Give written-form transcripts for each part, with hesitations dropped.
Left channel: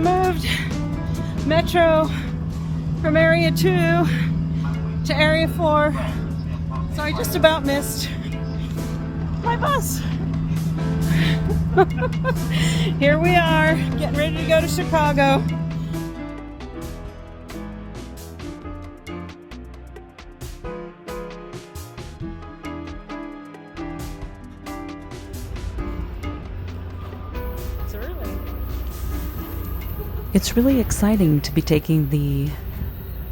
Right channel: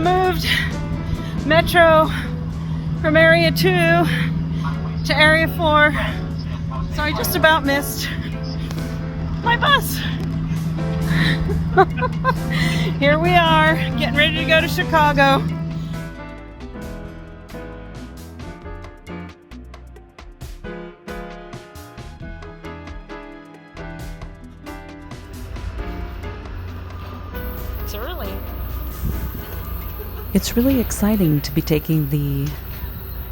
moved Metro from Area 2 to Area 4, so I just about missed my bus. Here we are, getting ready to go to Chicago. It's really exciting to be taking the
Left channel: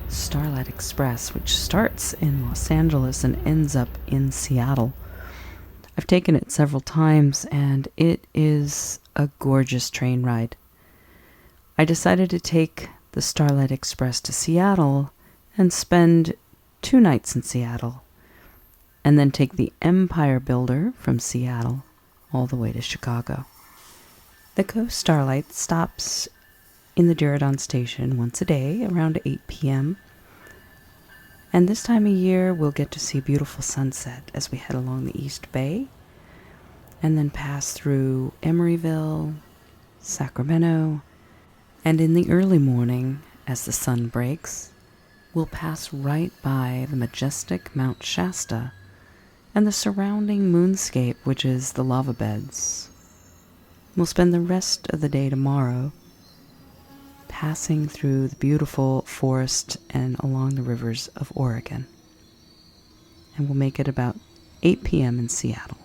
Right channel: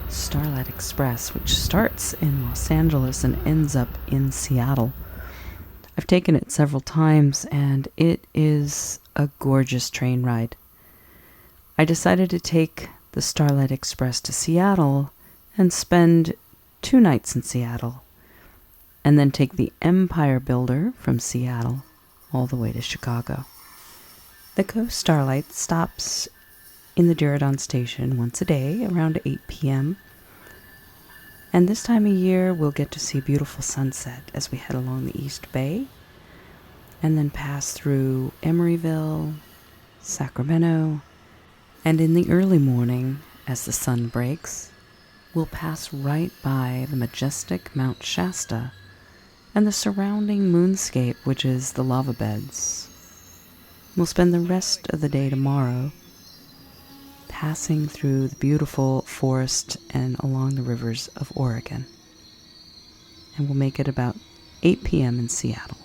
Starlight Express, which starts in Los Angeles and ends up in Seattle. I've taken it several times, and it is a gorgeous train ride. I decided to take the Starlight Express to Seattle and spend 2 nights in Seattle, and then take the Empire Builder from Seattle all the way to Chicago. The Coast Starlight stops in the Geraldine station once a day around 8 p.m. And this time of year, we'll get to see a beautiful sunset as we head along the East Bay and then pass through Emeryville, Sacramento, and in the early morning, as the sun breaks, we'll pass right by the majestic Mount Shasta and the surrounding moonscape, which is the lava beds. We'll spend the rest of the day tomorrow passing through the beautiful forest and along the rivers of Oregon. And we'll make it about 8 p.m. in Seattle.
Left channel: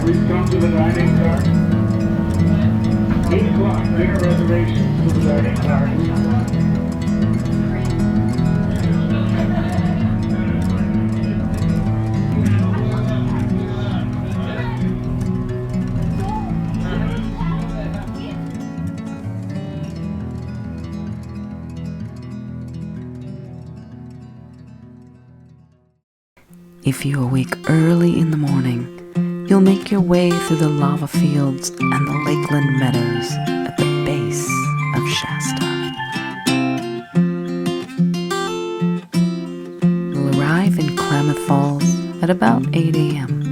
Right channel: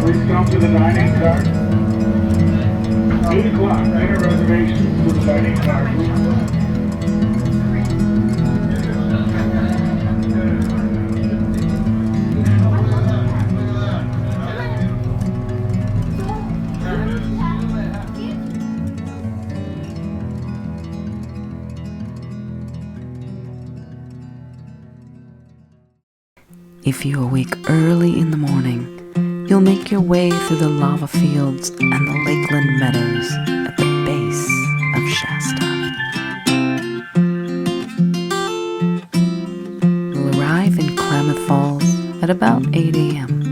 Please come to the dining car. 8 o'clock, dinner reservations to the dining car. If you awake early in the morning, you'll make your way through the lava fields and the lakeland meadows at the base of Shasta. You'll arrive in Klamath Falls at about 8 a.m.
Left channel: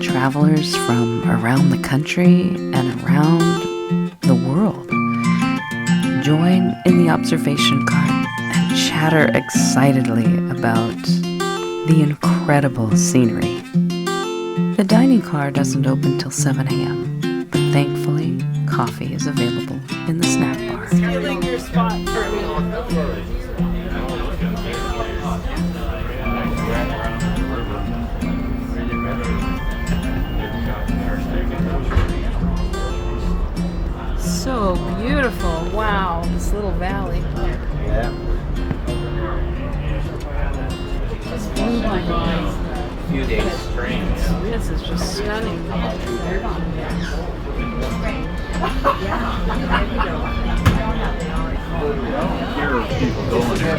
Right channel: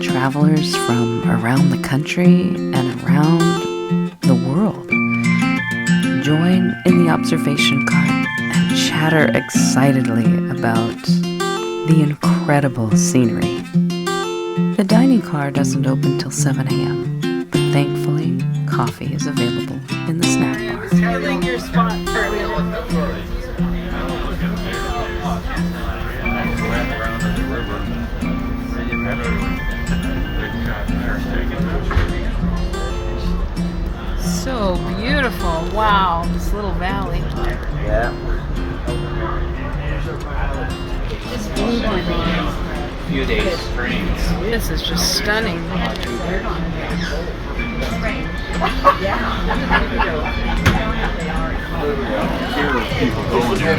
Travelers from around the country and around the world join in the observation cart and chatter excitedly about the incredible scenery. The dining car doesn't open till 7 a.m., but thankfully, coffee is available in the snack bar. Stealing your spot for a minute. So beautiful. Wow, this little valley. Yeah. Few days springs. This is just stunning. Here are people going there.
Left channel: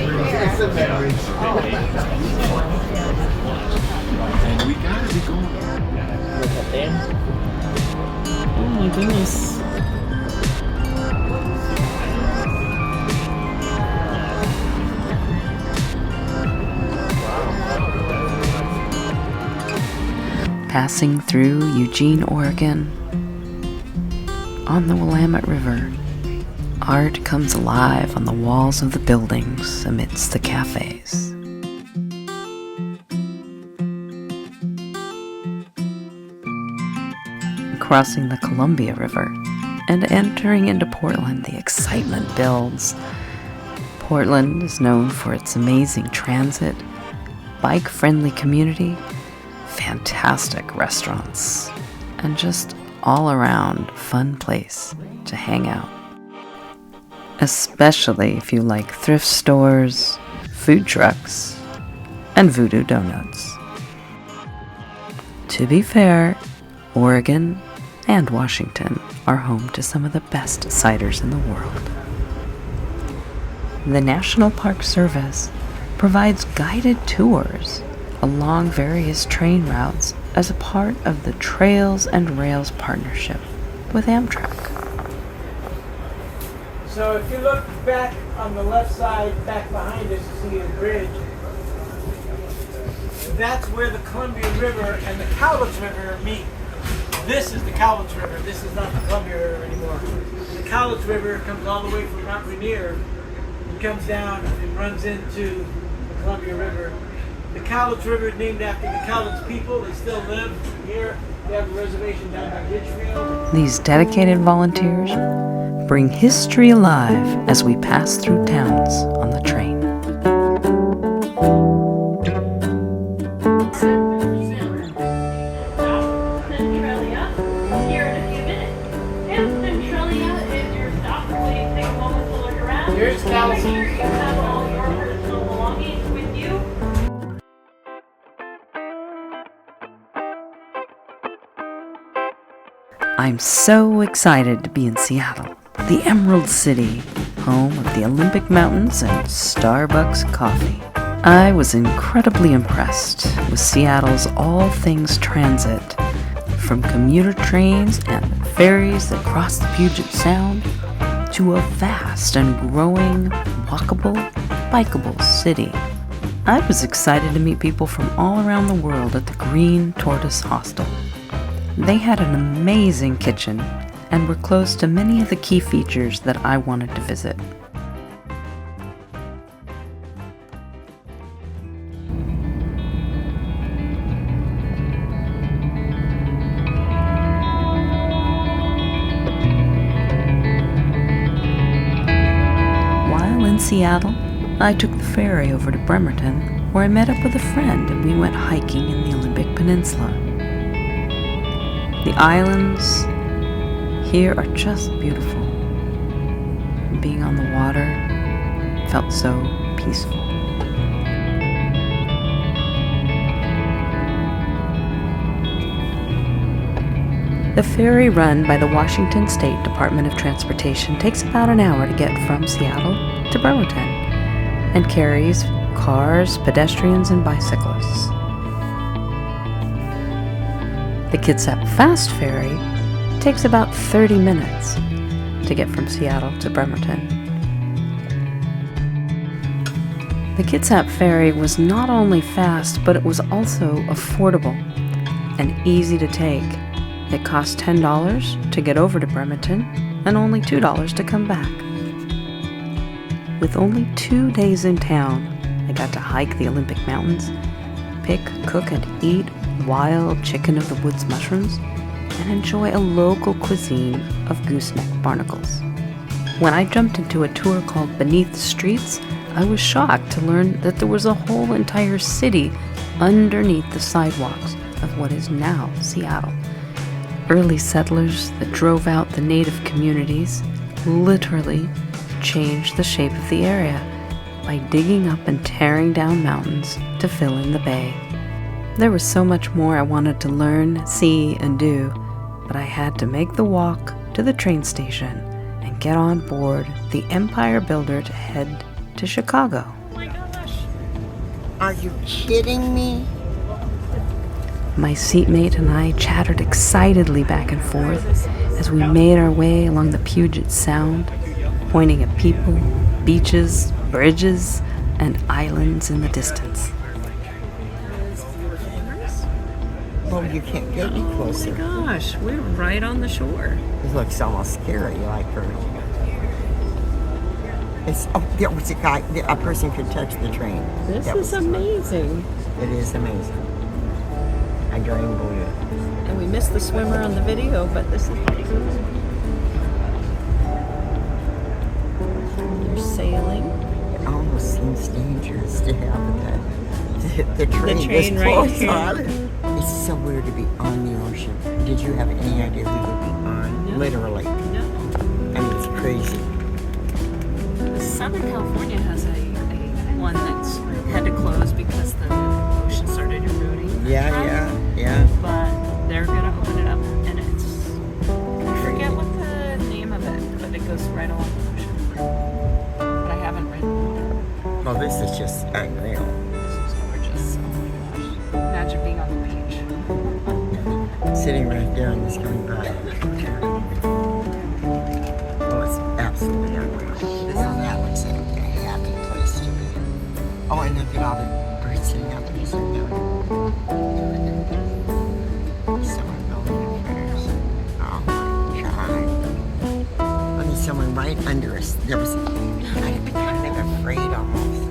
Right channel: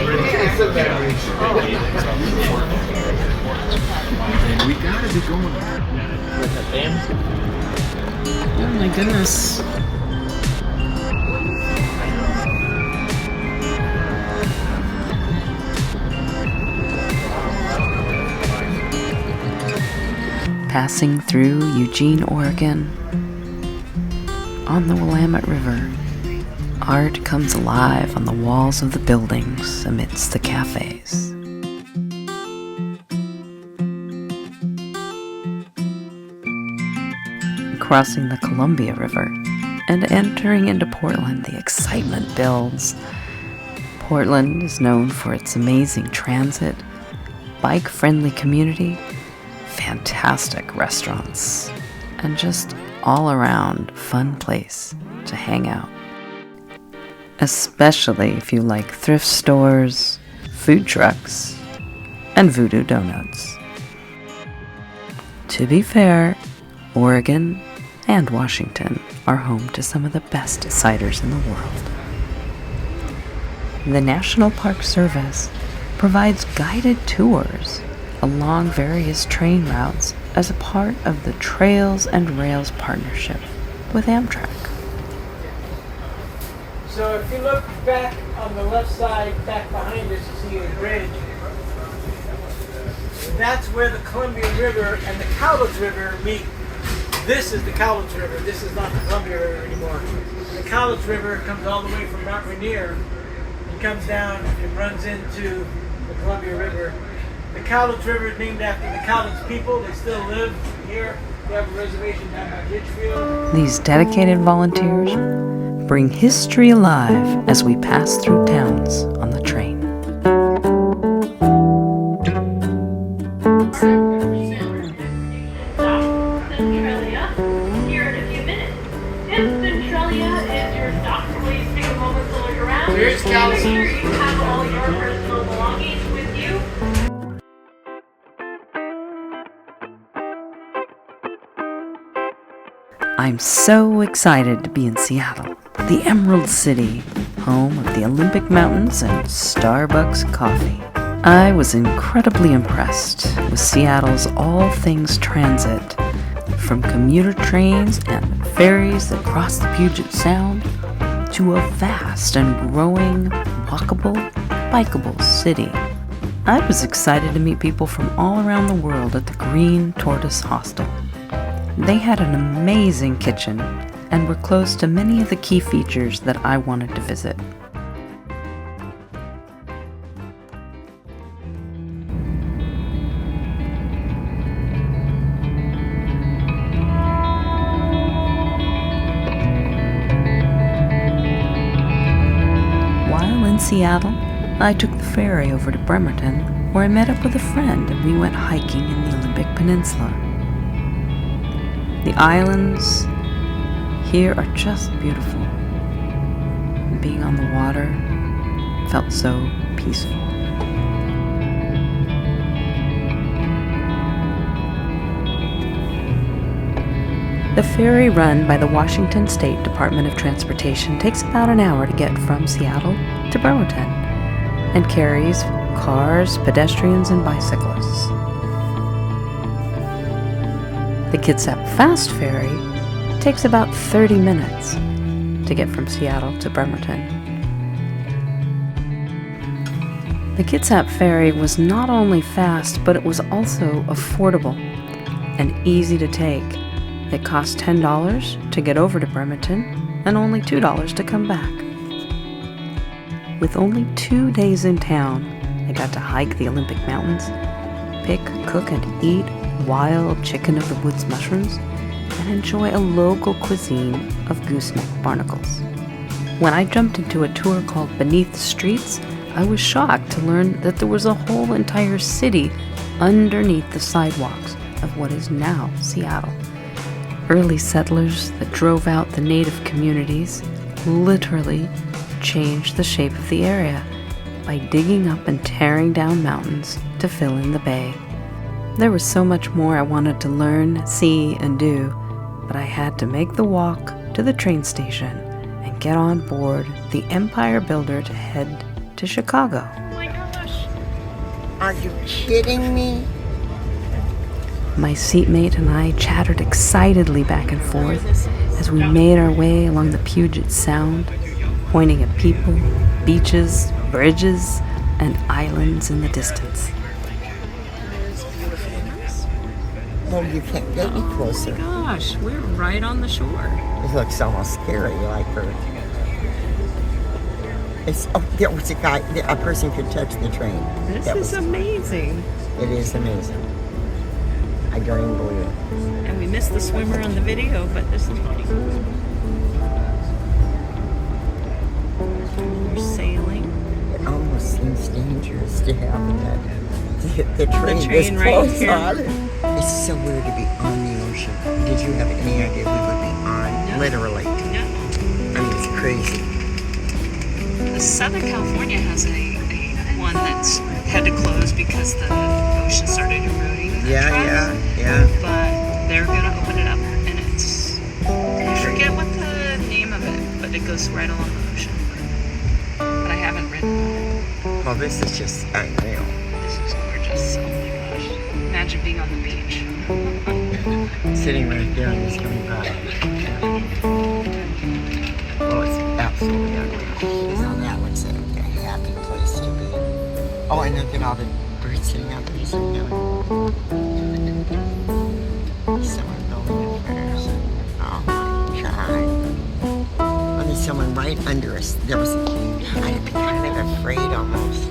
And we gotta be going there. Oh my goodness. Passing through Eugene, Oregon, on the Willamette River, art comes alive on the walls of the buildings amidst the cafes. Crossing the Columbia River and entering into Portland, the excitement builds. Portland is known for its amazing transit, bike-friendly community, fantastic restaurants, and just all-around fun place to hang out. Especially if you like thrift stores, food trucks, and voodoo donuts. To be fair, Oregon and Washington are home to some of the best ciders in the world. The National Park Service provides guided tours along various train routes as a part of the Trails and Rails partnership with Amtrak. So if you look back on the left side, back behind us, you see the bridge. That's where the Columbia River and the Cowlitz River meet. This is the Cowlitz River. This is not the Columbia River anymore. The Cowlitz River comes all the way from Mount Rainier. It comes down and runs into the Columbia River. The Cowlitz River is named after the Cowlitz people. They still live here. They have a reservation down by Litchfield. These dedicated volunteers bring history alive as we pass through towns on the train. Here's Cowlitz. I'm so excited to be in Seattle, the Emerald City, home of the Olympic Mountains and Starbucks coffee. I was incredibly impressed with Seattle's all things transit, from commuter trains and ferries that cross the Puget Sound to a vast and growing, walkable, bikeable city. I was excited to meet people from all around the world at the Green Tortoise Hostel. They had an amazing kitchen and were close to many of the key features that I wanted to visit. While in Seattle, I took the ferry over to Bremerton, where I met up with a friend and we went hiking in the Olympic Peninsula. The islands here are just beautiful. Being on the water felt so peaceful. The ferry run by the Washington State Department of Transportation takes about an hour to get from Seattle to Bremerton and carries cars, pedestrians, and bicyclists. The Kitsap Fast Ferry takes about 30 minutes to get from Seattle to Bremerton. The Kitsap Ferry was not only fast, but it was also affordable and easy to take. It cost $10 to get over to Bremerton and only $2 to come back. With only 2 days in town, I got to hike the Olympic Mountains, pick, cook, and eat wild chicken of the woods mushrooms, and enjoy a local cuisine of gooseneck barnacles. When I jumped into a tour called Beneath the Streets, I was shocked to learn that there was a whole entire city underneath the sidewalks of what is now Seattle. Early settlers that drove out the native communities literally changed the shape of the area by digging up and tearing down mountains to fill in the bay. There was so much more I wanted to learn, see, and do, but I had to make the walk to the train station and get on board the Empire Builder to head to Chicago. Oh my gosh. Are you kidding me? My seatmate and I chattered excitedly back and forth as we made our way along the Puget Sound, pointing at people, beaches, bridges, and islands in the distance. Well, you can't get any closer. Oh my gosh, we're right on the shore. It looks almost scary, like for. It's there was a guy. A person could touch the train. This That is was- amazing. It is amazing. I don't even believe it. And we missed the swimmer on the video, but this is pretty cool. They're sailing. It almost seems dangerous to have that. The train this train right close here. on it. It's so weird to be on the ocean. Did you have any idea we would be on? Literally. I mean, it's crazy. Southern California has a one that's had to close because the ocean started eroding. Yeah. But and it goes right along the ocean. But I haven't ridden. Well, this is just unreal. This is gorgeous. Oh my gosh. Imagine being on the beach. Sitting right there and just going by. Oh, it's absolutely unreal. Now that looks like a happy place to be. Oh, and look at all the birds sitting out there. Someone building a fence. Oh my God. I mean, someone right under us. There was, I'd be kind of afraid almost.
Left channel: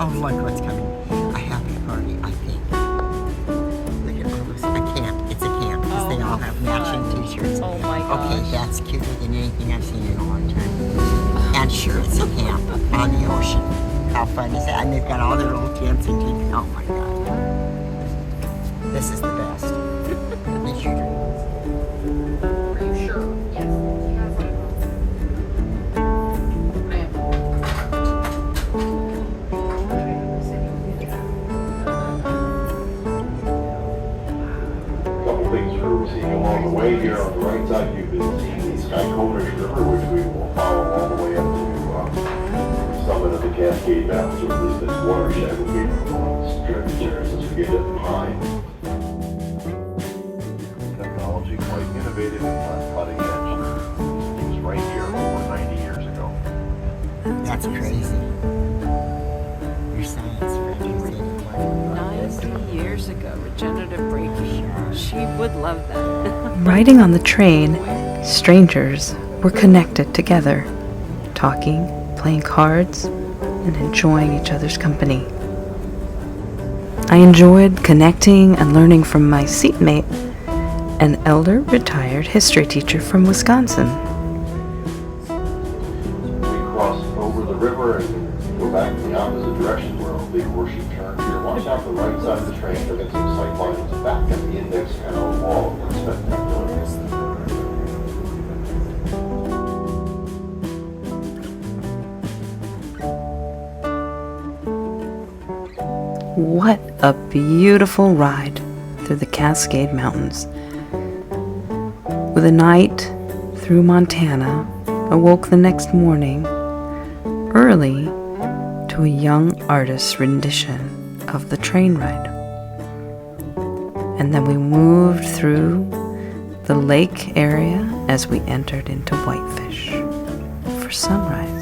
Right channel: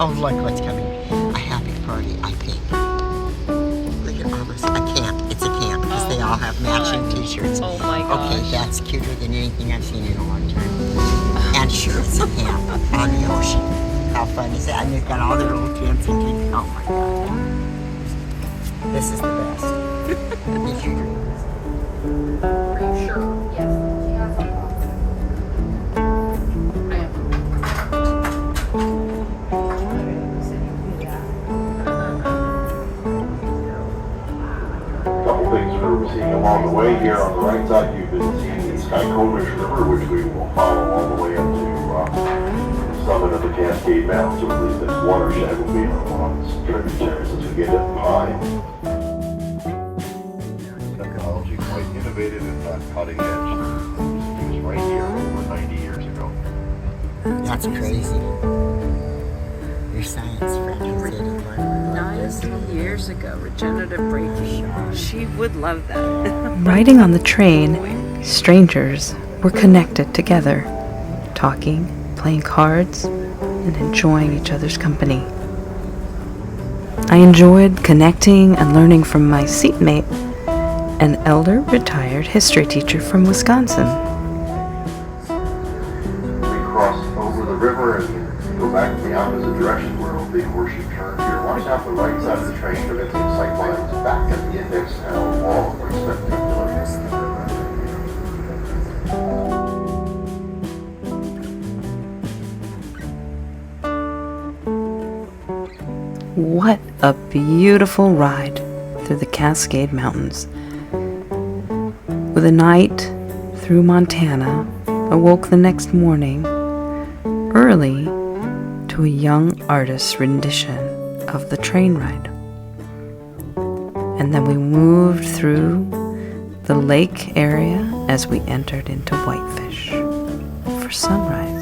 Oh, look what's coming. A happy party, I think. Look at all this. A camp. It's a camp because they all have matching t-shirts. Oh my gosh. Okay, that's cuter than anything I've seen in a long time. And sure, it's a camp on the ocean. How fun is that? And they've got all their little tents and things. Oh my God. This is the best. It's your dream. Along the way here on the right side, you've been seeing the Skycomish River, which we will follow all the way up to the summit of the Cascade Mountains, or at least its watershed will be one of its tributaries as we get to the pine. Technology quite innovative and cutting edge. It was right here over 90 years ago. That's crazy. Your science friend who said it. 90 years ago, regenerative braking. She would love that. Riding on the train, strangers were connected together, talking, playing cards, and enjoying each other's company. I enjoyed connecting and learning from my seatmate, an elder retired history teacher from Wisconsin. We cross over the river and go back in the opposite direction where a big horseshoe turn here. Watch out the right side of the train, you'll get some sight lines back at the index panel wall where it's spectacular. What a beautiful ride through the Cascade Mountains. With a night through Montana, awoke the next morning early to a young artist's rendition of the train ride. And then we moved through the lake area as we entered into Whitefish for sunrise.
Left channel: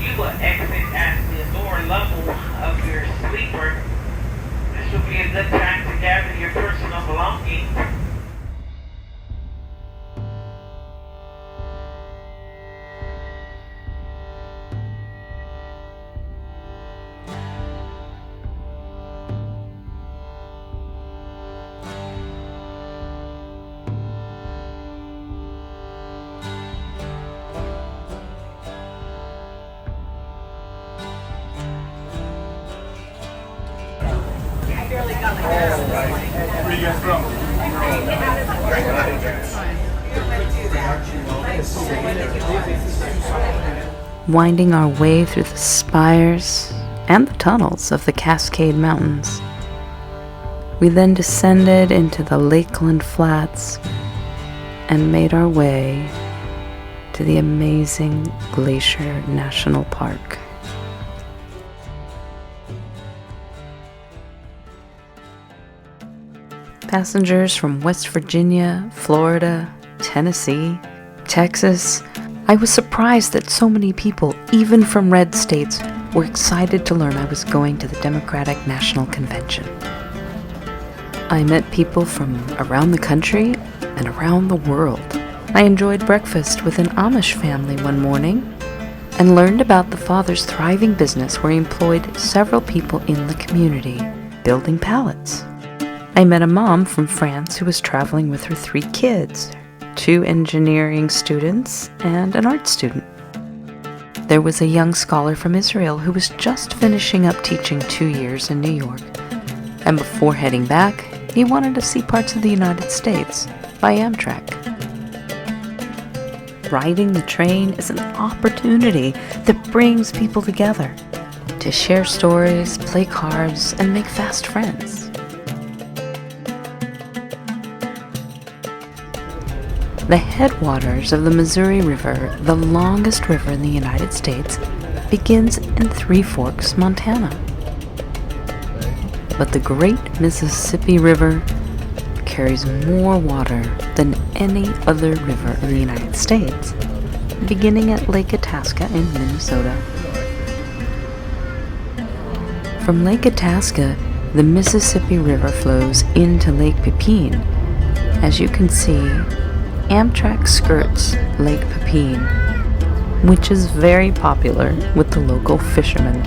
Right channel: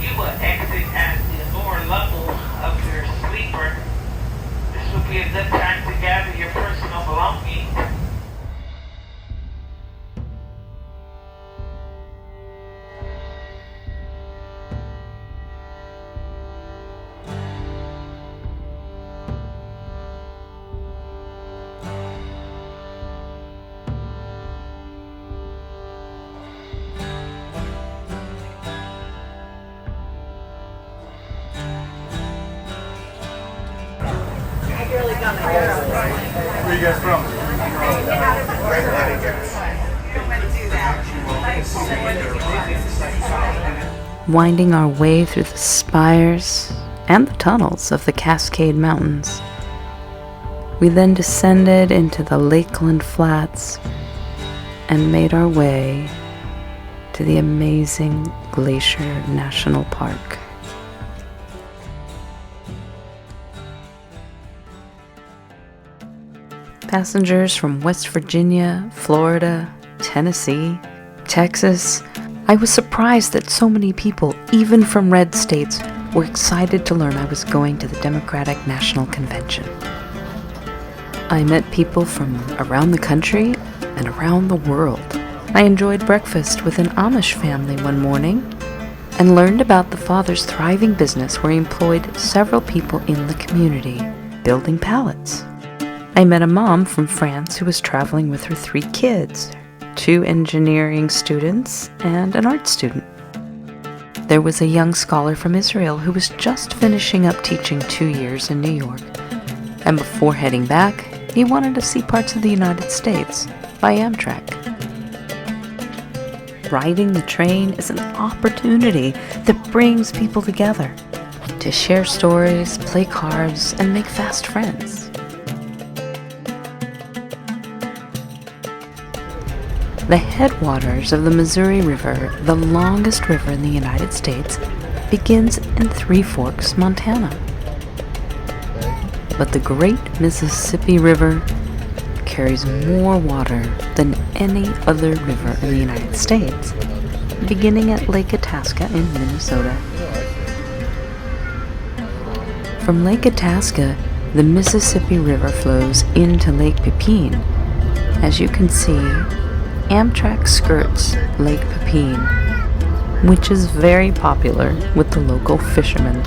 You will exit at the lower level of your sleeper. This will be a good time to gather your personal belongings. Where you guys from? Winding our way through the spires and the tunnels of the Cascade Mountains. We then descended into the Lakeland Flats and made our way to the amazing Glacier National Park. Passengers from West Virginia, Florida, Tennessee, Texas. I was surprised that so many people, even from red states, were excited to learn I was going to the Democratic National Convention. I met people from around the country and around the world. I enjoyed breakfast with an Amish family one morning and learned about the father's thriving business where he employed several people in the community, building pallets. I met a mom from France who was traveling with her 3 kids, 2 engineering students and an art student. There was a young scholar from Israel who was just finishing up teaching 2 years in New York. And before heading back, he wanted to see parts of the United States by Amtrak. Riding the train is an opportunity that brings people together to share stories, play cards, and make fast friends. The headwaters of the Missouri River, the longest river in the United States, begins in Three Forks, Montana. But the Great Mississippi River carries more water than any other river in the United States, beginning at Lake Itasca in Minnesota. From Lake Itasca, the Mississippi River flows into Lake Pepin. As you can see, Amtrak skirts Lake Pepin, which is very popular with the local fishermen.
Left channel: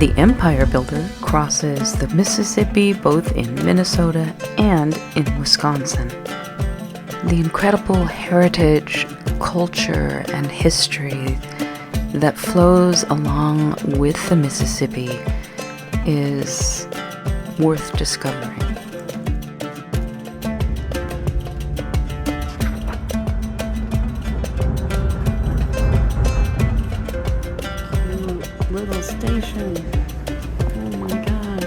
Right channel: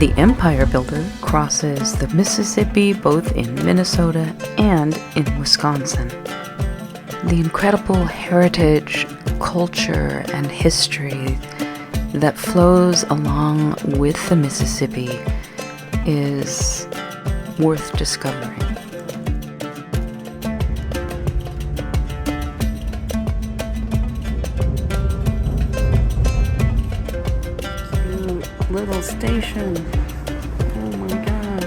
The Empire Builder crosses the Mississippi both in Minnesota and in Wisconsin. The incredible heritage, culture, and history that flows along with the Mississippi is worth discovering. Little station. Oh my god.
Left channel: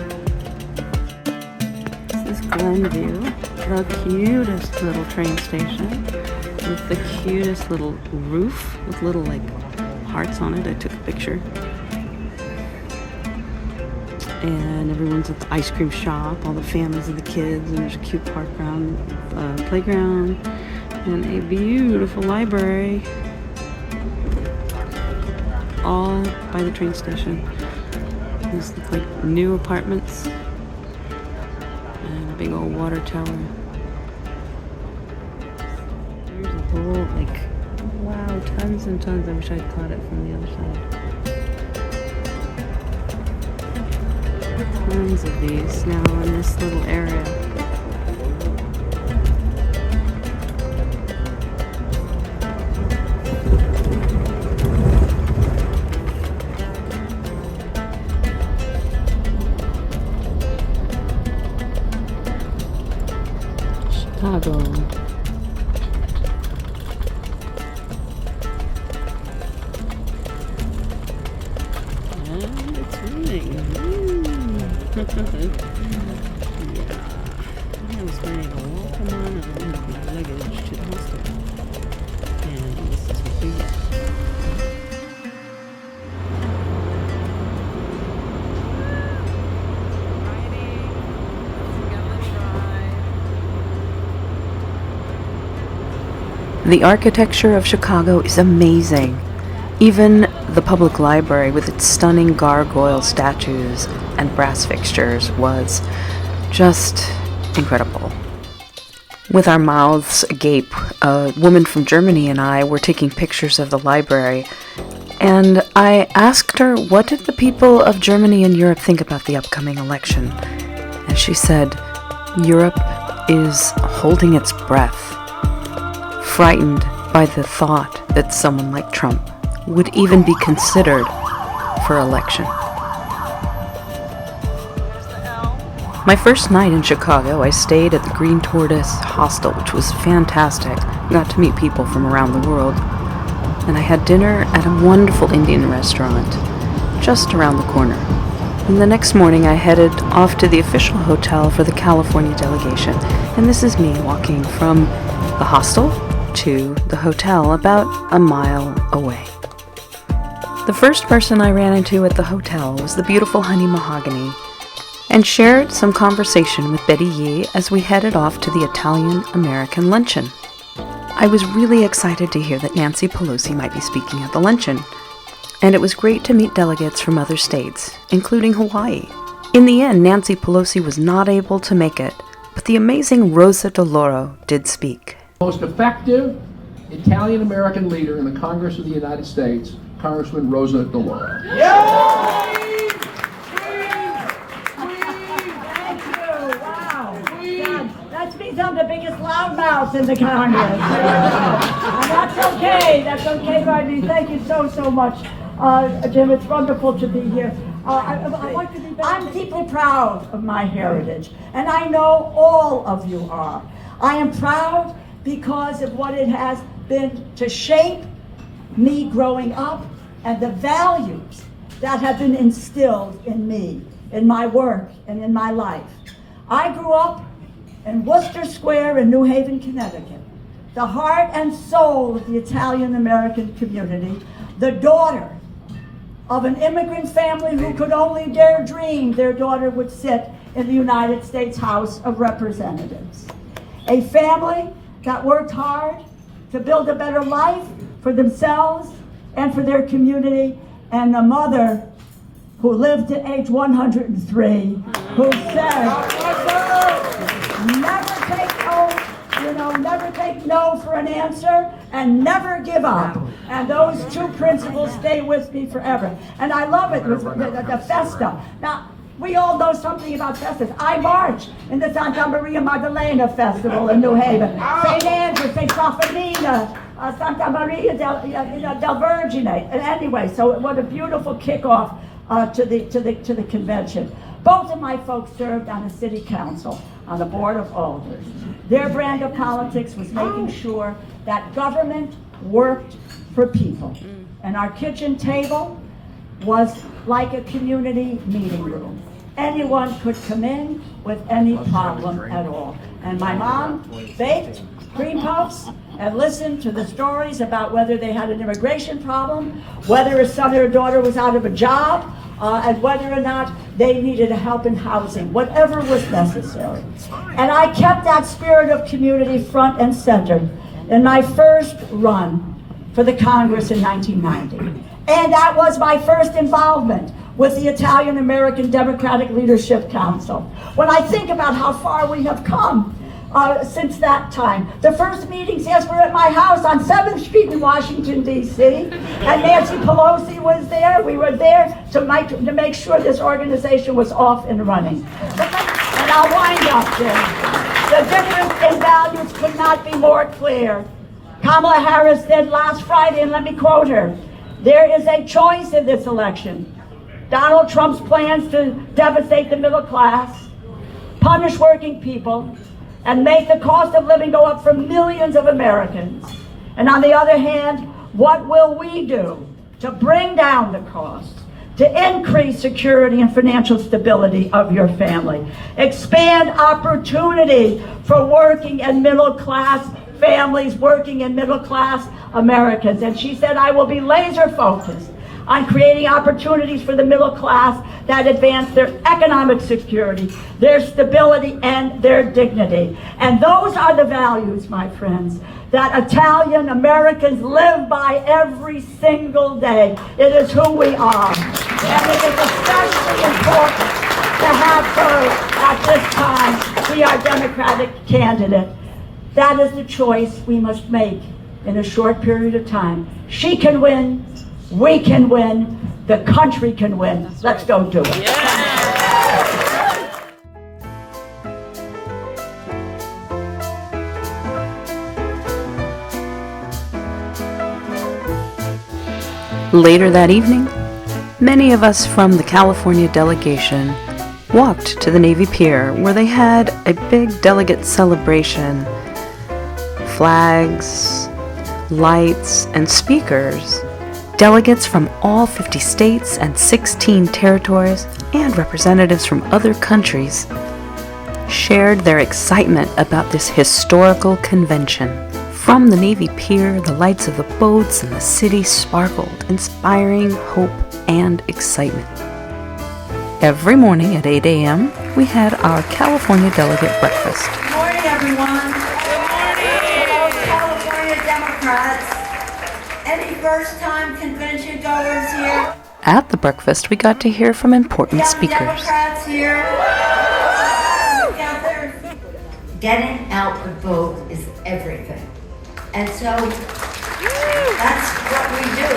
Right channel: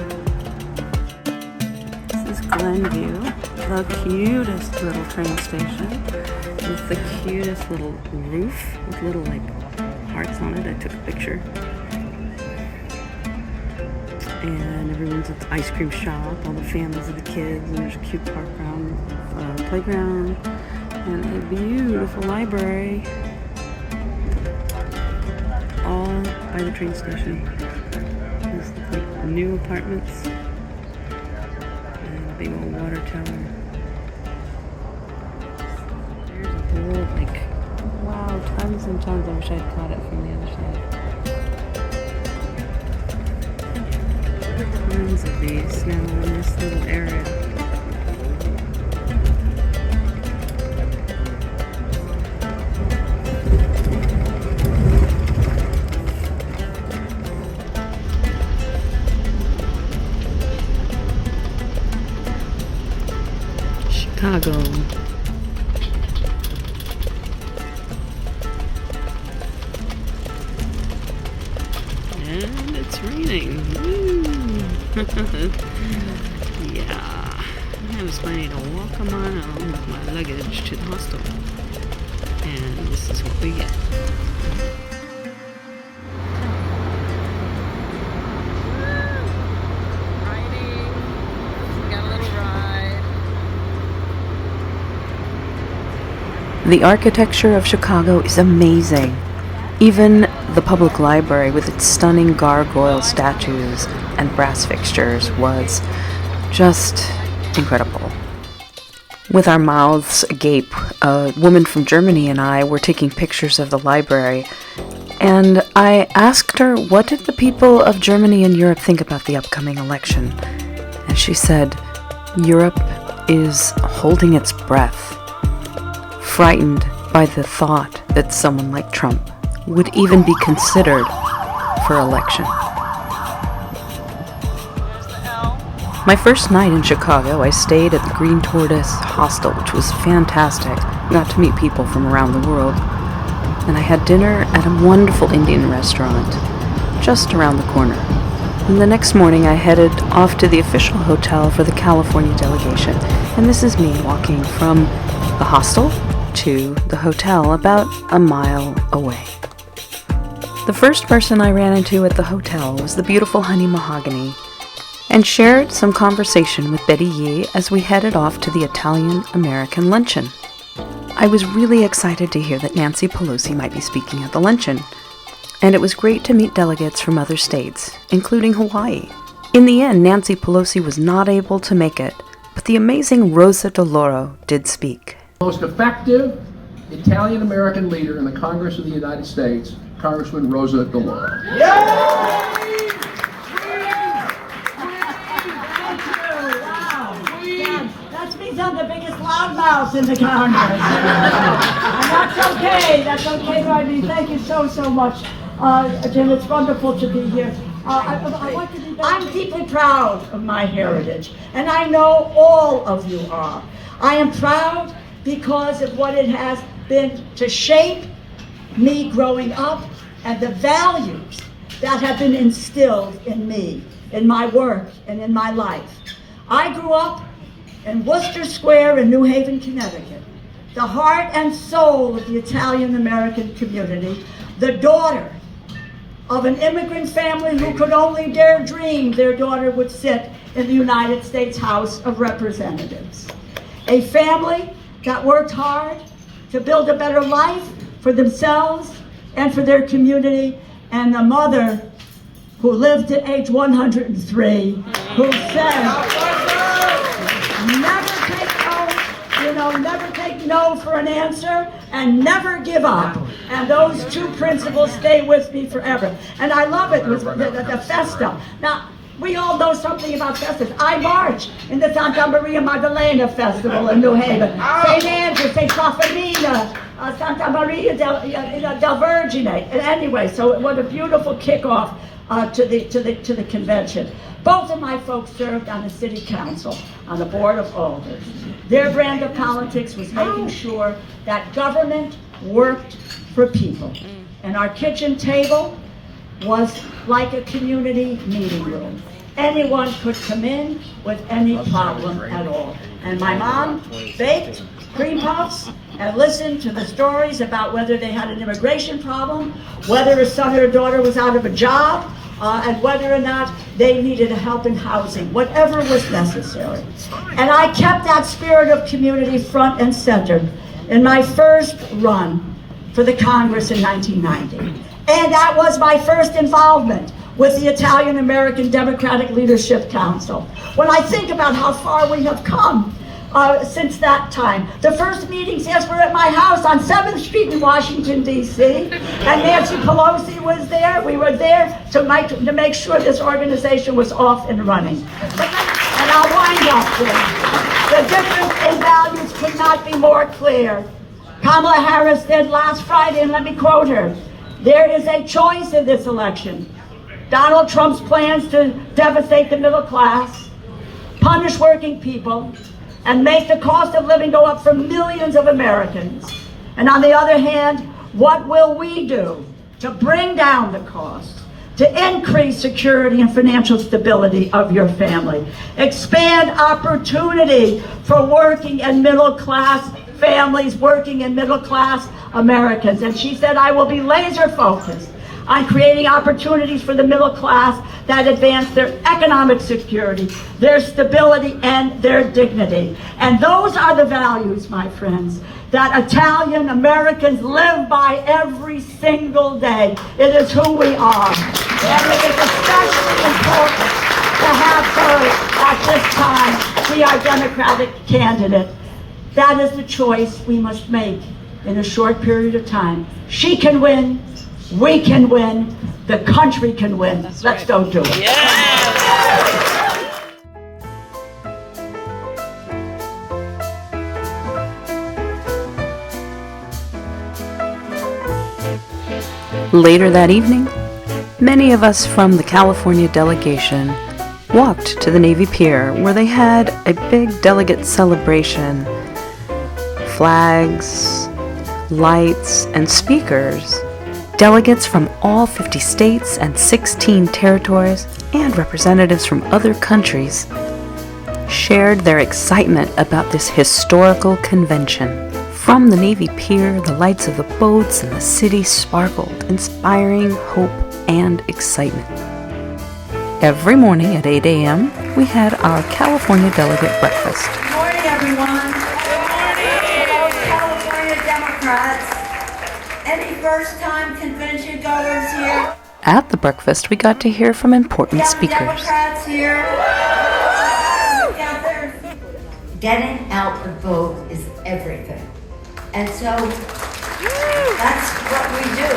This is Glenview, the cutest little train station with the cutest little roof with little like hearts on it. I took a picture. And everyone's at the ice cream shop, all the families of the kids, and there's a cute playground, and a beautiful library. All by the train station. These look like new apartments and a big old water tower. There's a whole, like, wow, tons and tons. I wish I'd caught it from the other side. Tons of these now in this little area. Chicago. And it's raining. Yeah. I was planning to walk a mile with my luggage to the hostel. And this is what we get. The architecture of Chicago is amazing. Even the public library with its stunning gargoyle statues and brass fixtures was just incredible. With our mouths agape, a woman from Germany and I were taking pictures of the library, and I asked her, what did the people of Germany and Europe think about the upcoming election? And she said, Europe is holding its breath, frightened by the thought that someone like Trump would even be considered for election. My first night in Chicago, I stayed at the Green Tortoise Hostel, which was fantastic. Got to meet people from around the world. And I had dinner at a wonderful Indian restaurant just around the corner. And the next morning I headed off to the official hotel for the California delegation. And this is me walking from the hostel to the hotel about a mile away. The first person I ran into at the hotel was the beautiful Honey Mahogany, and shared some conversation with Betty Yee as we headed off to the Italian-American luncheon. I was really excited to hear that Nancy Pelosi might be speaking at the luncheon, and it was great to meet delegates from other states, including Hawaii. In the end, Nancy Pelosi was not able to make it, but the amazing Rosa DeLauro did speak. Most effective Italian-American leader in the Congress of the United States, Congressman Rosa DeLauro. That means I'm the biggest loudmouth in the Congress. And that's okay. That's okay by me. Thank you so much, Jim. It's wonderful to be here. I like to be back. I'm deeply proud of my heritage, and I know all of you are. I am proud because of what it has been to shape me growing up and the values that have been instilled in me, in my work, and in my life. I grew up in Worcester Square in New Haven, Connecticut, the heart and soul of the Italian-American community, the daughter of an immigrant family who could only dare dream their daughter would sit in the United States House of Representatives. A family that worked hard to build a better life for themselves and for their community, and the mother who lived to age 103, who said, never take no for an answer, and never give up. And those two principles stay with me forever. And I love it, the Festa. Now, we all know something about festivals. I march in the Santa Maria Maddalena Festival in New Haven. St. Andrew, St. Cafarina, Santa Maria del Vergine. And anyway, so what a beautiful kickoff to the convention. Both of my folks served on the city council, on the board of alders. Their brand of politics was making sure that government worked for people. And our kitchen table was like a community meeting room. Anyone could come in with any problem at all. And my mom baked cream puffs and listened to the stories about whether they had an immigration problem, whether a son or a daughter was out of a job, and whether or not they needed help in housing, whatever was necessary. And I kept that spirit of community front and center in my first run for the Congress in 1990. And that was my first involvement with the Italian-American Democratic Leadership Council. When I think about how far we have come since that time. The first meetings, yes, were at my house on 7th Street in Washington, D.C. And Nancy Pelosi was there. We were there to make sure this organization was off and running. And I'll wind up there. The difference in values could not be more clear. Kamala Harris said last Friday, and let me quote her, "There is a choice in this election. Donald Trump's plans to devastate the middle class, punish working people, and make the cost of living go up for millions of Americans. And on the other hand, what will we do to bring down the cost, to increase security and financial stability of your family, expand opportunity for working and middle class families, working and middle class Americans?" And she said, "I will be laser focused on creating opportunities for the middle class that advance their economic security, their stability, and their dignity." And those are the values, my friends, that Italian Americans live by every single day. It is who we are. And it is especially important to have her at this time be our Democratic candidate. That is the choice we must make in a short period of time. She can win. We can win. The country can win. Let's go do it. Later that evening, many of us from the California delegation walked to the Navy Pier, where they had a big delegate celebration. Flags, lights, and speakers. Delegates from all 50 states and 16 territories and representatives from other countries shared their excitement about this historical convention. From the Navy Pier, the lights of the boats and the city sparkled, inspiring hope and excitement. Every morning at 8 a.m., we had our California Delegate Breakfast. Good morning, everyone. Hello, California Democrats. Any first-time convention goers here? At the breakfast, we got to hear from important speakers. Democrats here. Getting out the vote is everything. And so that's what we do.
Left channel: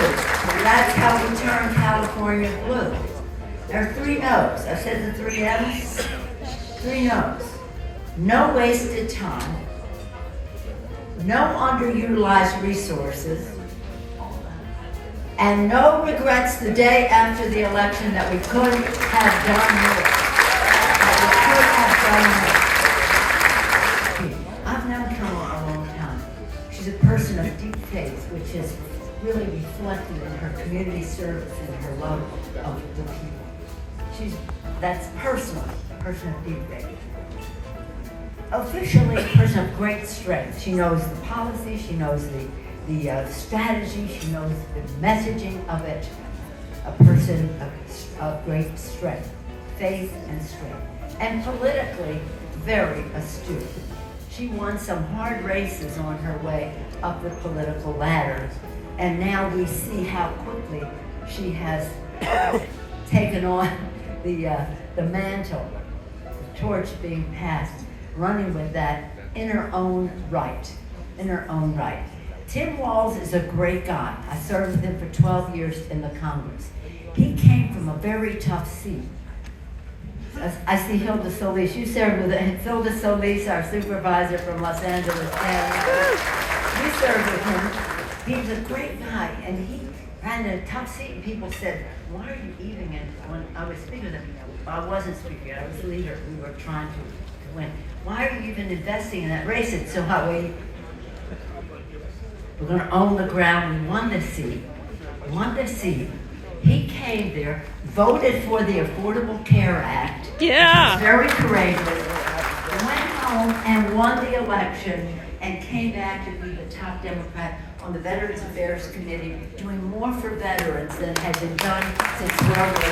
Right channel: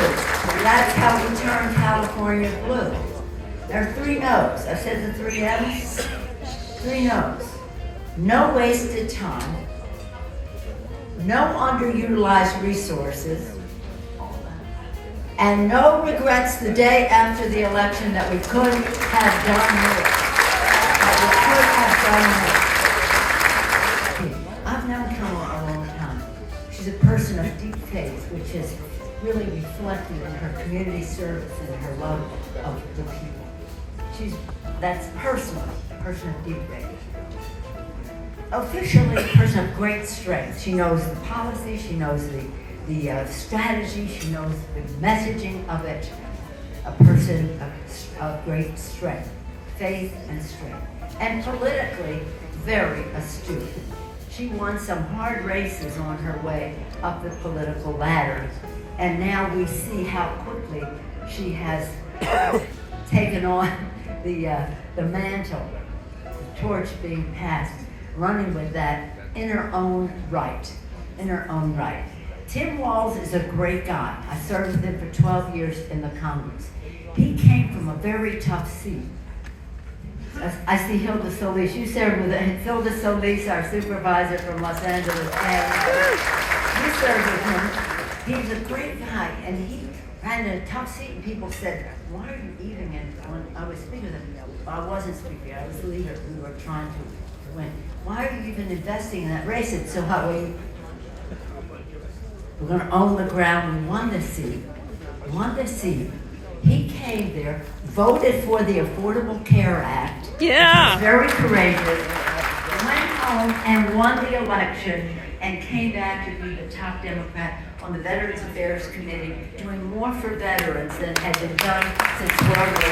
That's how we turn California blue. There are 3 no's. I said the 3 M's. 3 no's. No wasted time. No underutilized resources. And no regrets the day after the election that we could have done more. I've known Kamala a long time. She's a person of deep faith, which is really reflected in her community service and her love of the people. That's personal, a person of deep rating. Officially, a person of great strength. She knows the policy, she knows the strategy, she knows the messaging of it. A person of great strength, faith and strength. And politically, very astute. She won some hard races on her way up the political ladder. And now we see how quickly she has taken on the mantle, the torch being passed, running with that in her own right, Tim Walz is a great guy. I served with him for 12 years in the Congress. He came from a very tough seat. I see Hilda Solis. You served with Hilda Solis, our supervisor from Los Angeles. We served with him. He's a great guy, and he ran in a tough seat, and people said, why are you eating it? When I was speaking, I wasn't speaking, I was leader. We were trying to win. Why are you even investing in that race? It's so hot. We're going to own the ground. We won this seat. He came there, voted for the Affordable Care Act. Yeah. Very courageous. Went home and won the election and came back to be the top Democrat on the Veterans Affairs Committee, doing more for veterans than had been done since World War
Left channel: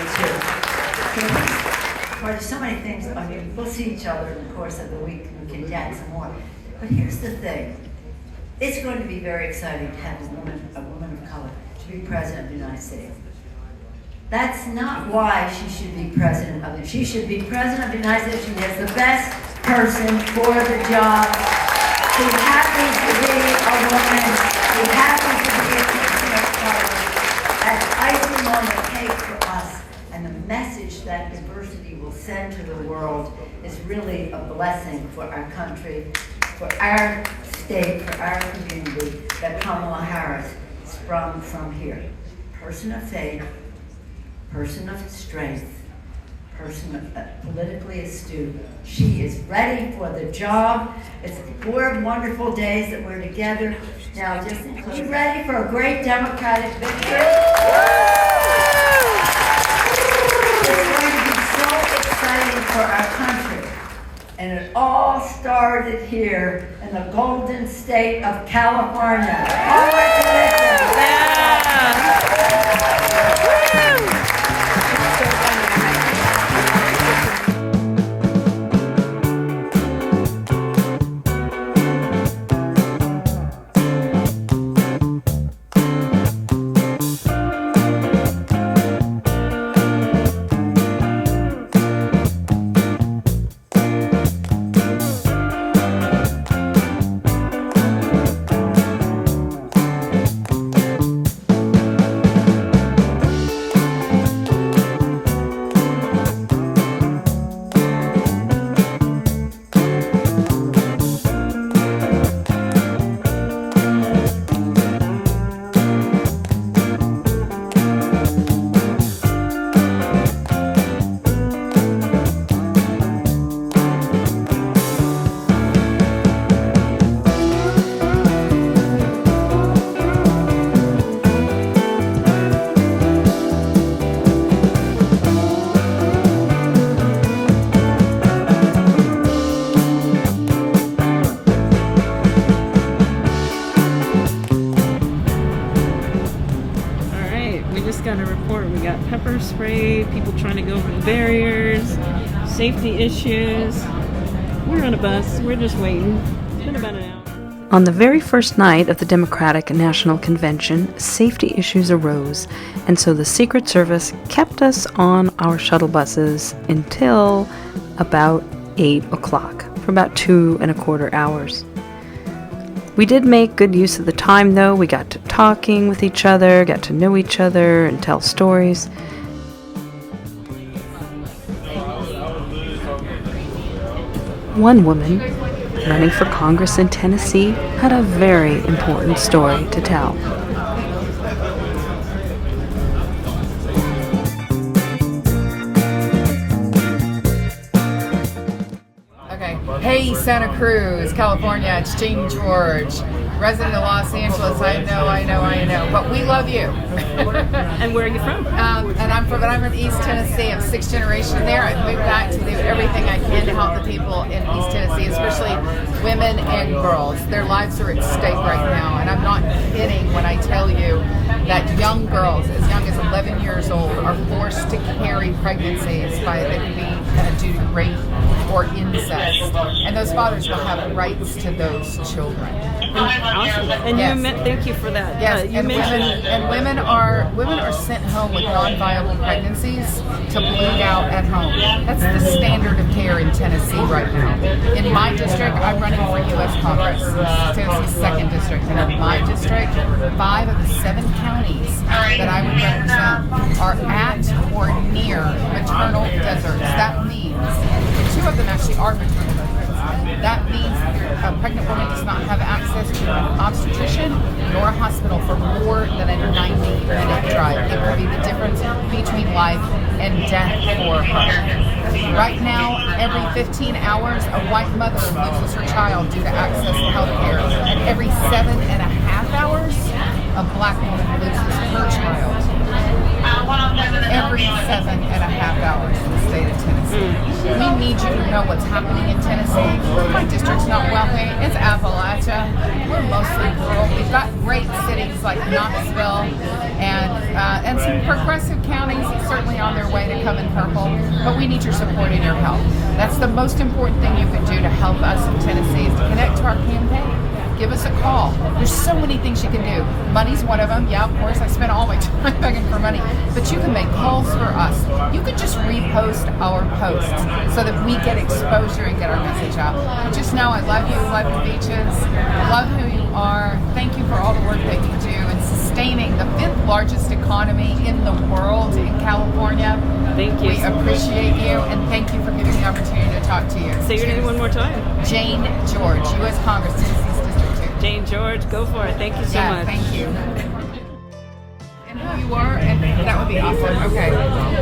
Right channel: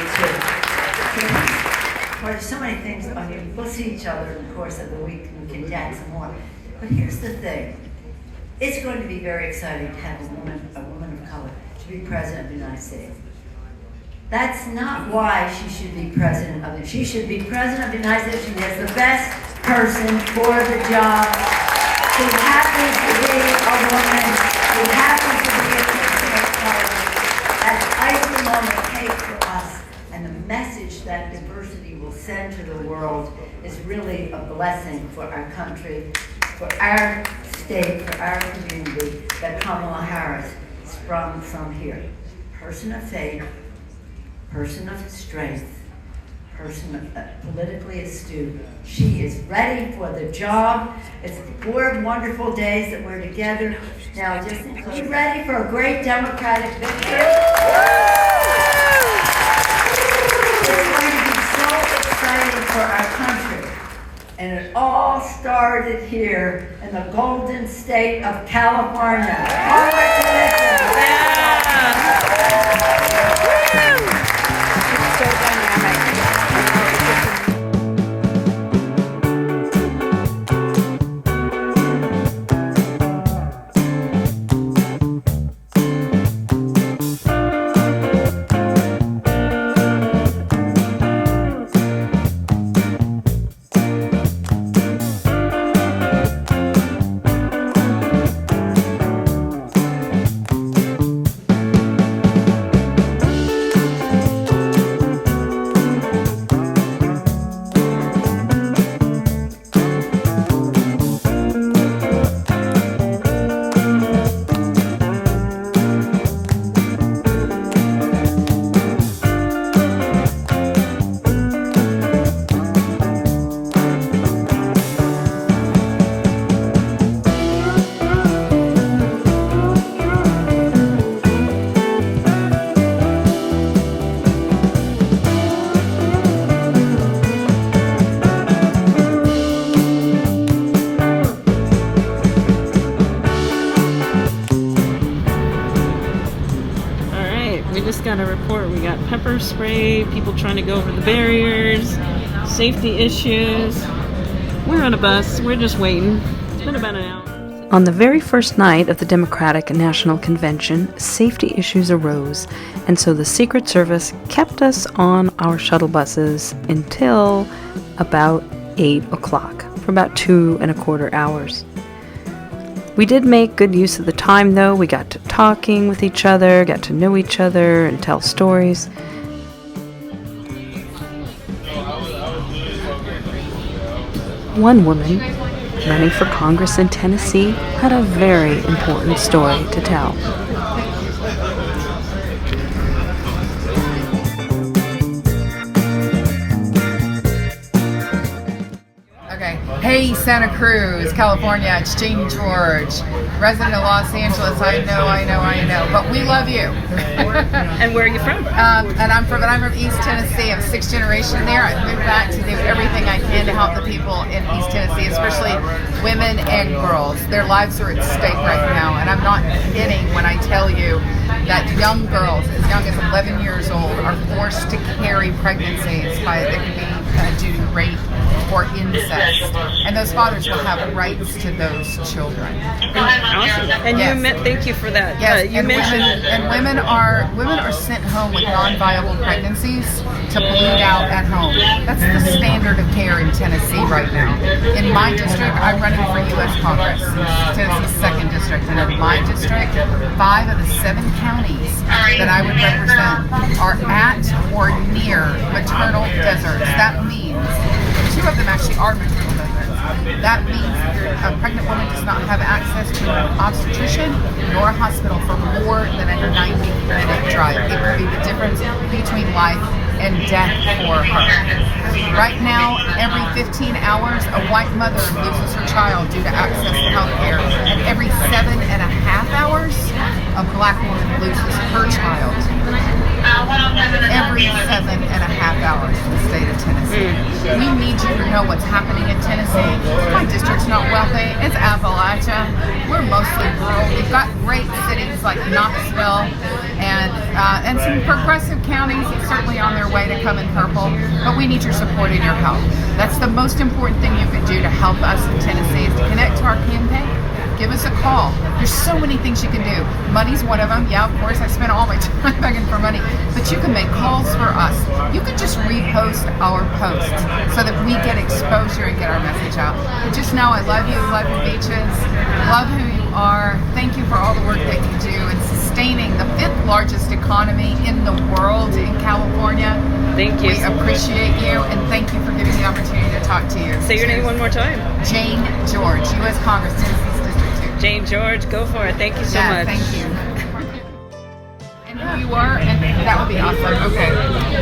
II. There's so many things. I mean, we'll see each other in the course of the week. We can chat some more. But here's the thing. It's going to be very exciting to have a woman of color to be president of the United States. That's not why she should be president of it. She should be president of the United States. She is the best person for the job. She happens to be a woman. She happens to be a person of color. That's icing on the cake for us. And the message that diversity will send to the world is really a blessing for our country, for our state, for our community, that Kamala Harris sprung from here. Person of faith, person of strength, person of politically astute. She is ready for the job. It's 4 wonderful days that we're together. Now, just be ready for a great Democratic victory. It's going to be so exciting for our country. And it all started here in the golden state of California. All got a report. We got pepper spray, people trying to go over the barriers, safety issues. We're on a bus. We're just waiting. It's been about an hour. On the very first night of the Democratic National Convention, safety issues arose, and so the Secret Service kept us on our shuttle buses until about 8 o'clock, for about 2.25 hours. We did make good use of the time, though. We got to talking with each other, got to know each other, and tell stories. One woman, running for Congress in Tennessee, had a very important story to tell. Okay. Hey, Santa Cruz, California, it's Jane George. resident of Los Angeles. I know. But we love you. And where are you from? And I'm from East Tennessee. I'm 6th generation there. I moved back to do everything I can to help the people in East Tennessee, especially women and girls. Their lives are at stake right now, and I'm not kidding when I tell you that young girls, as young as 11 years old, are forced to carry pregnancies that could be due to rape or incest, and those fathers will have rights to those children. Awesome. And yes. Thank you for that. Yes, You mentioned women are sent home with non-viable pregnancies to bleed out at home. That's the standard of care in Tennessee right now. In my district, I'm running for U.S. Congress, Tennessee's 2nd district, and in my district, 5 of the 7 counties that I would represent are at or near maternal deserts. That means 2 of them actually are maternal deserts. That means a pregnant woman does not have access to an obstetrician nor a hospital for more than a 90-minute drive. It could be the difference between life and death for her. Right now, every 15 hours, a white mother loses her child due to access to health care. And every 7.5 hours, a black woman loses her child. Every 7.5 hours in the state of Tennessee. We need you to know what's happening in Tennessee. My district's not wealthy. It's Appalachia. We're mostly rural. We've got great cities like Knoxville and some progressive counties certainly on their way to coming purple. But we need your support and your help. That's the most important thing you can do to help us in Tennessee is to connect to our campaign. Give us a call. There's so many things you can do. Money's one of them. Yeah, of course, I spend all my time begging for money. But you can make calls for us. You could just repost our posts so that we get exposure and get our message out. But just know I love you, Beaches. Love who you are. Thank you for all the work that you do in sustaining the 5th largest economy in the world in California. Thank you. We appreciate you, and thank you for giving me the opportunity to talk to you. Say your name one more time. Jane George, U.S. Congress, Tennessee's District 2. Jane George, go for it. Thank you so much. Thank you. And who you are, and that would be awesome. Okay.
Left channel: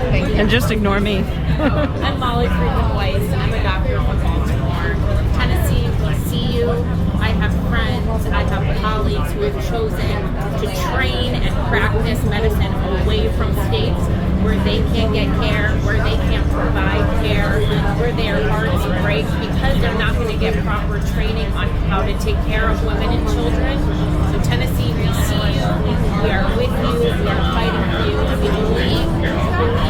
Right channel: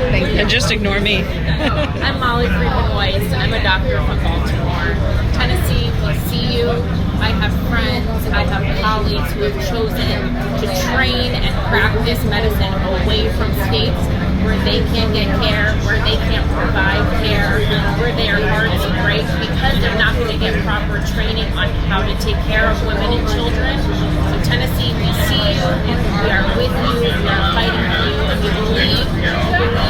Thank you. And just ignore me. I'm Molly Friedman Weiss. I'm a doctor from Baltimore. Tennessee, we see you. I have friends, I have colleagues who have chosen to train and practice medicine away from states where they can't get care, where they can't provide care, where their hearts break because they're not going to get proper training on how to take care of women and children. So Tennessee, we see you, we are with you, we are fighting for you, and we believe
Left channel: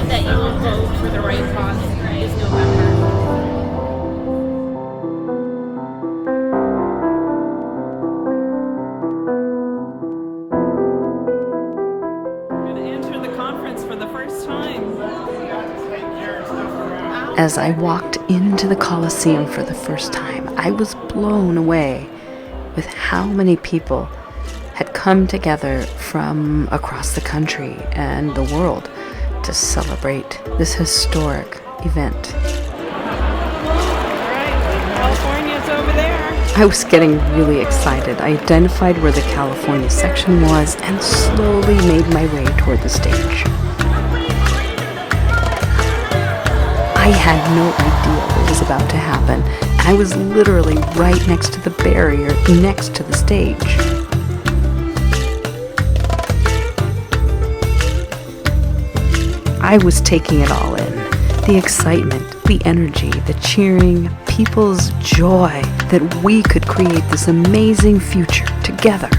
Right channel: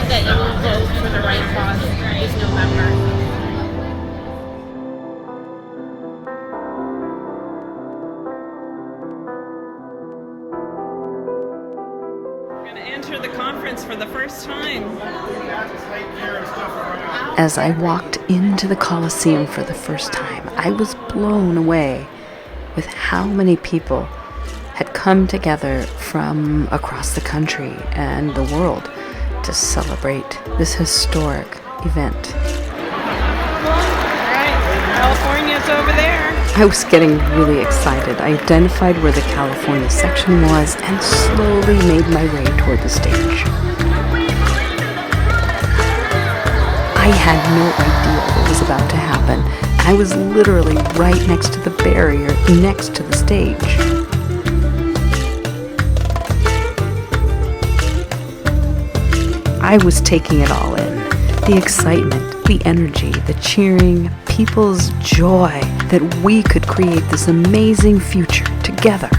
that you will vote for the right cause this November. For the first time. As I walked into the Coliseum for the first time, I was blown away with how many people had come together from across the country and the world to celebrate this historic event. Alright, California's over there. I was getting really excited. I identified where the California section was and slowly made my way toward the stage. I had no idea what was about to happen. I was literally right next to the barrier, next to the stage. I was taking it all in. The excitement, the energy, the cheering, people's joy that we could create this amazing future together.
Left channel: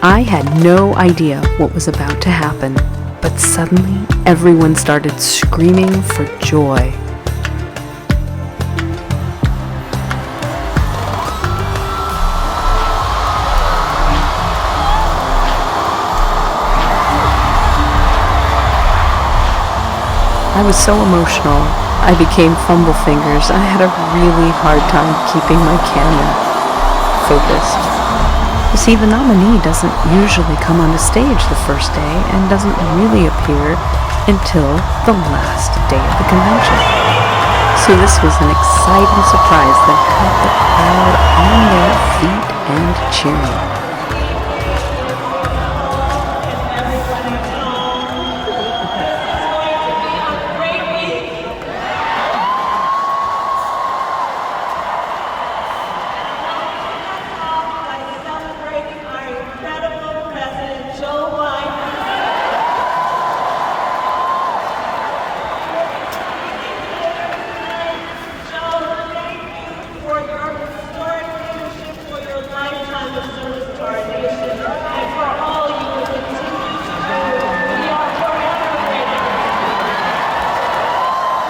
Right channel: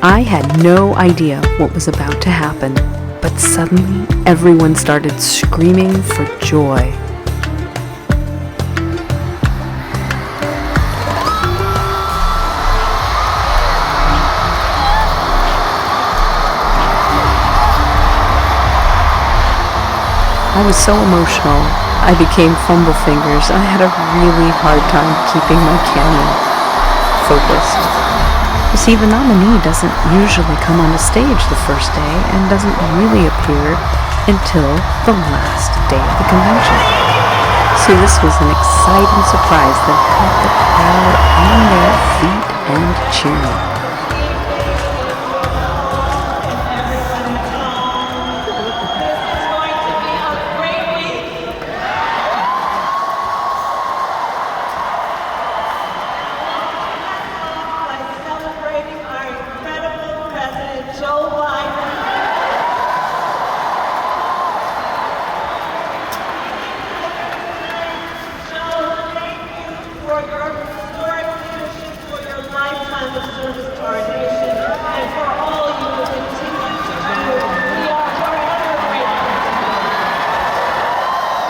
I had no idea what was about to happen, but suddenly everyone started screaming for joy. I was so emotional, I became fumble fingers. I had a really hard time keeping my camera focused. You see, the nominee doesn't usually come on a stage the first day and doesn't really appear until the last day of the convention. So this was an exciting surprise that had the crowd on their feet and cheering.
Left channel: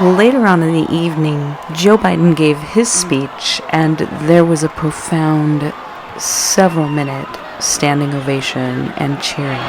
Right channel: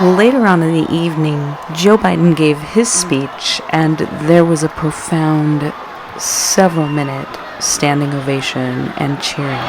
Later on in the evening, Joe Biden gave his speech, and there was a profound, several-minute standing ovation and cheering.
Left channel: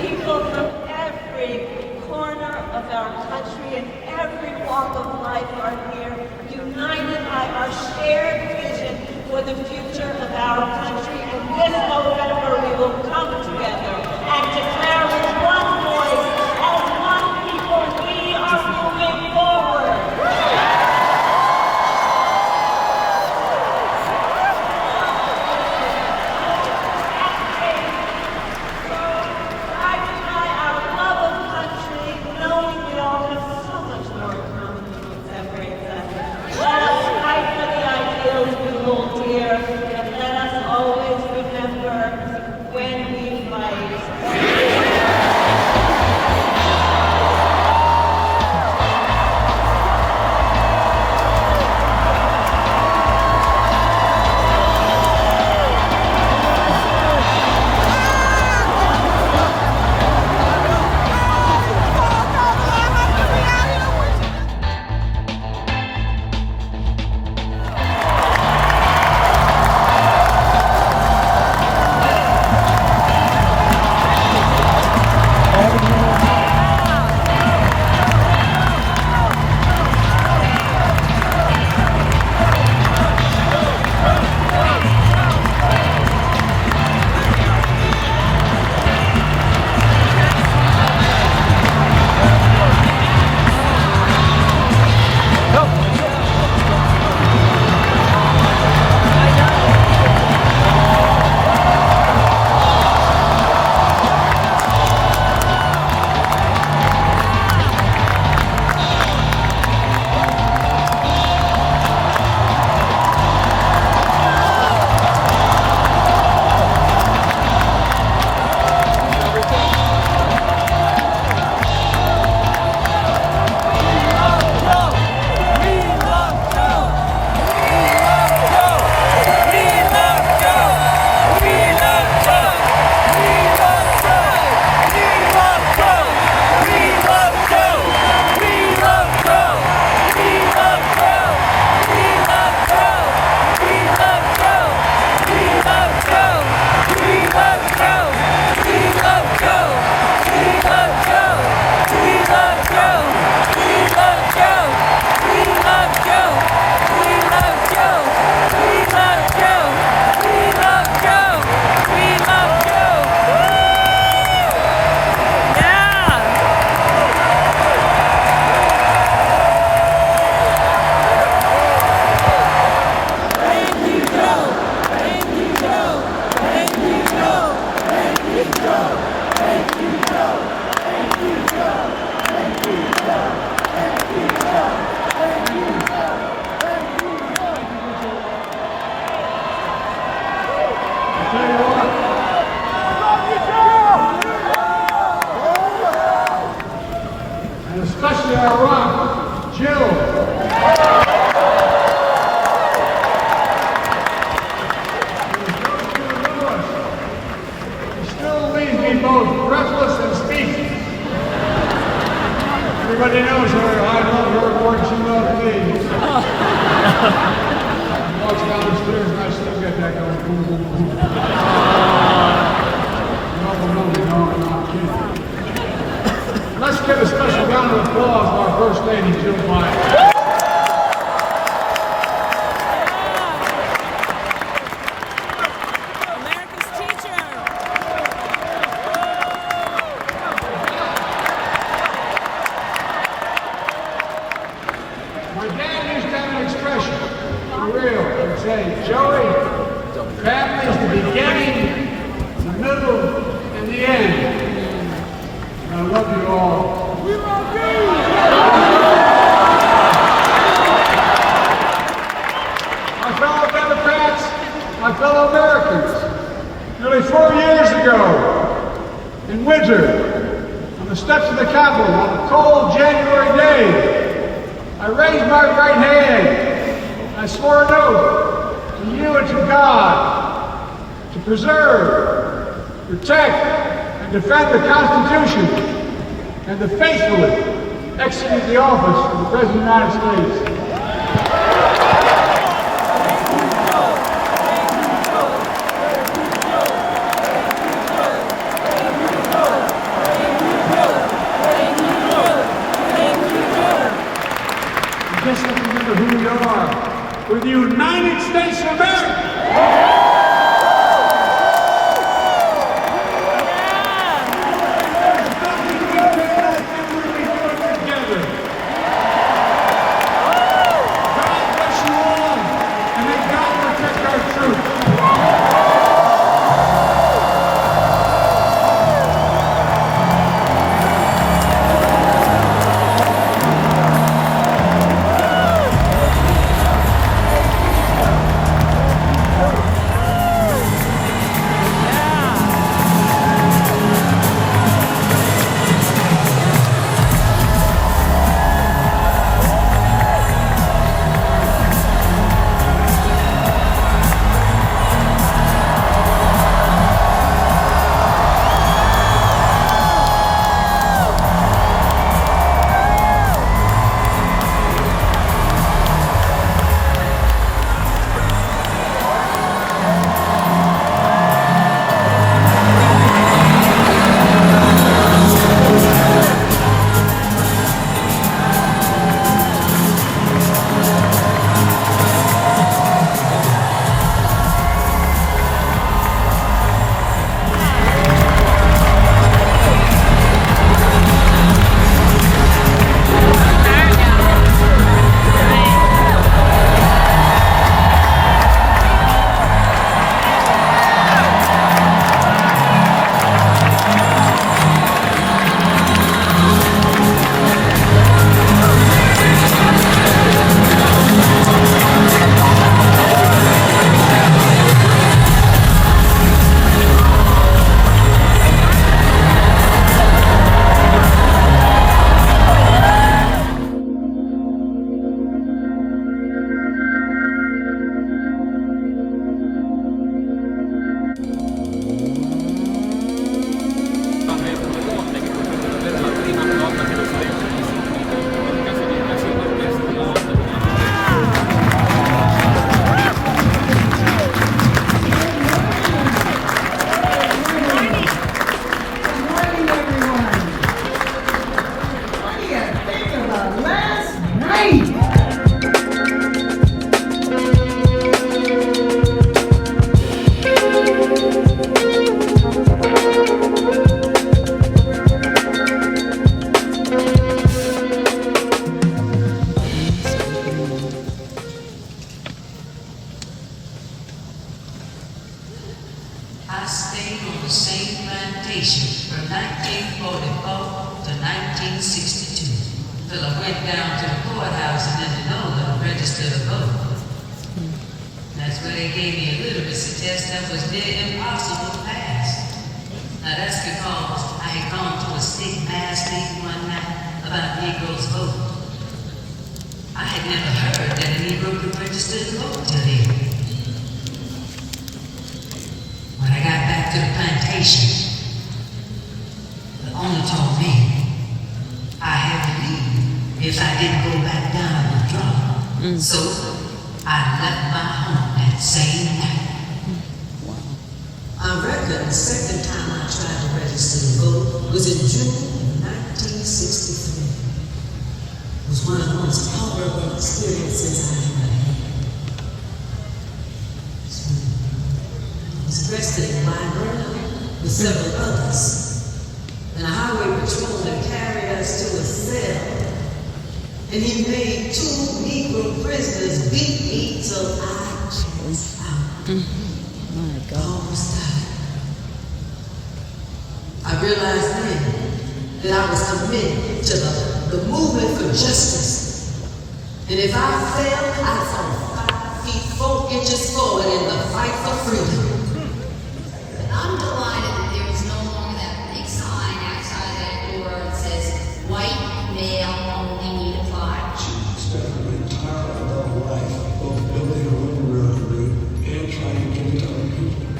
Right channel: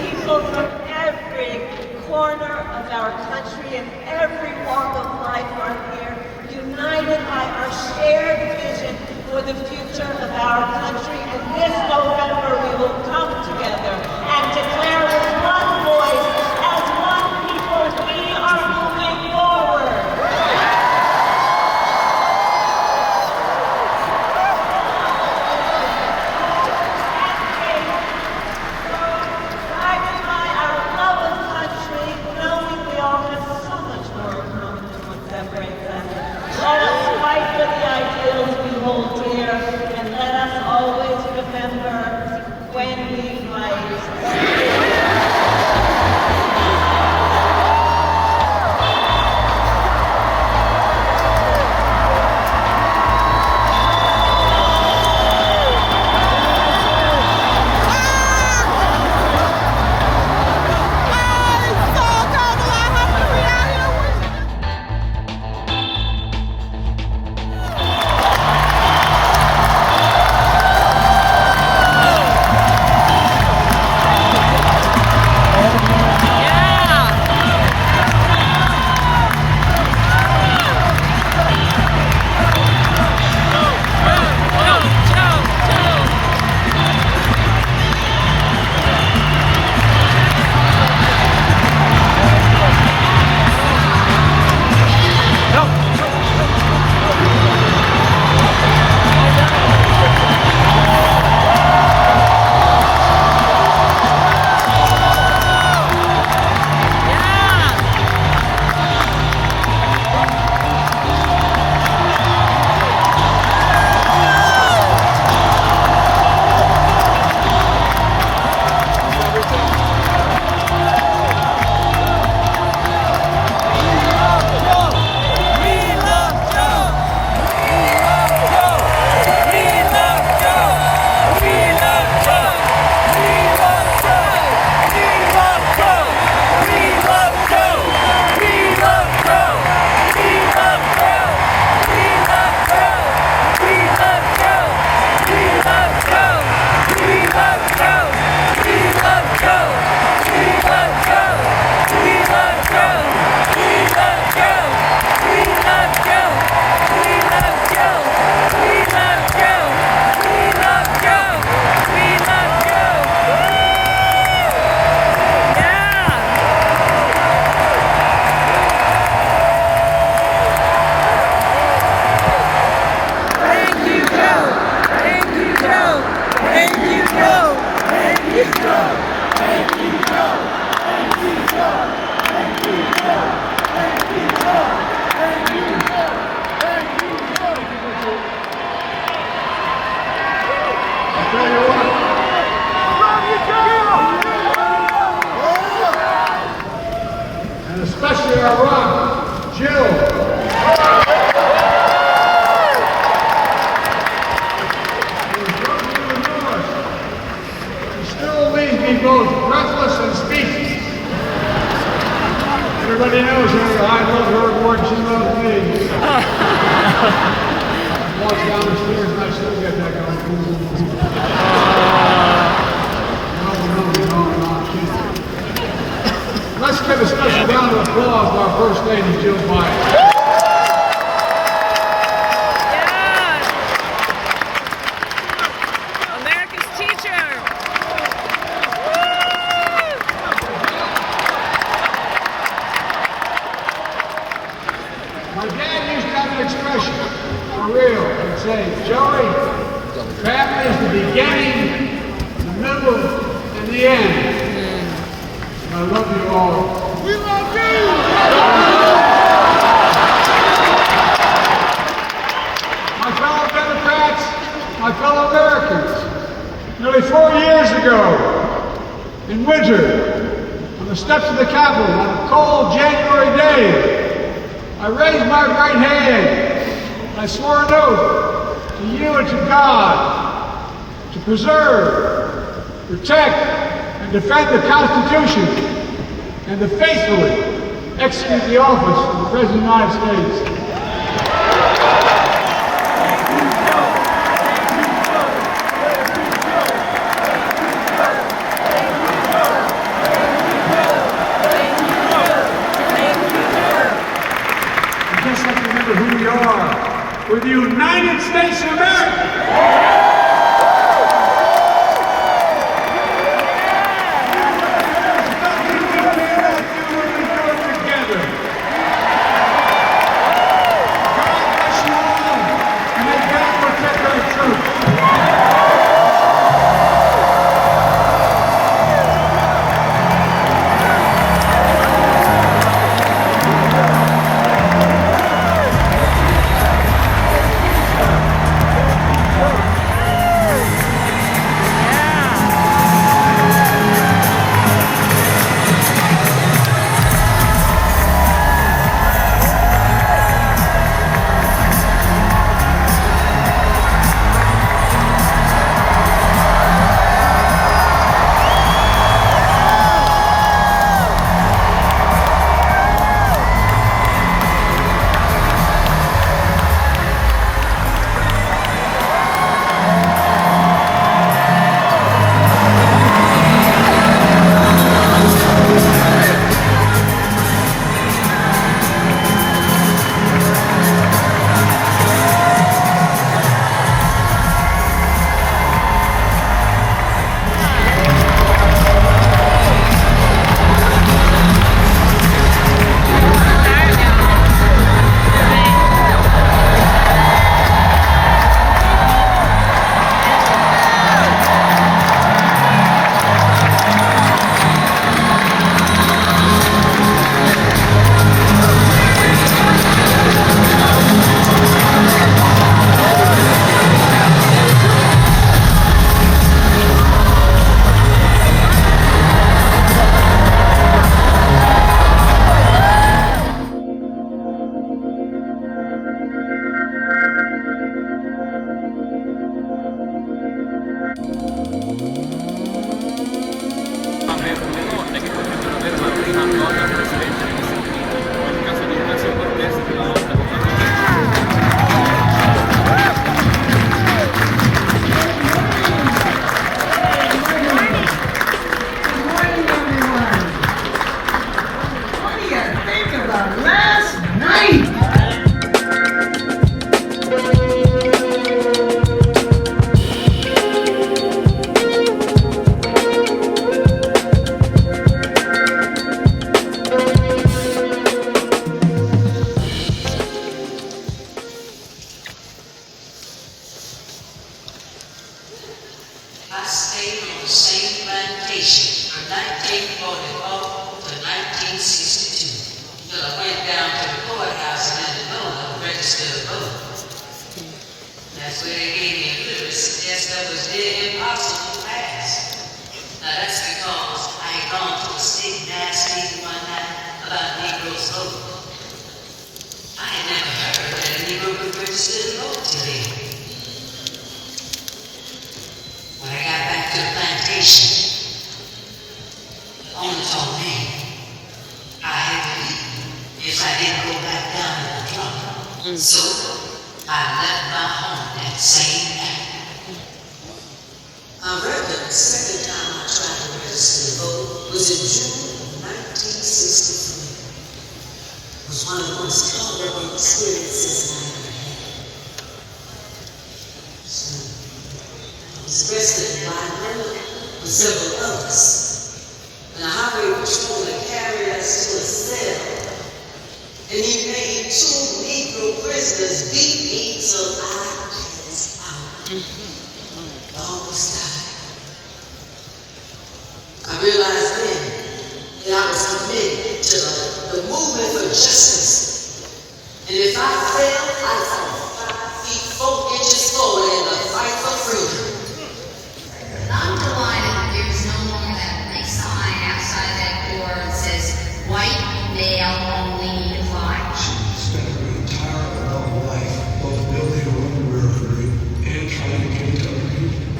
People from every corner of our country and every walk of life are here, united by our shared vision for the future of our country. And this November we will come together and declare with one voice, as one people, we are moving forward. Everybody knows that I love her more than she loves me. Walks down the stairs and I still get that kind of Let's give a special round of applause to our First Lady, Jill Biden. Preserve, protect, and defend the Constitution, and to faithfully execute the office of the President of the United States. Just let's remember who we are. We're the United States of America. There's nothing good in that when we do it together. God bless you all, and may God protect our troops.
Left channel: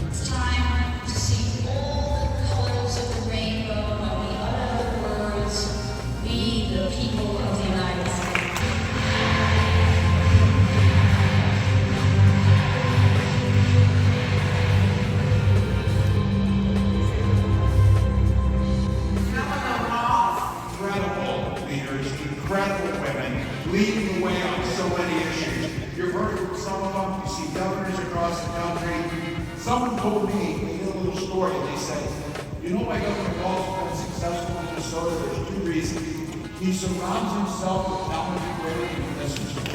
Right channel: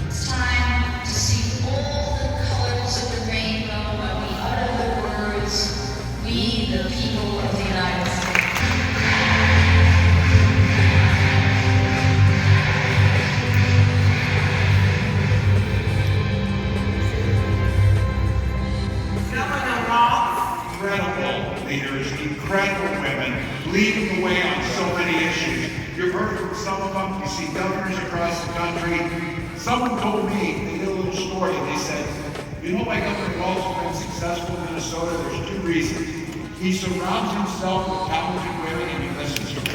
It's time to see all the colors of the rainbow. see governors across the country. Someone told me, they did a little story, and they said, you know why Governor Walz has been successful in Minnesota? There's two reasons. He surrounds himself with talented women and he listens to them.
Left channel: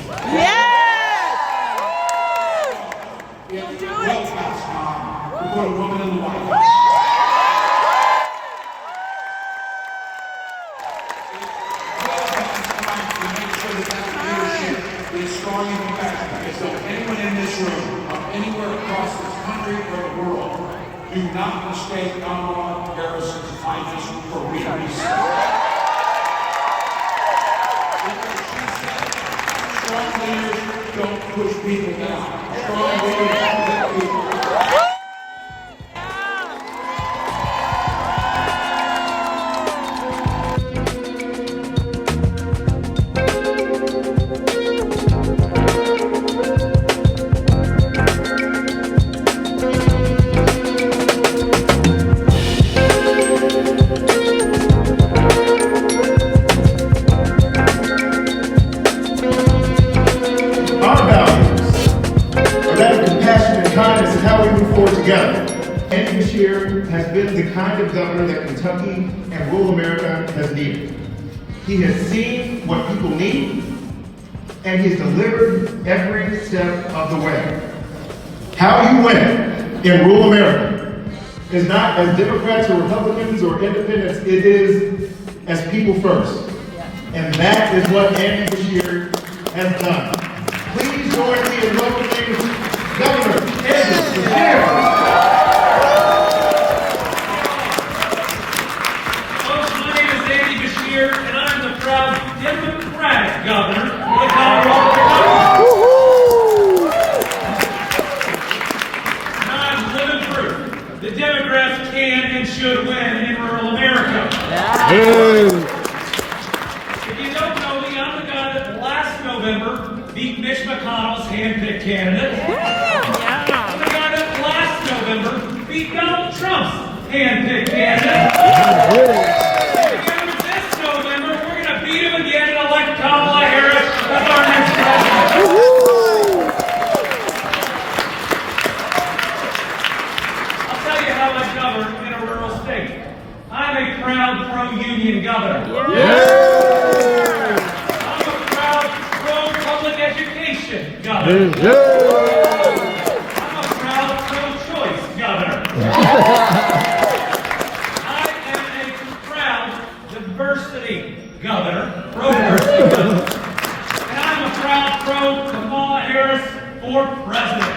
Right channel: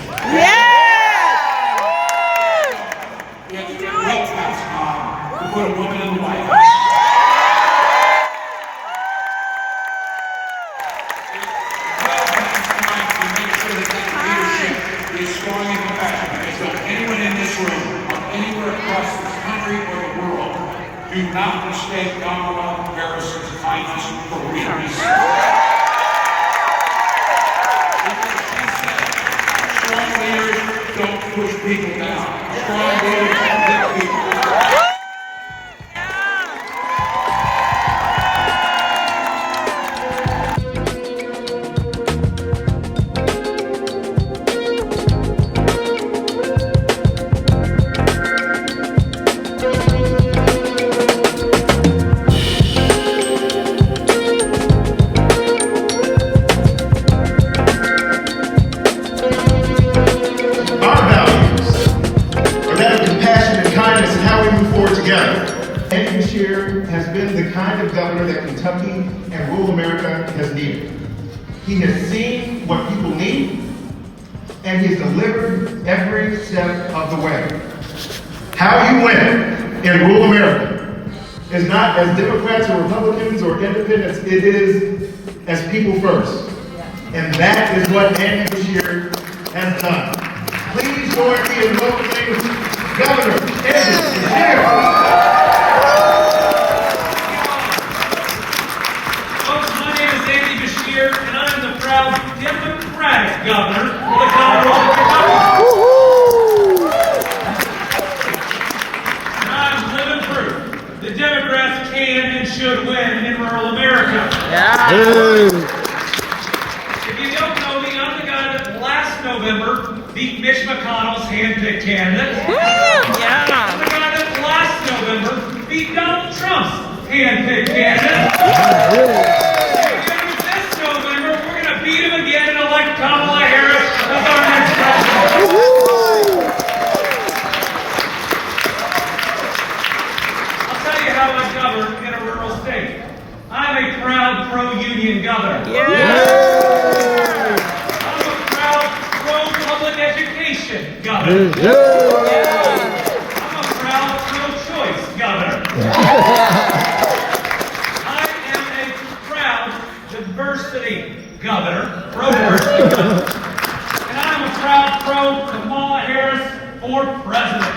It's well past time to put a woman in the White House. Is strong and compassionate. Because so anyone in this room or anywhere across this country or the world, do not mistake Kamala Harris's kindness for weakness. Strong leaders don't push people down. Strong leaders lift people up. Governor that Kentucky and rural America has needed. He has seen what people need, and he's delivered every step of the way. How you win in rural America is not as Democrats or Republicans or independents, it is as people first. And that is what Andy Beshear has done. Please join me in welcoming Governor Andy Beshear. Democratic governor of the Colorado Caucus. And I'm living proof the Democrats can and should win in rural America. Yeah. If you don't know me, I'm the guy that last November beat Mitch McConnell's hand-picked candidate. Yeah. I'm the guy that last November beat Donald Trump's hand-picked candidate. Beat him again and elect Kamala Harris as our next president. I'll tell you how I govern in a rural state. I'm a proud pro-union governor. I'm a proud pro-public education governor. I'm a proud pro-choice governor. I am a proud diversity governor, pro-diversity governor. And I'm a proud pro-Kamala Harris for president.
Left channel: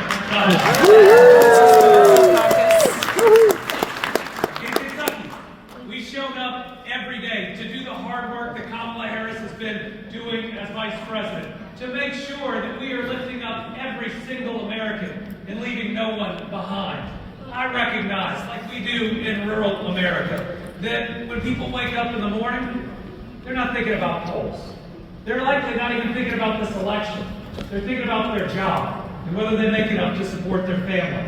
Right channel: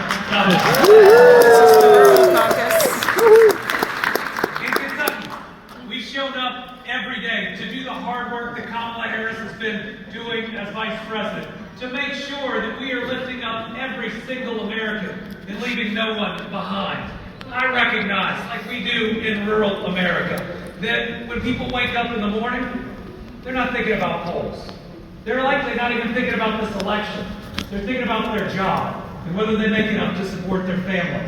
In Kentucky, we showed up every day to do the hard work that Kamala Harris has been doing as vice president, to make sure that we are lifting up every single American and leaving no one behind. I recognize, like we do in rural America, that when people wake up in the morning, they're not thinking about polls. They're likely not even thinking about this election. They're thinking about their job and whether they make enough to support their family.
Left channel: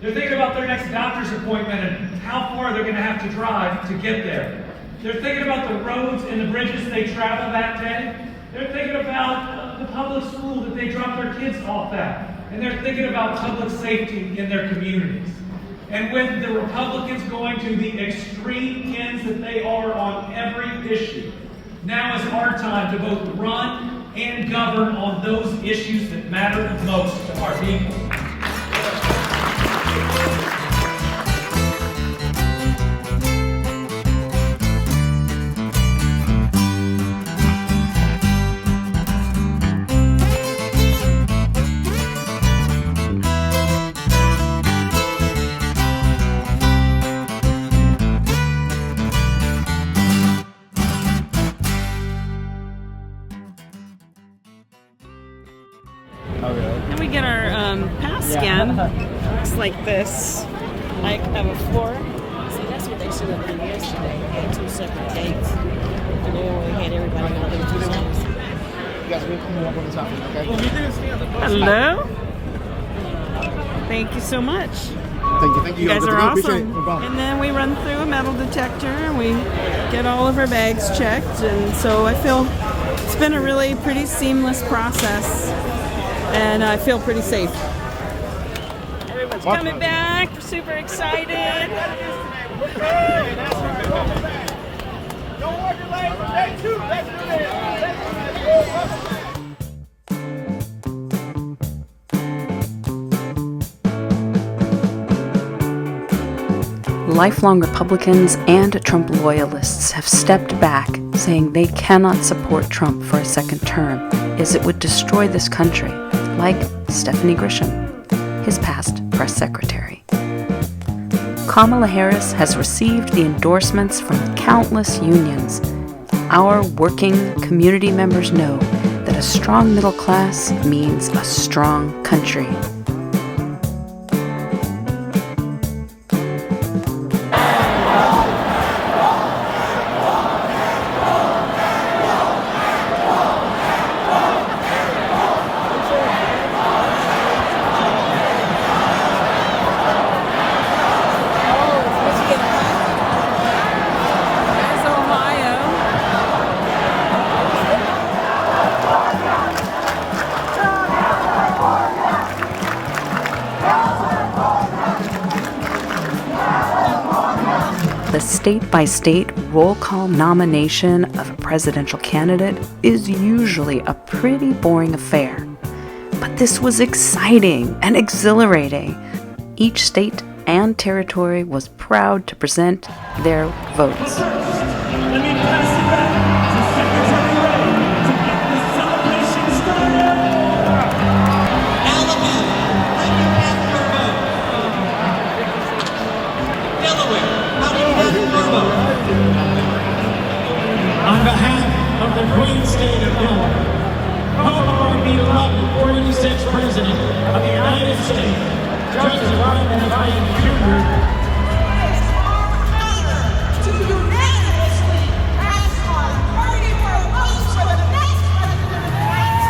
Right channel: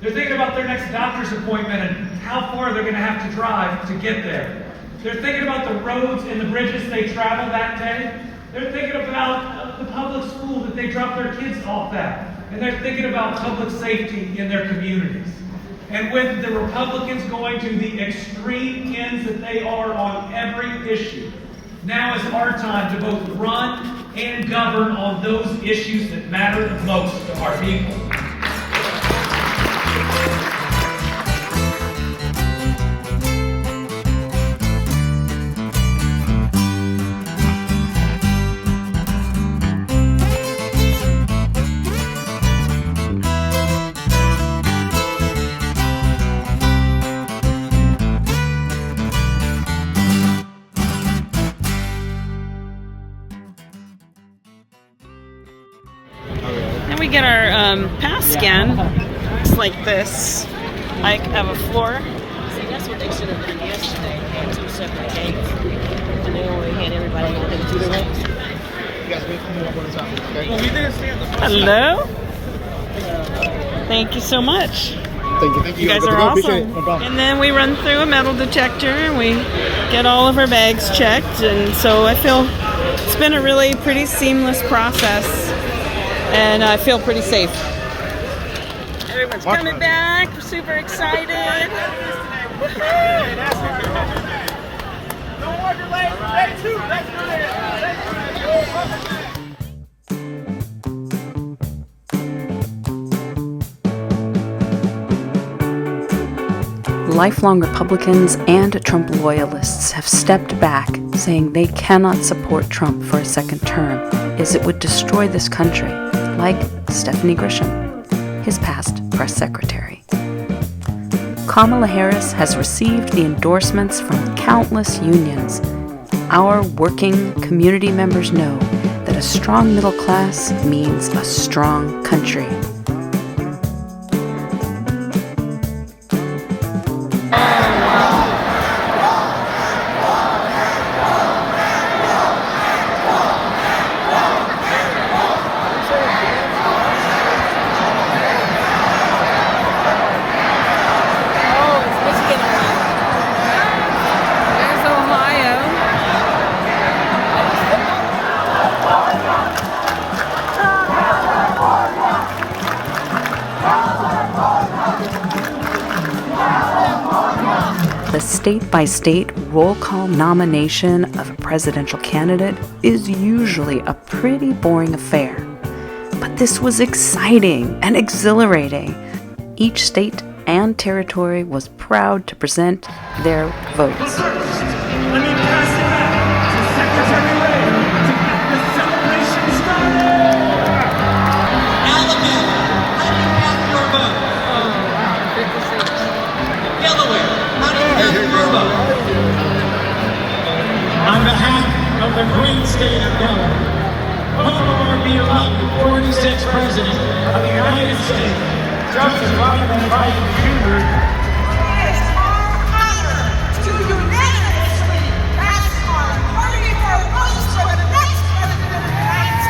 They're thinking about their next doctor's appointment and how far they're going to have to drive to get there. They're thinking about the roads and the bridges they travel that day. They're thinking about the public school that they drop their kids off at. And they're thinking about public safety in their communities. And with the Republicans going to the extreme ends that they are on every issue, now is our time to both run and govern on those issues that matter the most to our people. We get our pass scan. Looks like this. I have a floor. See, that's what they should have done yesterday. They had two separate gates, and they only had everybody going to the two lanes. Hello. Thank you so much. Thank you. You guys are awesome. And then we run through a metal detector and we get all of our bags checked. And so I feel it's been a really pretty seamless process. And I feel pretty safe. It's coming back. We're super excited. Don't work your legs. Ready, two. Let's do it. Lifelong Republicans and Trump loyalists have stepped back, saying they cannot support Trump for a second term, as it would destroy this country, like Stephanie Grisham, his past press secretary. Kamala Harris has received the endorsements from countless unions. Our working community members know that a strong middle class means a strong country. The state-by-state roll call nomination of a presidential candidate is usually a pretty boring affair. But this was exciting and exhilarating. Each state and territory was proud to present their votes. On behalf of the great state of Delaware, welcome to be elected 46th President of the United States, Joseph Robinson Biden Jr. To unanimously ask our 34 votes for the next President of the United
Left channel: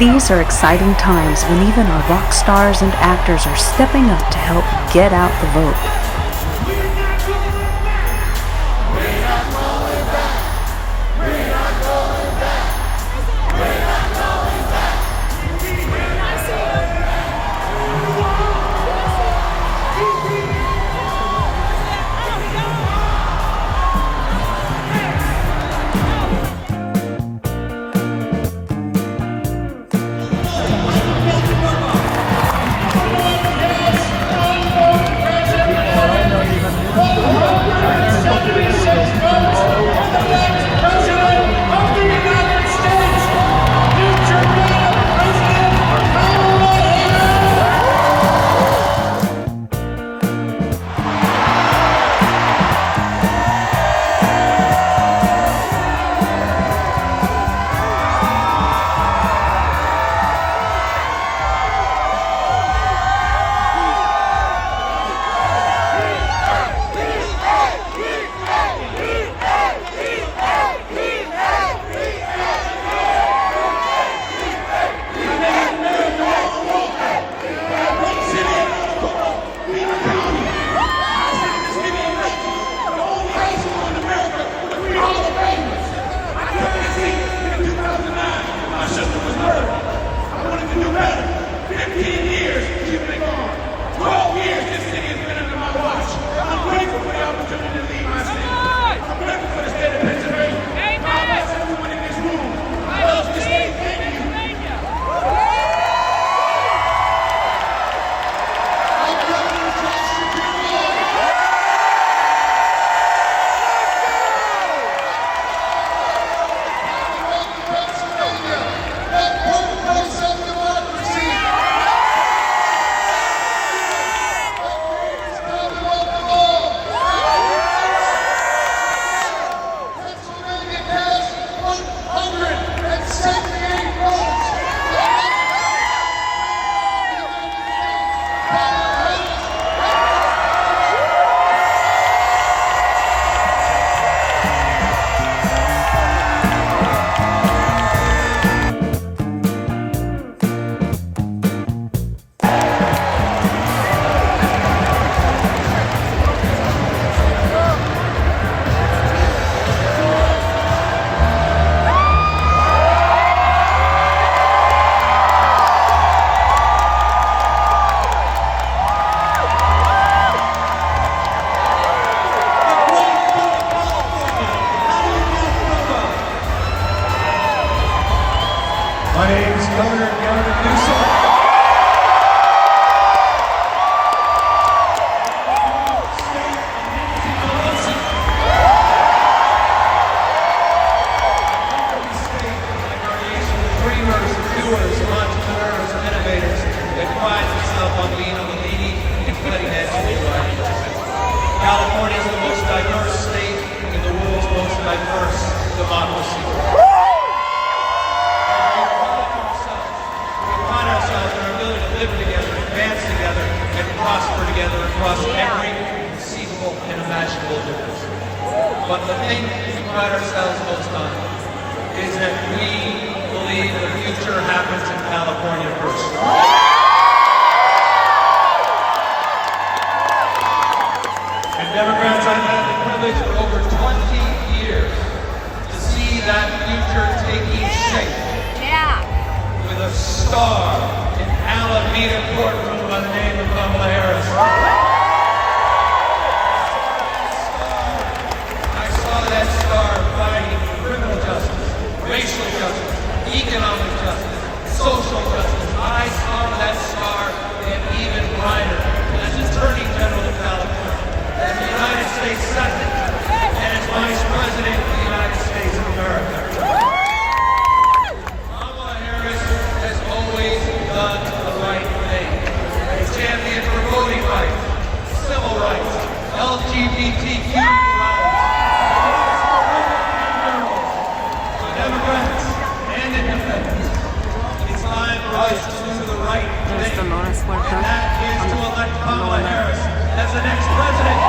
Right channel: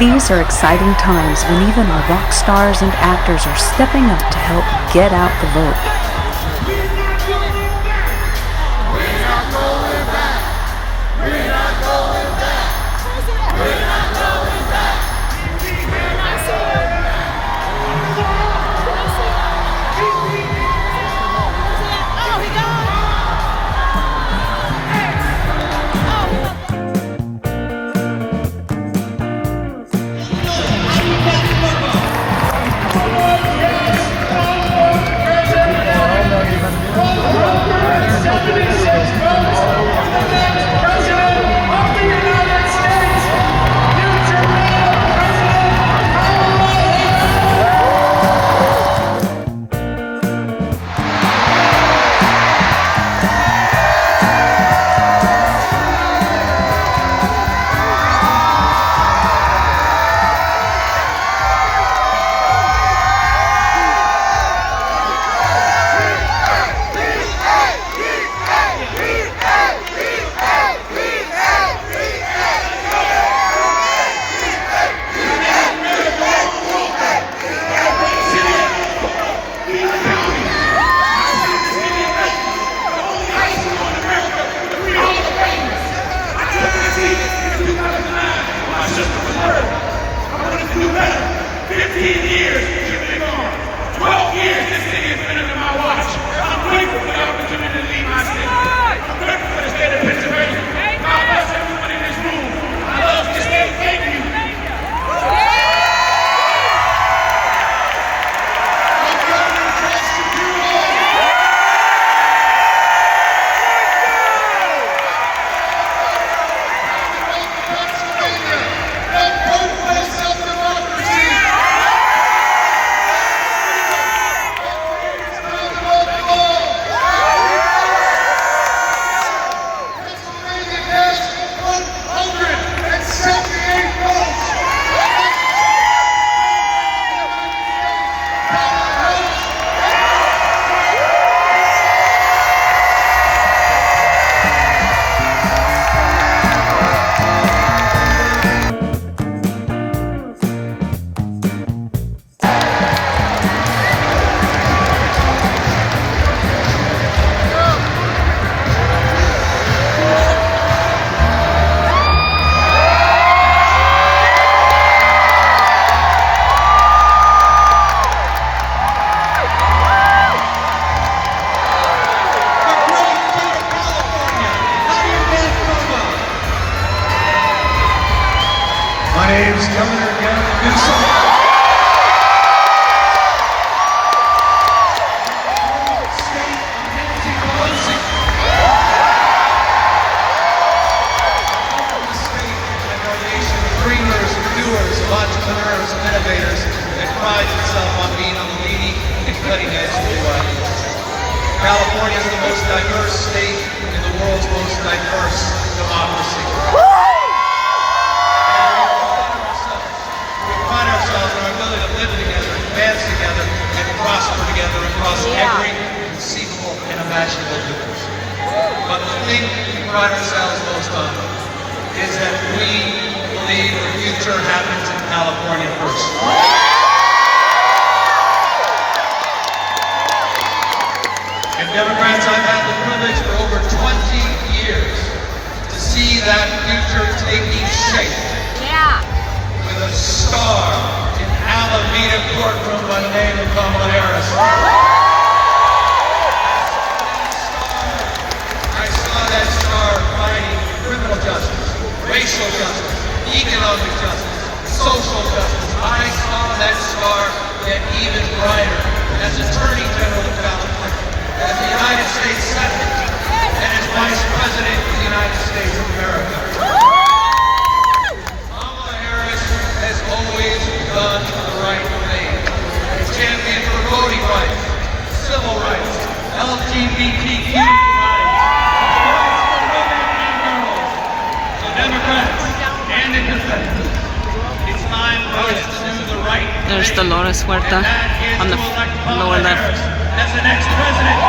These are exciting times when even our rock stars and actors are stepping up to help get out the vote. Kamala Harris. I saw that star fighting criminal justice, racial justice, economic justice, social justice. I saw that star get even brighter as Attorney General of California, as the United States Senate, and as Vice President of the United States of America. Kamala Harris has always done the right thing. A champion for voting rights, civil rights, LGBTQ rights, Democrats and independents. It's time for us to do the right thing. There's Dolores Huerta on the lower left. As the next president.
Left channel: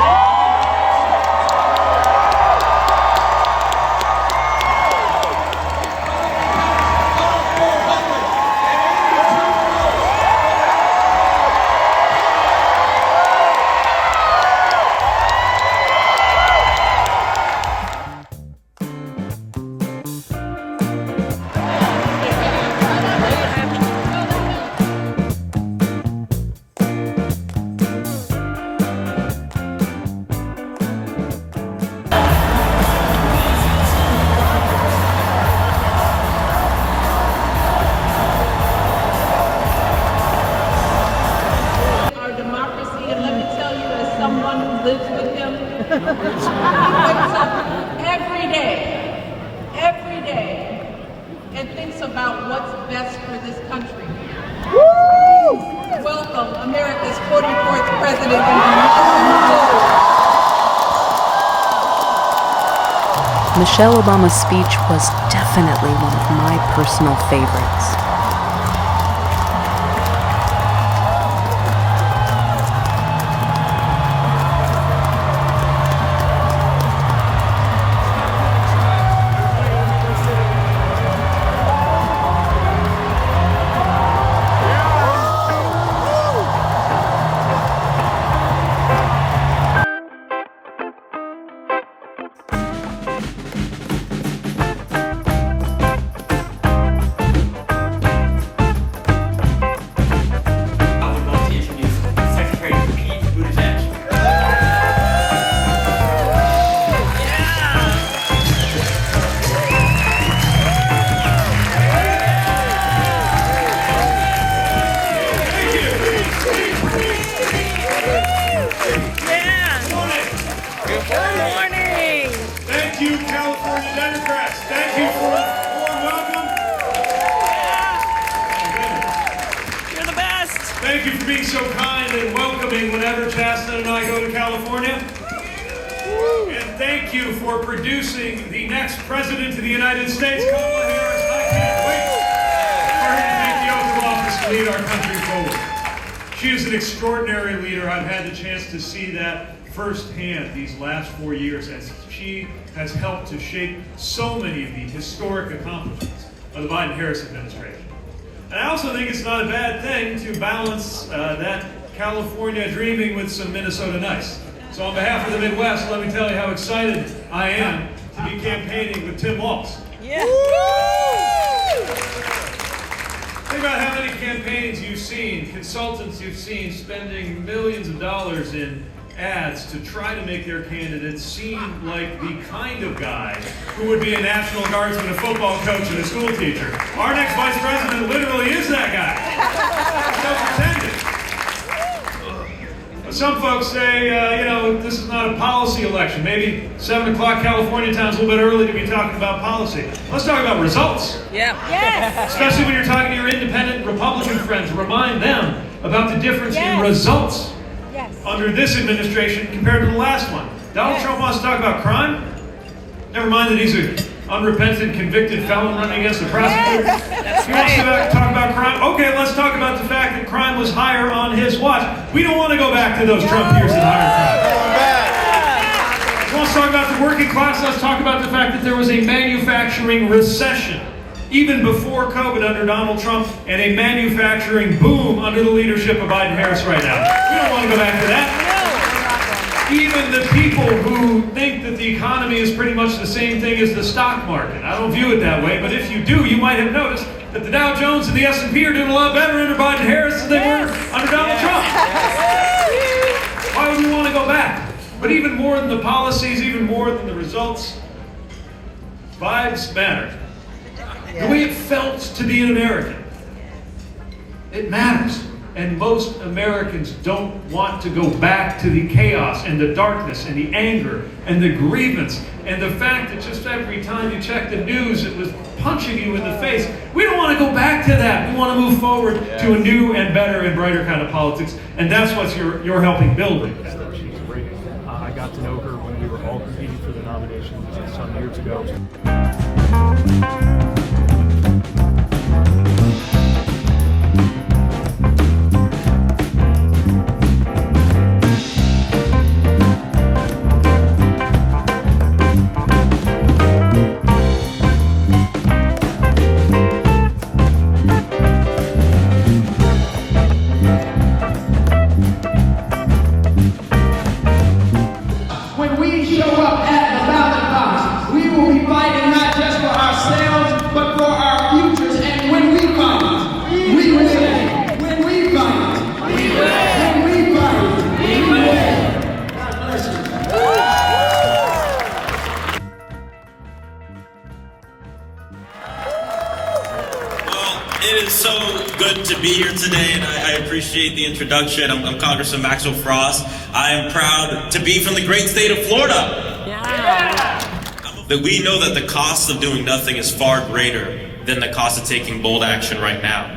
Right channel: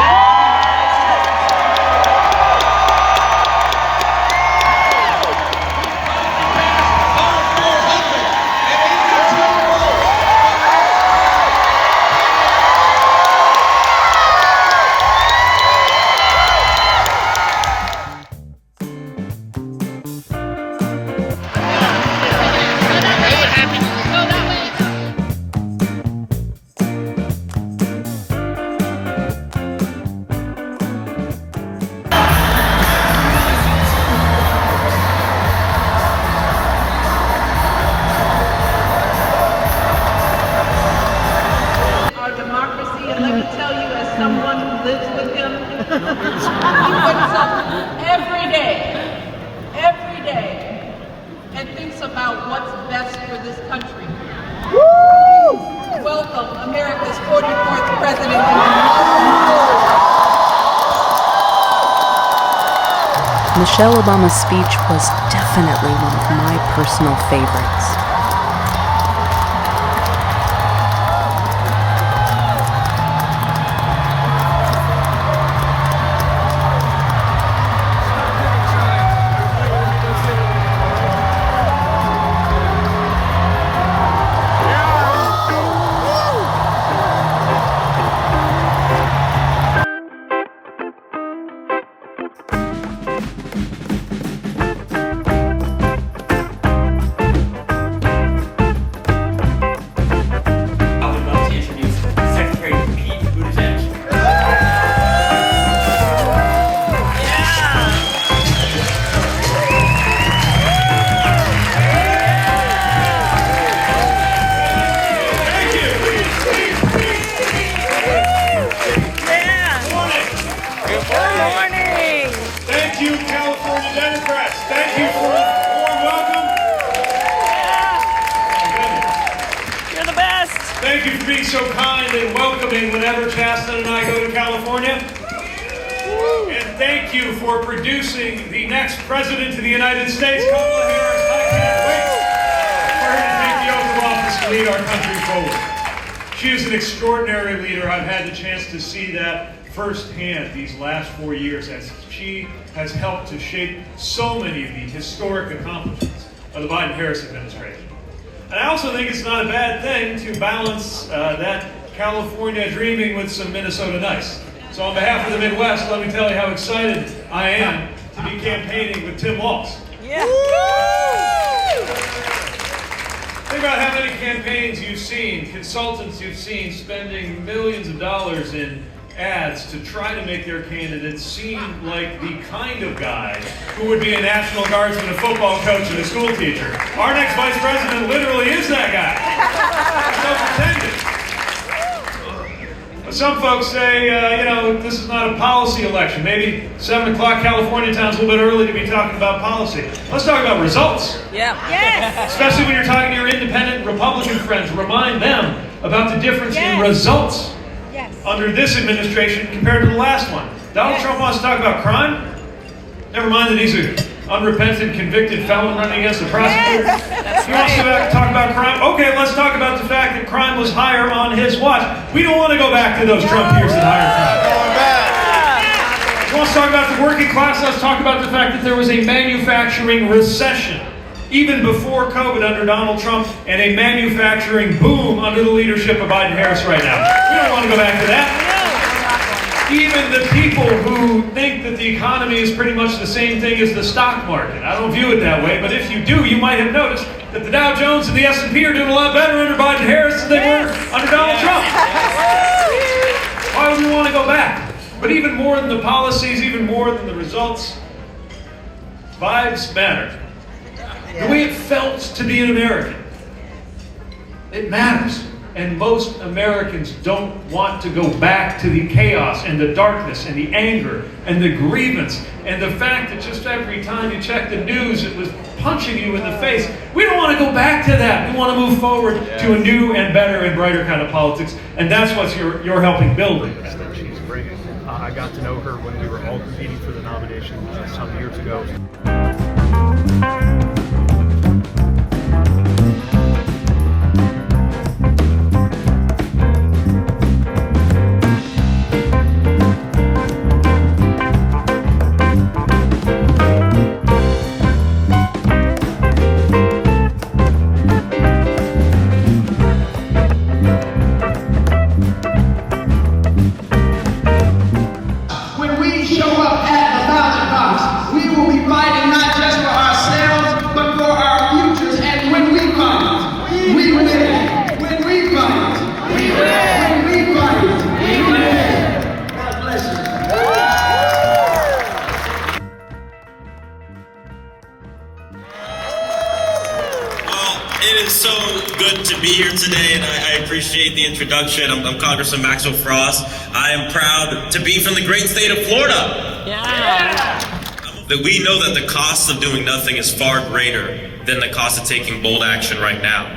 Our democracy, and let me tell you, as someone who lives with him, he gets up every day, and thinks about what's best for this country. Woo! Welcome, America's 44th president. Michelle Obama's speech was definitely one of my personal favorites. Thank you, California Democrats. Thank you for the warm welcome. You're the best. Thank you for being so kind and welcoming whenever Chastity and I go to California. And thank you for producing the next President of the United States, Kamala Harris. I can't wait for her to take the oath of office to lead our country forward. She is an extraordinary leader. I've had the chance to see that firsthand these last 4 years as she has helped to shape so many of the historic accomplishments of the Biden-Harris administration. And I also think it's not a bad thing to balance that California dreaming with some Minnesota nice. So on behalf of the Midwest, let me tell you how excited I am to be campaigning with Tim Walz. Yeah. Think about how many campaigns you've seen, consultants you've seen spending millions of dollars in ads to try to make their candidates seem like the kind of guy who would be a National Guardsman, a football coach, and a school teacher. Our next vice president literally is that guy. Don't pretend it. Some folks say, this is not a policy election. Maybe 7 o'clock California time's a little bit early to be talking about policy. Let's talk about results. Yeah. Yes. Especially when you're talking to your independent Republican friends. Remind them about the difference in results under this administration compared to the last one. Donald Trump wants to talk about crime? Never mind that he's an unrepentant, convicted felon running against a prosecutor. He wants to talk about crime? Okay, let's talk about the fact that crime was higher on his watch. We don't want to go back to those Trump years and higher crime. He wants to talk about the working class. Let's talk about the fact that there was a manufacturing recession even before COVID under Donald Trump, and a manufacturing boom under the leadership of Biden-Harris right now. We don't want to go back to that. Even the people who think that the economy is pretty much the same thing as the stock market. I don't view it that way, but if you do, you might have noticed that the Dow Jones and the S&P are doing a lot better under Biden-Harris than they were under Donald Trump. Why would we want to go back? But even more than the policies, even more than the results, vibes matter. The way it felt to be an American. It matters. And most Americans don't want to go back to the chaos and the darkness and the anger and the grievance and the fact that just every time you check the news it was punching you in the face. We don't want to go back to that. We want to move forward to a new and better and brighter kind of politics. And that's what you're helping build. She's great. I got to know her when we were all competing for the nomination some years ago. The introduction. I'm Congressman Maxwell Frost. I am proud to be from the great state of Florida. That we know that the cost of doing nothing is far greater than the cost of taking bold action right now.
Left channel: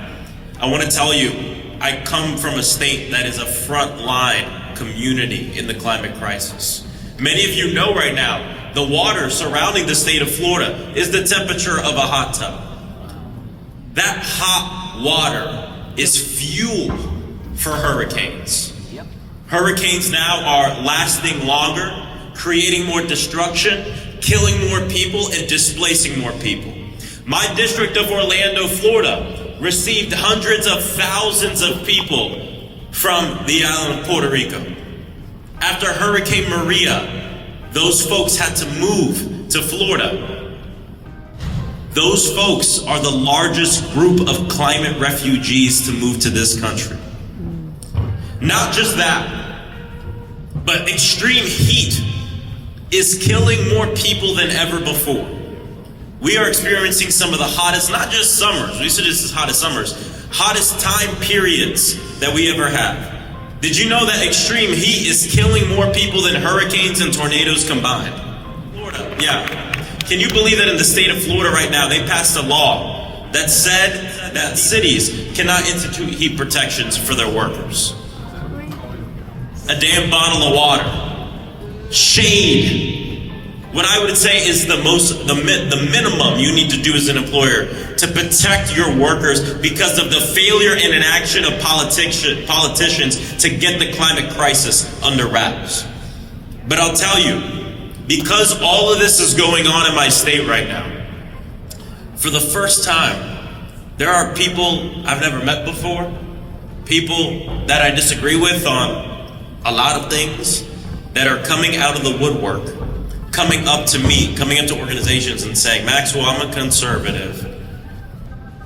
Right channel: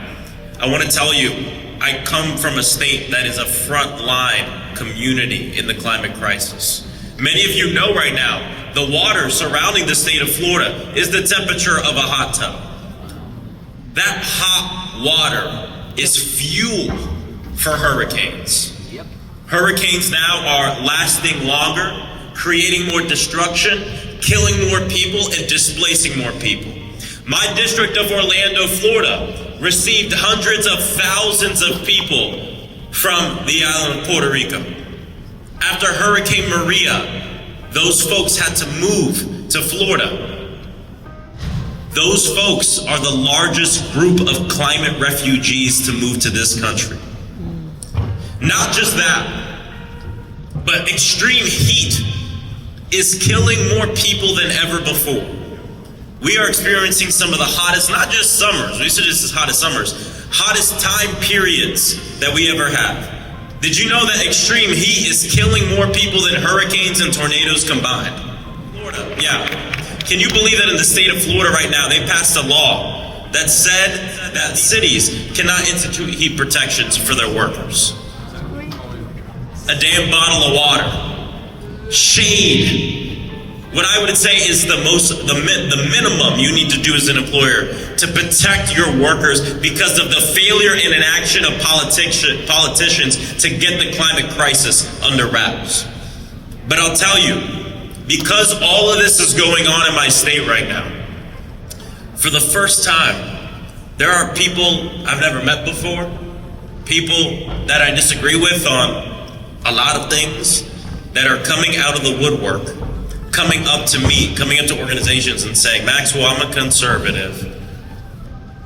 I want to tell you, I come from a state that is a frontline community in the climate crisis. Many of you know right now, the water surrounding the state of Florida is the temperature of a hot tub. That hot water is fuel for hurricanes. Hurricanes now are lasting longer, creating more destruction, killing more people, and displacing more people. My district of Orlando, Florida, received hundreds of thousands of people from the island of Puerto Rico. After Hurricane Maria, those folks had to move to Florida. Those folks are the largest group of climate refugees to move to this country. Not just that, but extreme heat is killing more people than ever before. We are experiencing some of the hottest, not just summers, we said this is hottest summers, hottest time periods that we ever have. Did you know that extreme heat is killing more people than hurricanes and tornadoes combined? Florida, yeah. Can you believe that in the state of Florida right now, they passed a law that said that cities cannot institute heat protections for their workers? A damn bottle of water, shade, what I would say is the minimum you need to do as an employer to protect your workers because of the failure and inaction of politicians to get the climate crisis under wraps. But I'll tell you, because all of this is going on in my state right now, for the first time, there are people I've never met before, people that I disagree with on a lot of things, that are coming out of the woodwork, coming up to me, coming up to organizations and saying, Maxwell, I'm a conservative,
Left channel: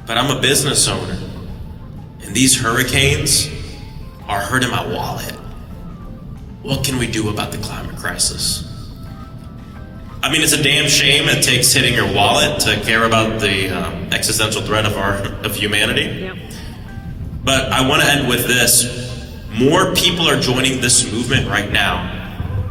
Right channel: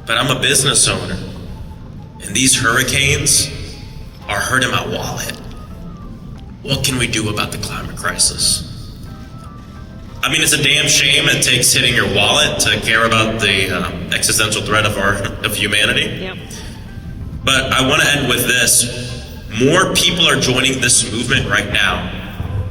but I'm a business owner, and these hurricanes are hurting my wallet. What can we do about the climate crisis? I mean, it's a damn shame it takes hitting your wallet to care about the existential threat of humanity. Yep. But I want to end with this. More people are joining this movement right now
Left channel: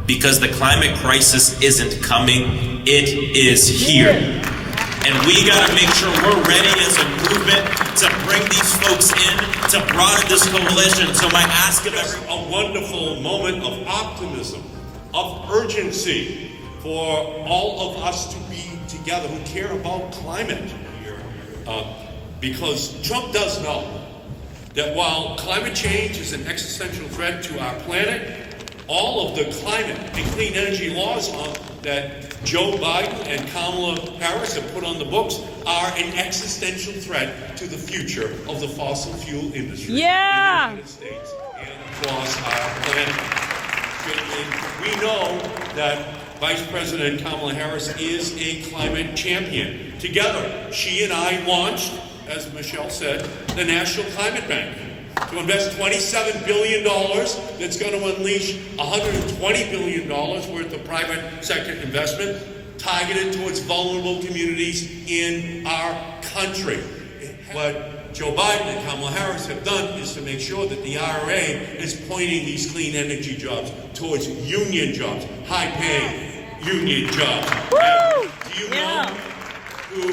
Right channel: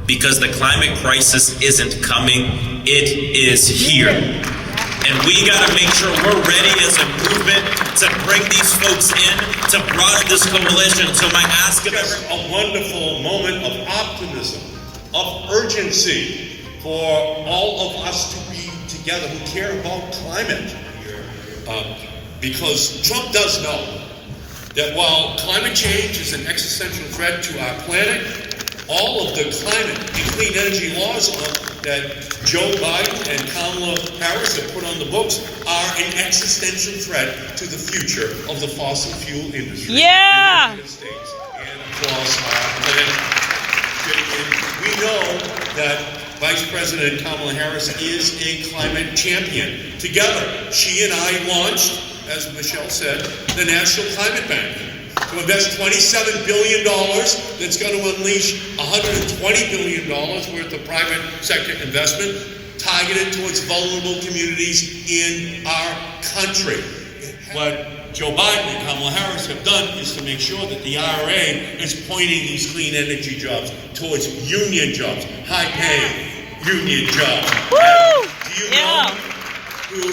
because the climate crisis isn't coming, it is here. And we gotta make sure we're ready as a movement to bring these folks in, to broaden this coalition. So my ask of everyone, a wonderful moment of optimism, of urgency for all of us to be together who care about climate. Because Trump does know that while climate change is an existential threat to our planet, all of the climate and clean energy laws that Joe Biden and Kamala Harris have put on the books are an existential threat to the future of the fossil fuel industry in the United States and across our planet. We know that Vice President Kamala Harris is a climate champion. Together, she and I launched, as Michelle said, the National Climate Bank to invest $27 billion that's going to unleash $120 billion worth of private sector investment targeted towards vulnerable communities in our country. What Joe Biden and Kamala Harris have done is to make sure that the IRA is pointing these clean energy jobs towards union jobs, high-paying union jobs. Do you know who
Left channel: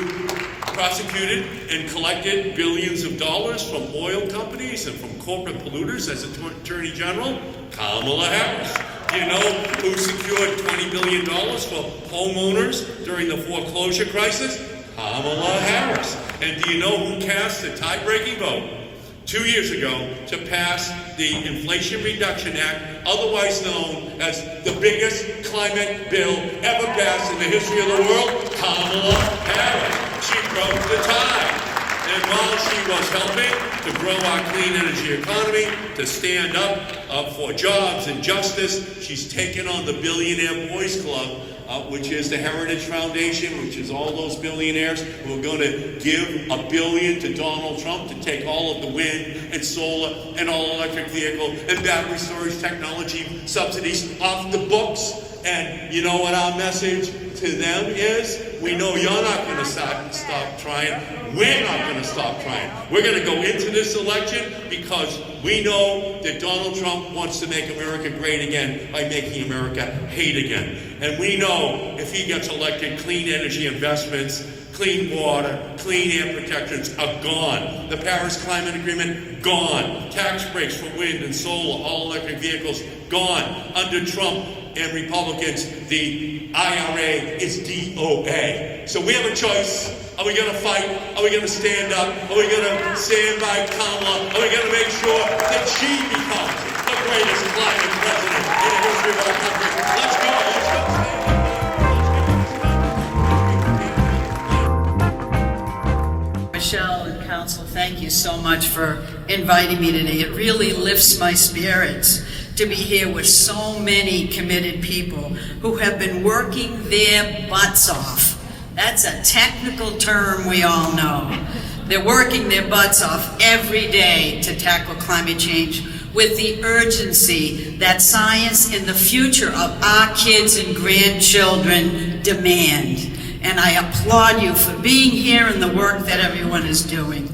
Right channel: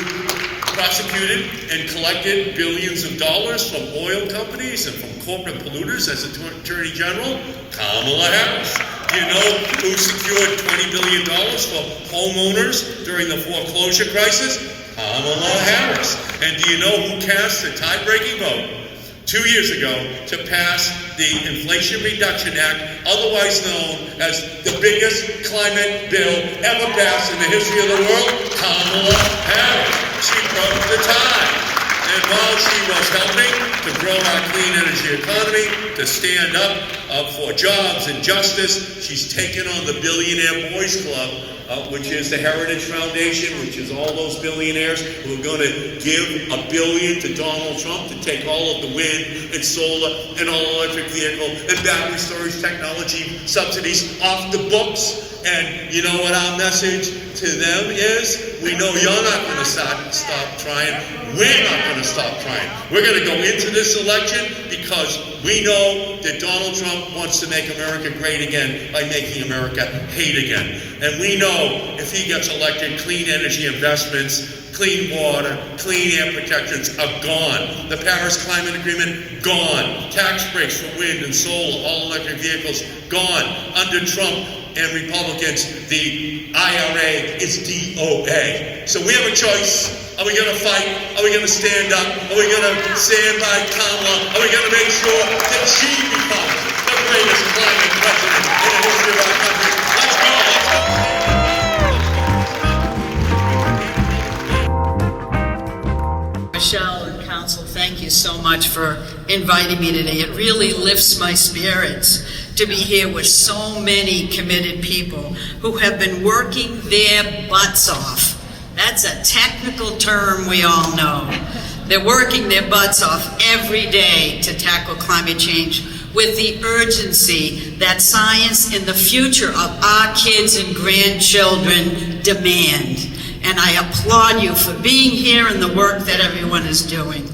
prosecuted and collected billions of dollars from oil companies and from corporate polluters as Attorney General? Kamala Harris. Do you know who secured $20 billion for homeowners during the foreclosure crisis? Kamala Harris. And do you know who cast the tie-breaking vote 2 years ago to pass the Inflation Reduction Act, otherwise known as the biggest climate bill ever passed in the history of the world? Kamala Harris. She broke the tie. And while she was helping to grow our clean energy economy, to stand up for jobs and justice, she's taken on the Billionaire Boys Club, which is the Heritage Foundation, which is all those billionaires who are going to give $1 billion to Donald Trump to take all of the wind and solar and all-electric vehicle and battery storage technology subsidies off the books. And you know what our message to them is? We know you're not going to stop trying. We're not going to stop trying. We're going to go into this election because we know that Donald Trump wants to make America great again by making America hate again. And we know if he gets elected, clean energy investments, clean water, clean air protections are gone. The Paris Climate Agreement, gone. Tax breaks for wind and solar, all electric vehicles, gone. Under Trump and Republicans, the IRA is DOA. So we have a choice. Are we going to fight? Are we going to stand up? Are we going to stand by Kamala? Are we going to make sure that she becomes the greatest climate president in the history of our country? Let's go. Michelle and Council, thank you so much for inviting me today. It really lifts my spirits to be here with so many committed people who have been working their butts off. That's a technical term we all know. They're working their butts off every day to tackle climate change with the urgency that science and the future of our kids and grandchildren demand. And I applaud you for being here and the work that everyone is doing.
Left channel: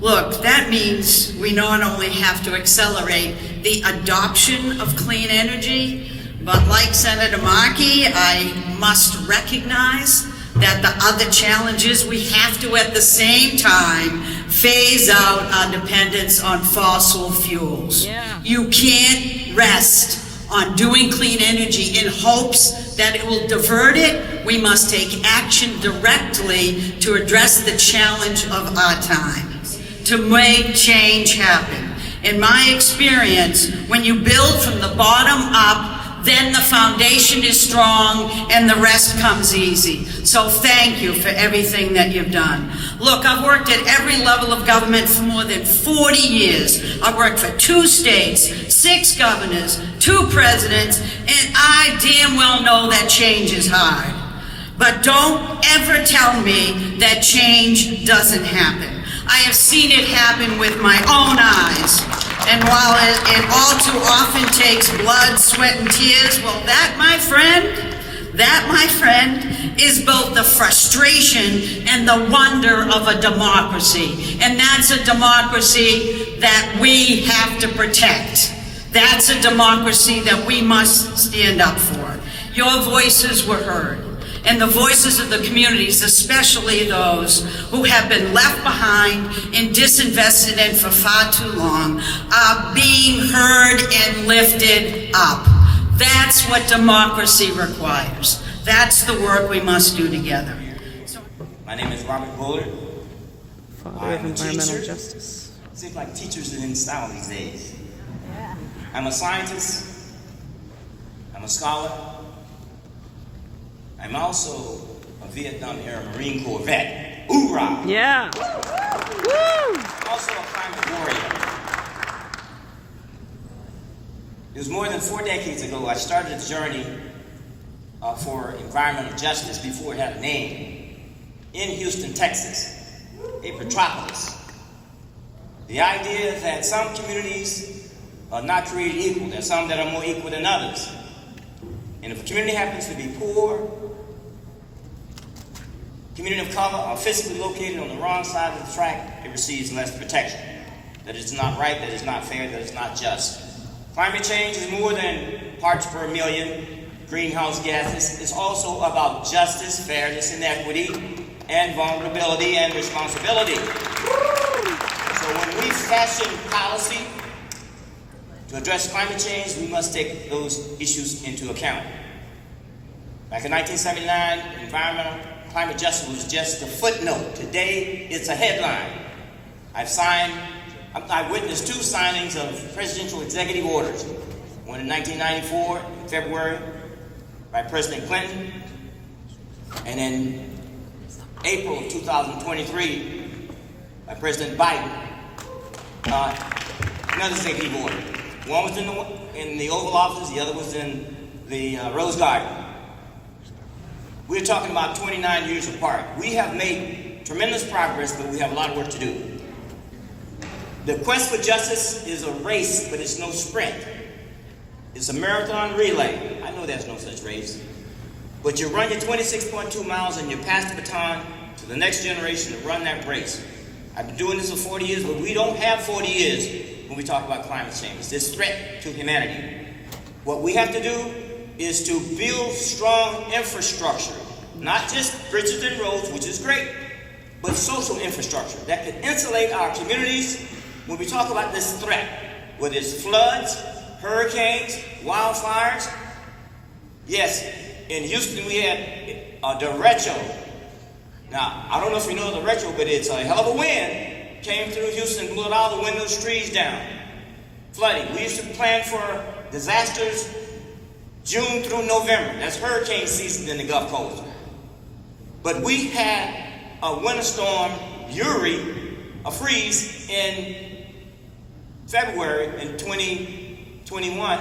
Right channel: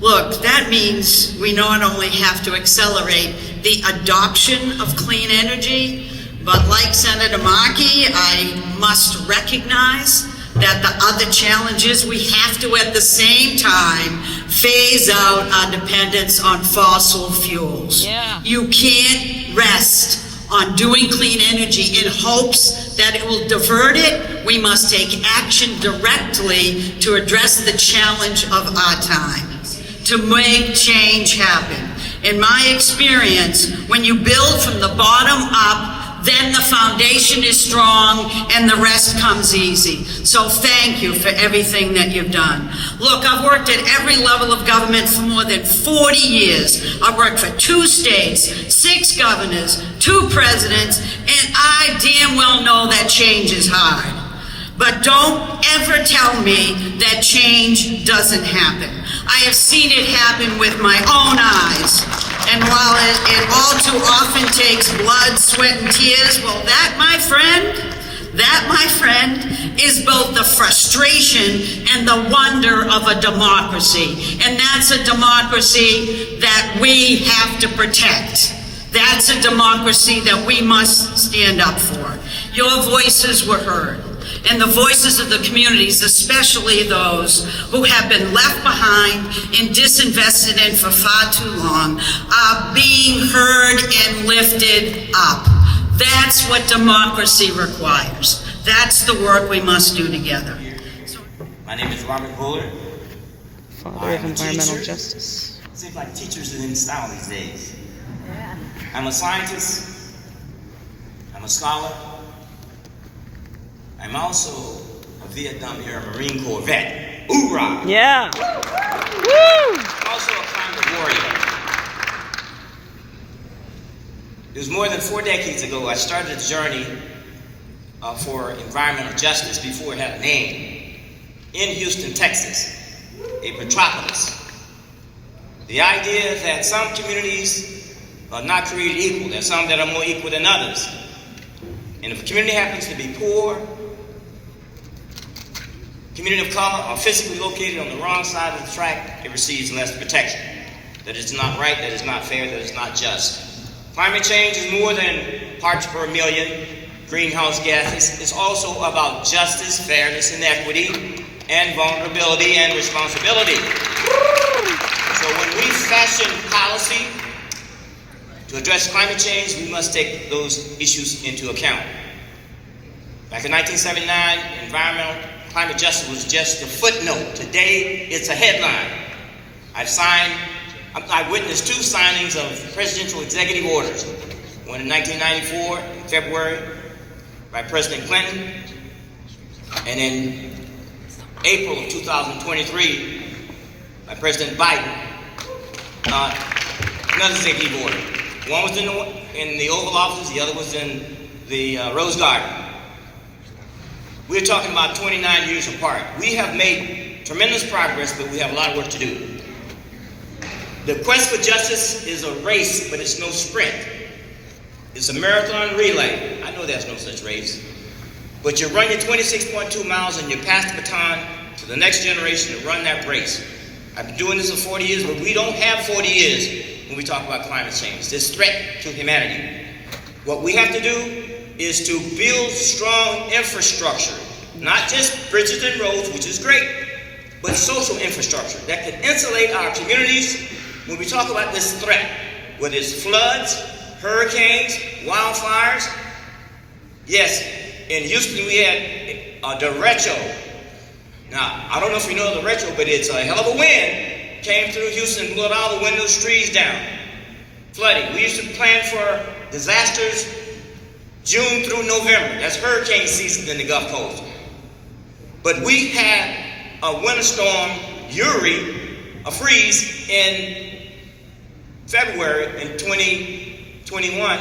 Look, that means we not only have to accelerate the adoption of clean energy, but like Senator Markey, I must recognize that the other challenges we have to at the same time phase out our dependence on fossil fuels. You can't rest on doing clean energy in hopes that it will divert it, we must take action directly to address the challenge of our time, to make change happen. In my experience, when you build from the bottom up, then the foundation is strong and the rest comes easy. So thank you for everything that you've done. Look, I've worked at every level of government for more than 40 years. I've worked for 2 states, 6 governors, 2 presidents, and I damn well know that change is hard. But don't ever tell me that change doesn't happen. I have seen it happen with my own eyes. And while it all too often takes blood, sweat, and tears, well, that, my friend, is both the frustration and the wonder of a democracy. And that's a democracy that we have to protect. That's a democracy that we must stand up for. Your voices were heard. And the voices of the communities, especially those who have been left behind and disinvested in for far too long, are being heard and lifted up. That's what democracy requires. That's the work we must do together. My name is Robert Bullard. Father of environmental justice. It seems like teachers are in style these days. Yeah. I'm a scientist. I'm a scholar. I'm also a Vietnam-era Marine Corps vet. Hoorah! Yeah! Woo! I'm also a climate warrior. It was more than 4 decades ago I started a journey for environmental justice before it had a name in Houston, Texas, a metropolis. The idea that some communities are not created equal. There's some that are more equal than others. And if a community happens to be poor, community of color, or physically located on the wrong side of the track, it receives less protection. That is not right, that is not fair, that is not just. Climate change is more than parts per million greenhouse gases. It's also about justice, fairness, and equity, and vulnerability and responsibility. So when we fashion policy to address climate change, we must take those issues into account. Back in 1979, climate justice was just a footnote. Today, it's a headline. I witnessed 2 signings of presidential executive orders. One in 1994, in February, by President Clinton, and in April of 2023, by President Biden, another executive order. One was in the Oval Office, the other was in the Rose Garden. We're talking about 29 years apart. We have made tremendous progress, but we have a lot of work to do. The quest for justice is a race, but it's no sprint. It's a marathon relay. I know there's no such race. But you run your 26.2 miles and you pass the baton to the next generation to run that race. I've been doing this for 40 years, but we don't have 40 years when we talk about climate change, this threat to humanity. What we have to do is to build strong infrastructure, not just bridges and roads, which is great, but social infrastructure that can insulate our communities when we talk about this threat, whether it's floods, hurricanes, wildfires. Yes, in Houston we had a derecho. Now, I don't know if you know the derecho, but it's a hell of a wind. Came through Houston and blew all the windows, trees down. Flooding. We used to plan for disasters June through November. That's hurricane season in the Gulf Coast. But we had a winter storm, Uri, a freeze in February in 2021,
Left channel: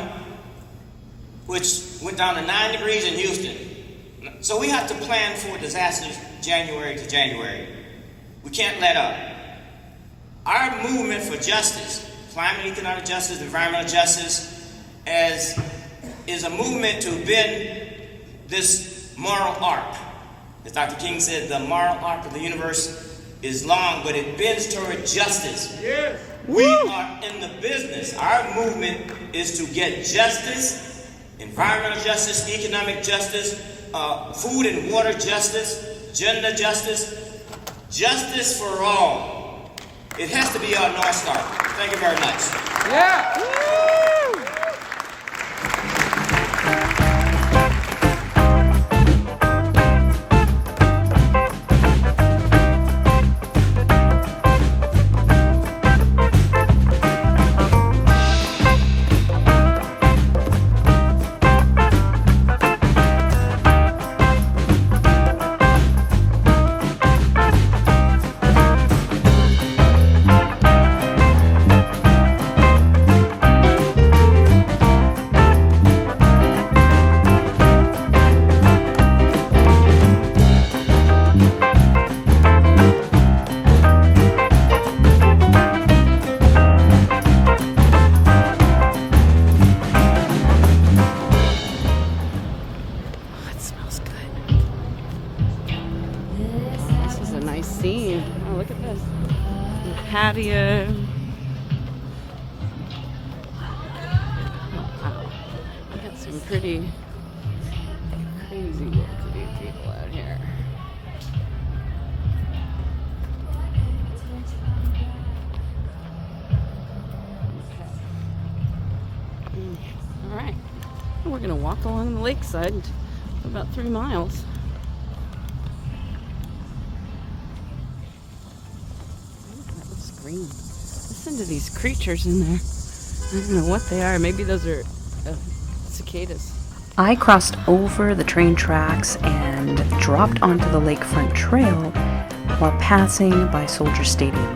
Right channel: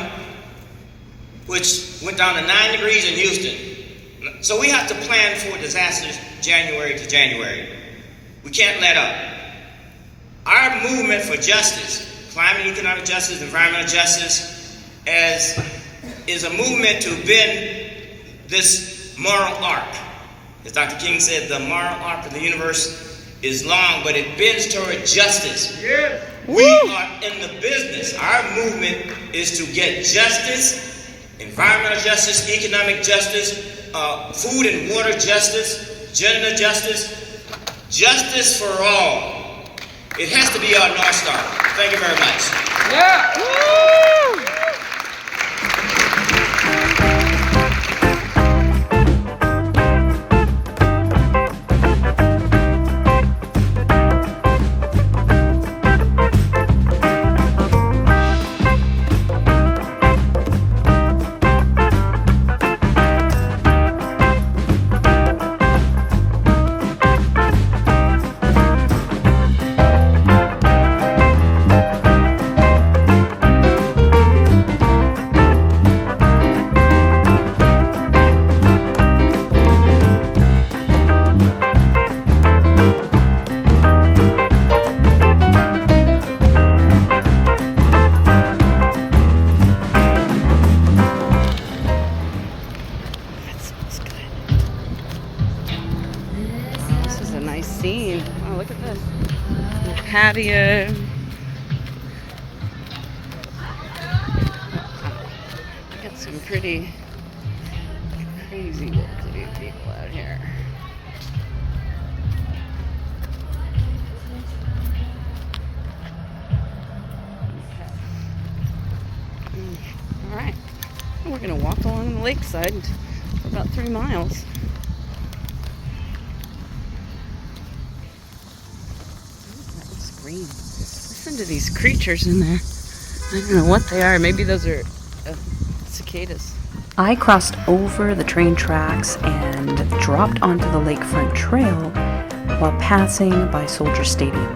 which went down to 9 degrees in Houston. So we have to plan for disasters January to January. We can't let up. Our movement for justice, climate, economic justice, environmental justice, is a movement to bend this moral arc. As Dr. King said, the moral arc of the universe is long, but it bends toward justice. Yes. We are in the business. Our movement is to get justice, environmental justice, economic justice, food and water justice, gender justice, justice for all. It has to be our North Star. Thank you very much. Yeah. Woo! patio. We got some pretty crazy well-to-do people out here. All right, we're gonna walk along the lakeside for about 3 miles. That looks green. Listen to these creatures in there. I don't know what they are. Maybe those are cicadas. I crossed over the train tracks and dropped onto the lakefront trail while passing by Soldier Stadium.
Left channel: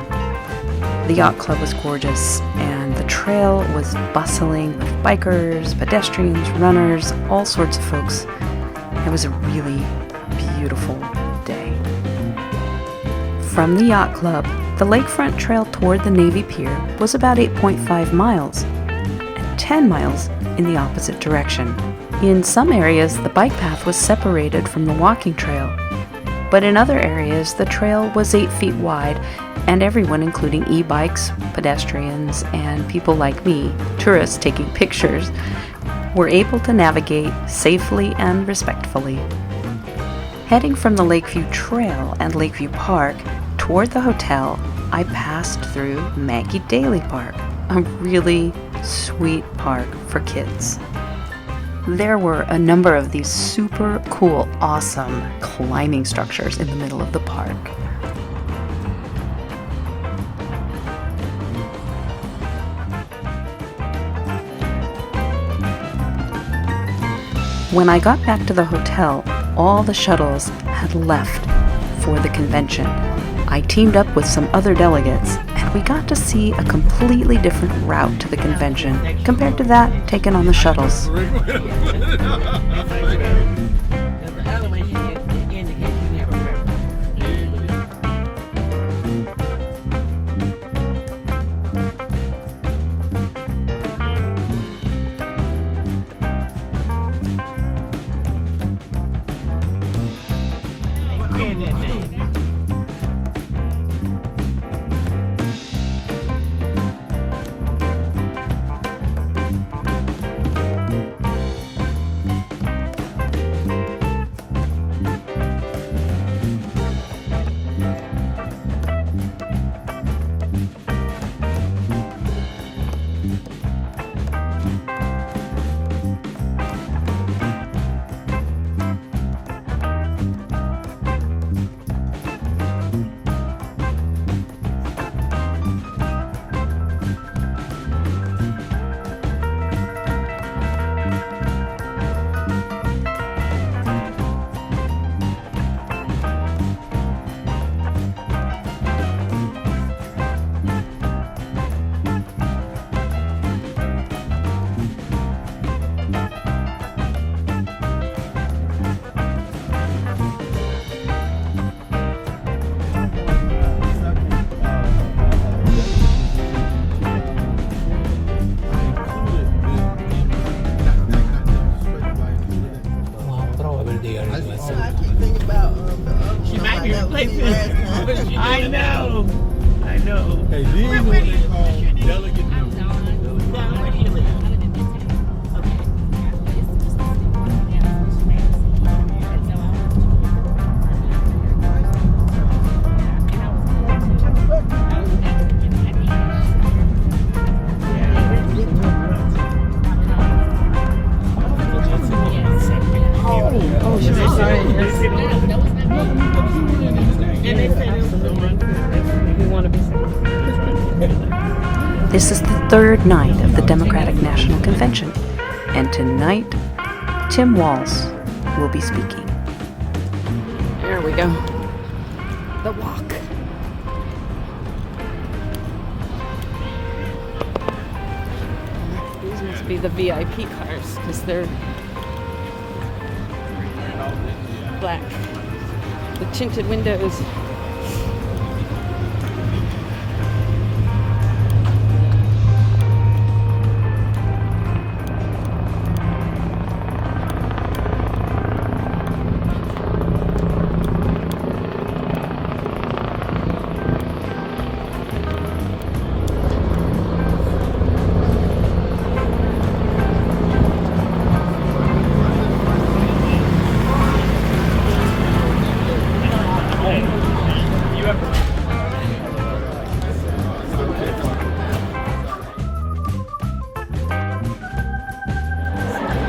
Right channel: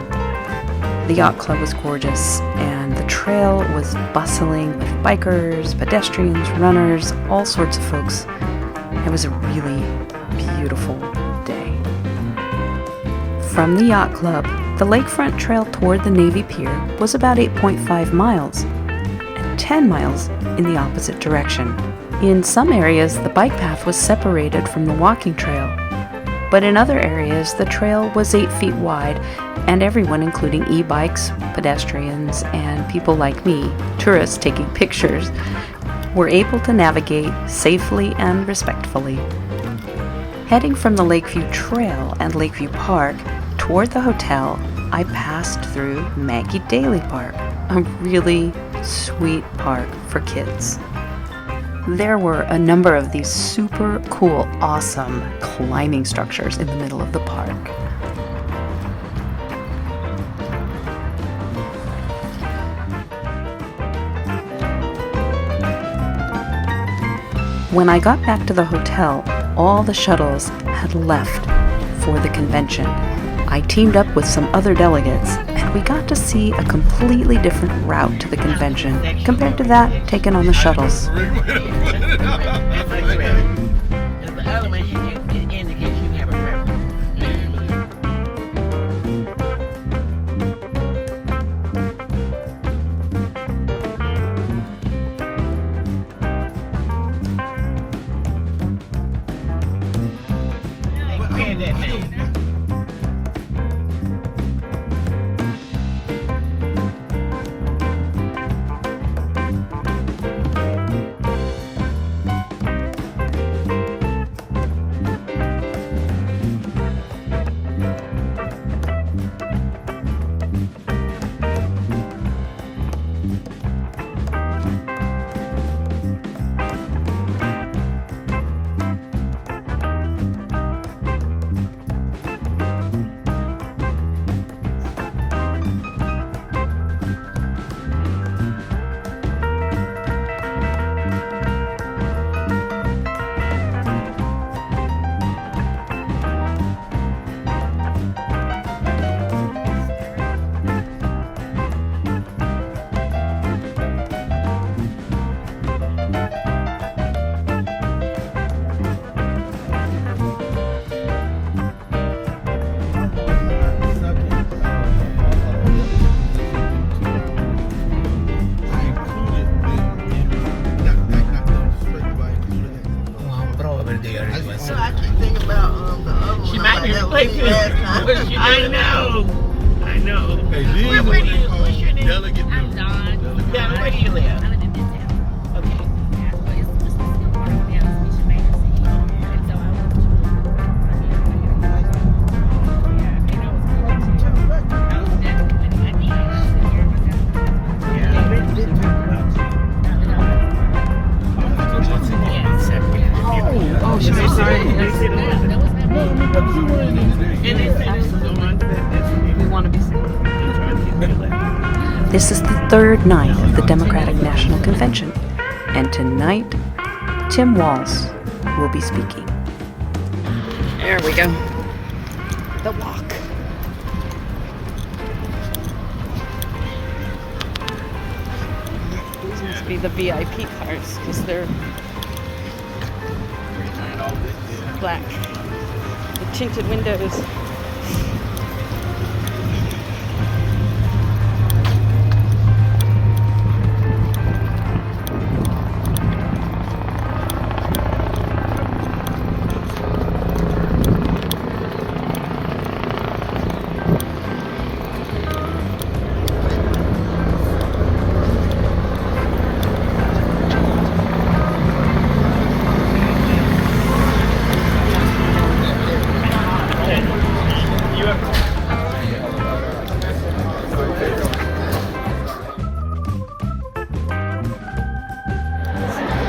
The yacht club was gorgeous, and the trail was bustling with bikers, pedestrians, runners, all sorts of folks. It was a really beautiful day. From the yacht club, the lakefront trail toward the Navy Pier was about 8.5 miles, and 10 miles in the opposite direction. In some areas, the bike path was separated from the walking trail, but in other areas, the trail was 8 feet wide, and everyone, including e-bikes, pedestrians, and people like me, tourists taking pictures, were able to navigate safely and respectfully. Heading from the Lakeview Trail and Lakeview Park toward the hotel, I passed through Maggie Daley Park, a really sweet park for kids. There were a number of these super cool, awesome climbing structures in the middle of the park. When I got back to the hotel, all the shuttles had left for the convention. I teamed up with some other delegates, and we got to see a completely different route to the convention compared to that taken on the shuttles. I know. I know. Hey, these Where do you are delegate I'm Don. Don, where do you live? This is the third night of the Democratic National Convention, and tonight, Tim Walz will be speaking. There we go. The walk. These must be the VIP cars, because they're black. The tinted windows.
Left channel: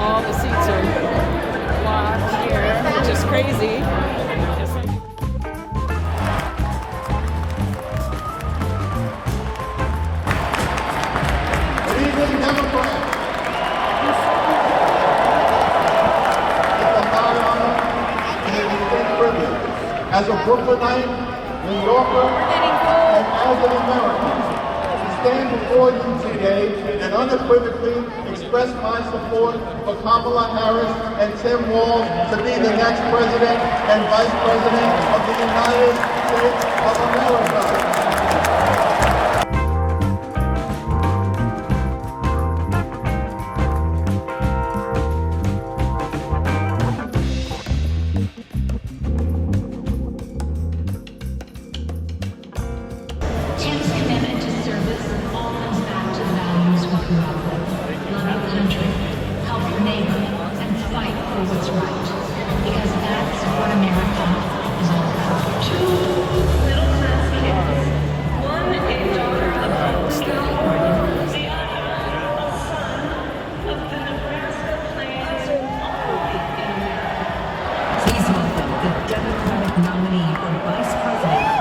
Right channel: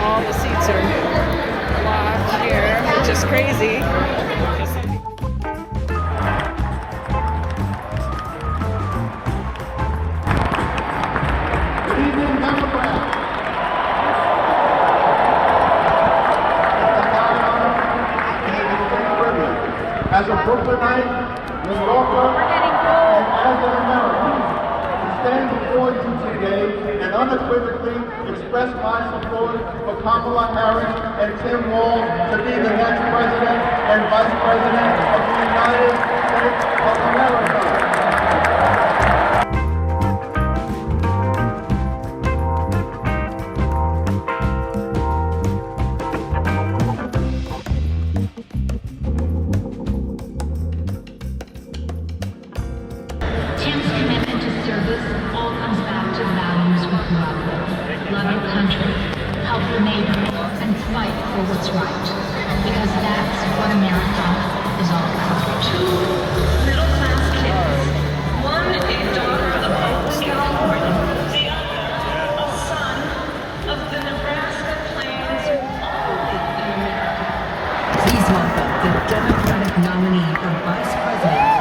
all the seats are blocked here, which is crazy. Leading Democrat. As a Brooklynite, New Yorker, and as an American, to stand before you today and unequivocally express my support for Kamala Harris and Tim Walz to be the next President and Vice President of the United States of America. Tim's commitment to service all comes back to the values we grew up with. Love your country, help your neighbor, and fight for what's right. Because that's what America is all about. Two middle-class kids. One a daughter of California, the other a son of the Nebraska Plains. Please welcome the Democratic nominee for Vice President,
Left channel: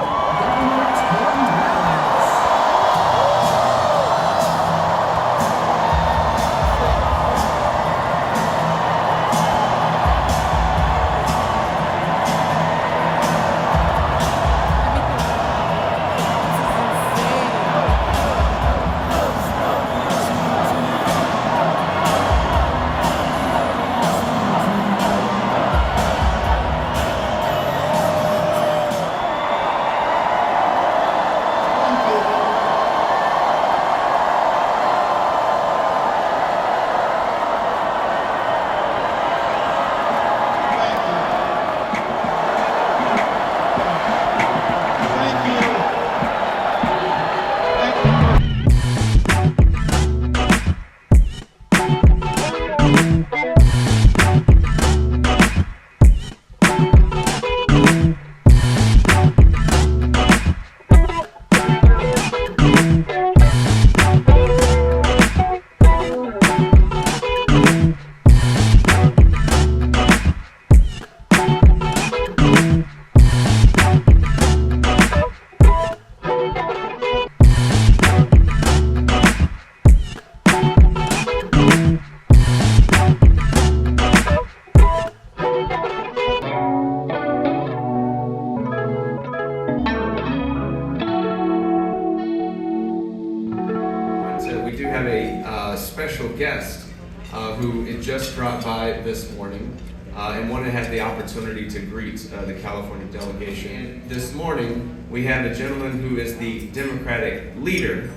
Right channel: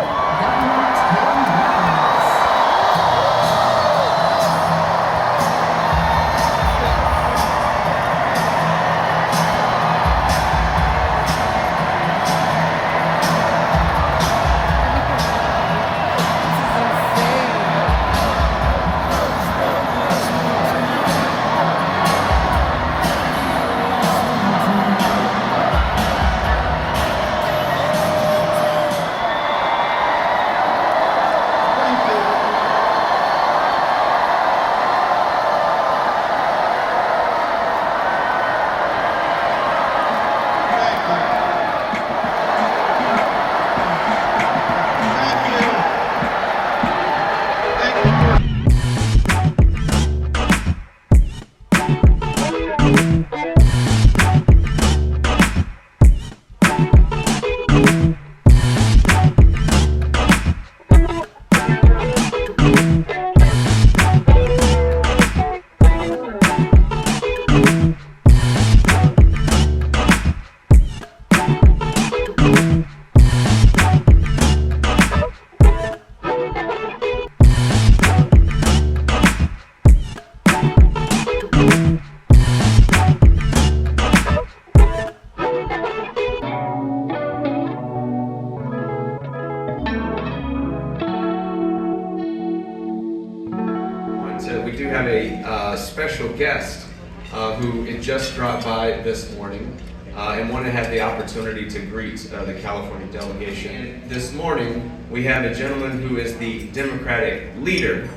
We do have a special guest who just dropped by this morning and wanted to have the opportunity to greet the California delegation. This morning, we have a gentleman who is the Democratic leader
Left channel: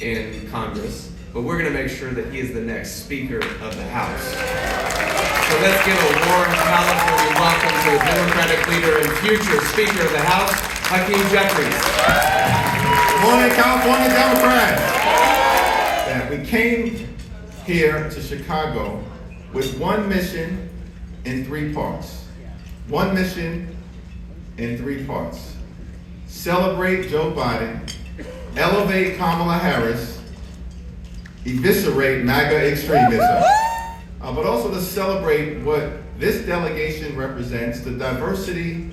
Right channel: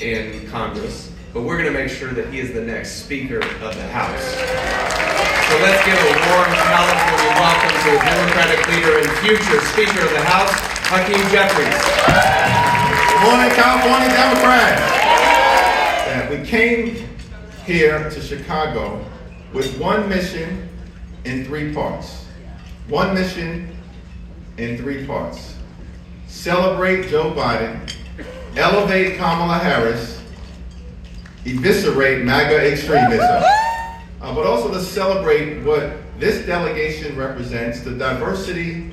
in Congress, but we're going to make sure that he is the next Speaker of the House. So let's give a warm California welcome to the Democratic leader and future Speaker of the House, Hakeem Jeffries. Good morning, California Democrats. We came here to Chicago with one mission in three parts. One mission in three parts. Celebrate Joe Biden, elevate Kamala Harris, eviscerate MAGA extremism. But also to celebrate what this delegation represents, the diversity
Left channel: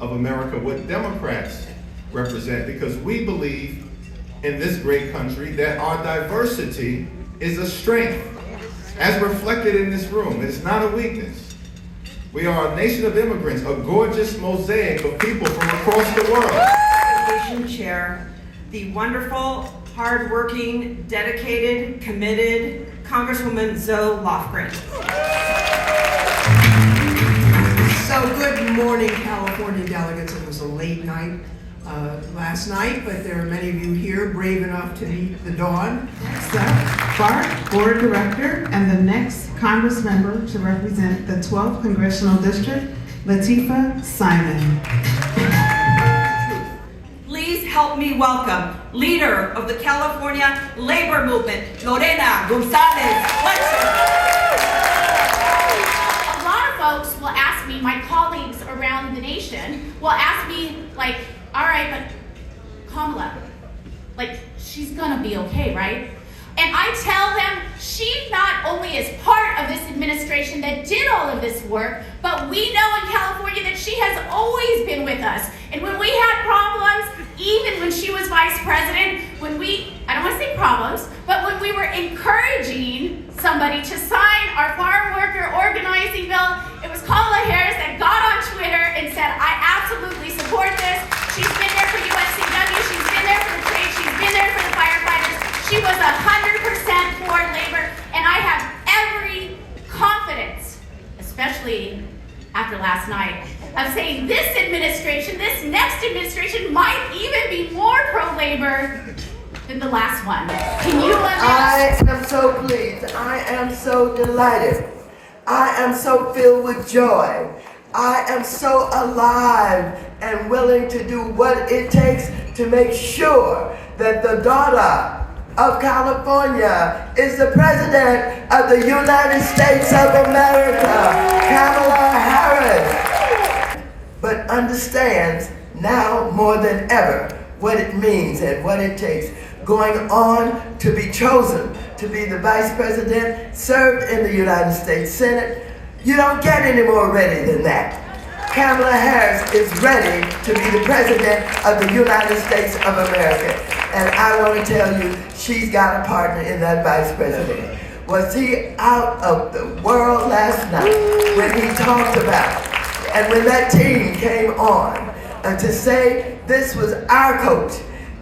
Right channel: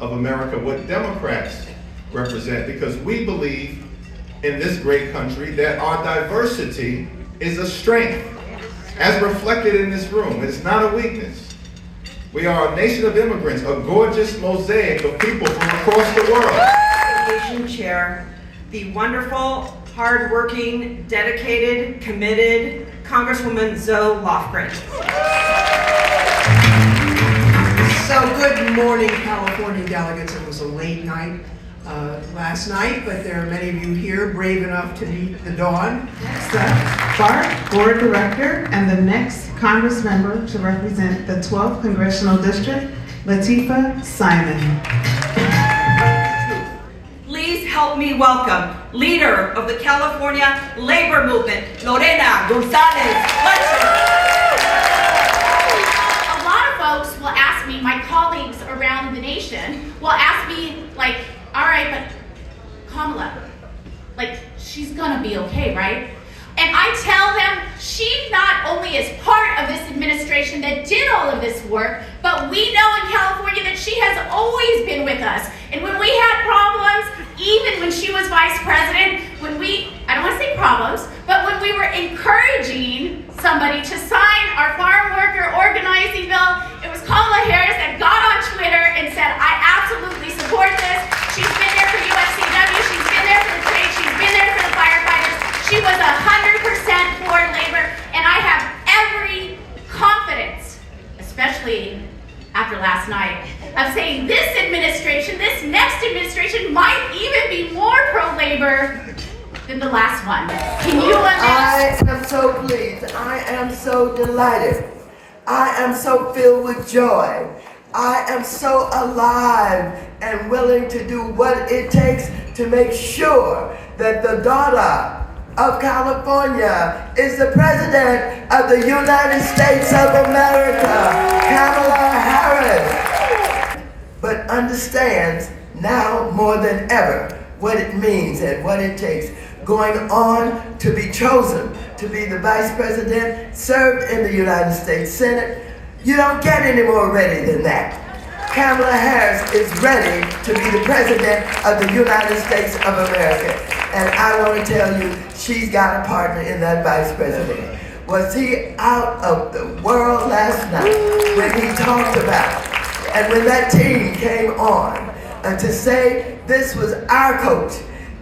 of America, what Democrats represent, because we believe in this great country that our diversity is a strength, as reflected in this room. It's not a weakness. We are a nation of immigrants, a gorgeous mosaic of people from across the world. Delegation chair, the wonderful, hardworking, dedicated, committed Congresswoman Zoe Lofgren. So good morning, California delegates. It was a late night last night, but there are many of you here brave enough to meet the dawn. Next up, our board director and the next Congress member to represent the 12th Congressional District, Latifah Simon. Please help me welcome leader of the California labor movement, Lorena Gonzalez. A lot of folks will ask me, my colleagues around the nation will ask me, like, all right, but Kamala, like, she's gonna be okay, right? And I tell them she not only is part of this administration that did all of this work, but we know in California that she has always been with us. And when we had problems, even when she was vice president, I don't want to say problems, but when we were encouraging somebody to sign our farm worker organizing bill, it was Kamala Harris that got on Twitter and said, I absolutely support this. She's been there for USCW, she's been there for the trade, she's been there for the firefighters. She was 100% for labor, and I have every confidence, especially after last night, of saying this administration, this next administration might even be more pro-labor than the last one. Can you imagine? I am so pleased. I am so delighted. I am so filled with joy. I am so alive and willing to do what it takes to make sure that the daughter of California is the President of the United States of America, Kamala Harris, but understands now more than ever what it means and what it takes. Going on to be chosen to be the Vice President, served in the United States Senate. You don't get any more ready than that. Kamala Harris is ready to be the President of the United States of America. And I want to tell you, she's got a partner in that Vice President. Was he out of the world last night when he talked about, and when that team came on, and to say this was our coach,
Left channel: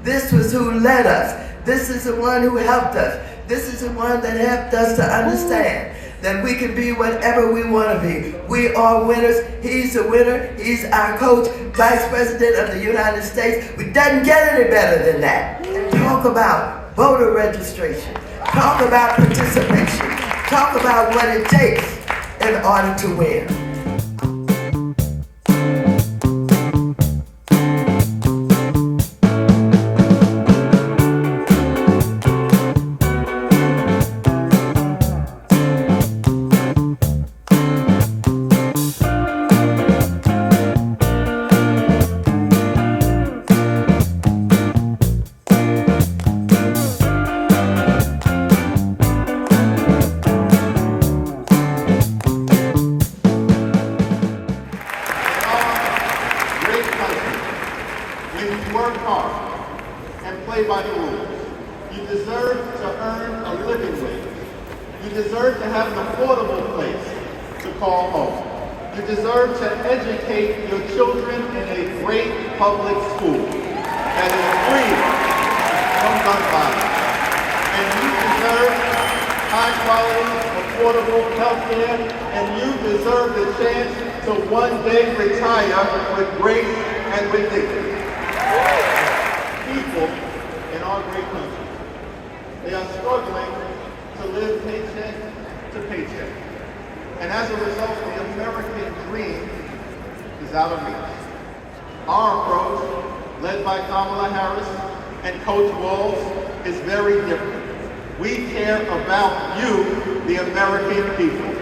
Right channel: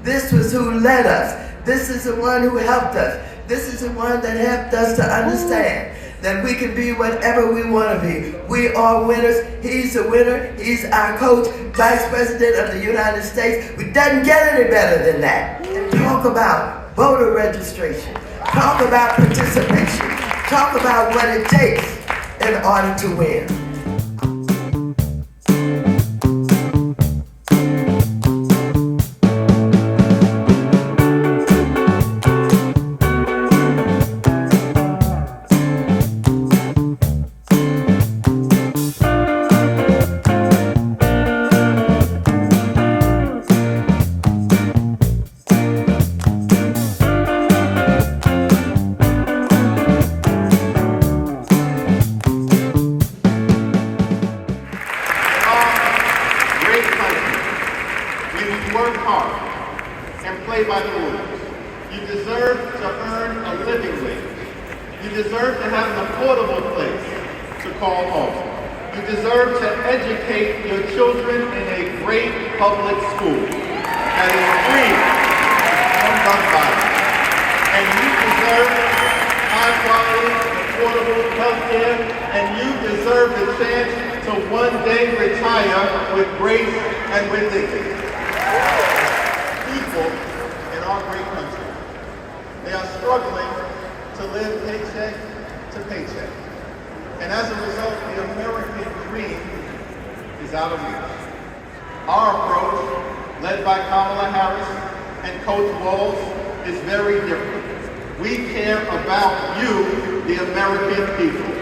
this was who led us, this is the one who helped us, this is the one that helped us to understand that we can be whatever we want to be. We are winners. He's a winner. He's our coach, Vice President of the United States. We doesn't get any better than that. And talk about voter registration. Talk about participation. Talk about what it takes in order to win. Public school that is free from gun violence. And you deserve high quality, affordable health care, and you deserve the chance to one day retire with grace and with dignity. People in our great country, they are struggling to live paycheck to paycheck. And as a result, the American dream is out of reach. Our approach, led by Kamala Harris and Coach Walz, is very different. We care about you, the American people.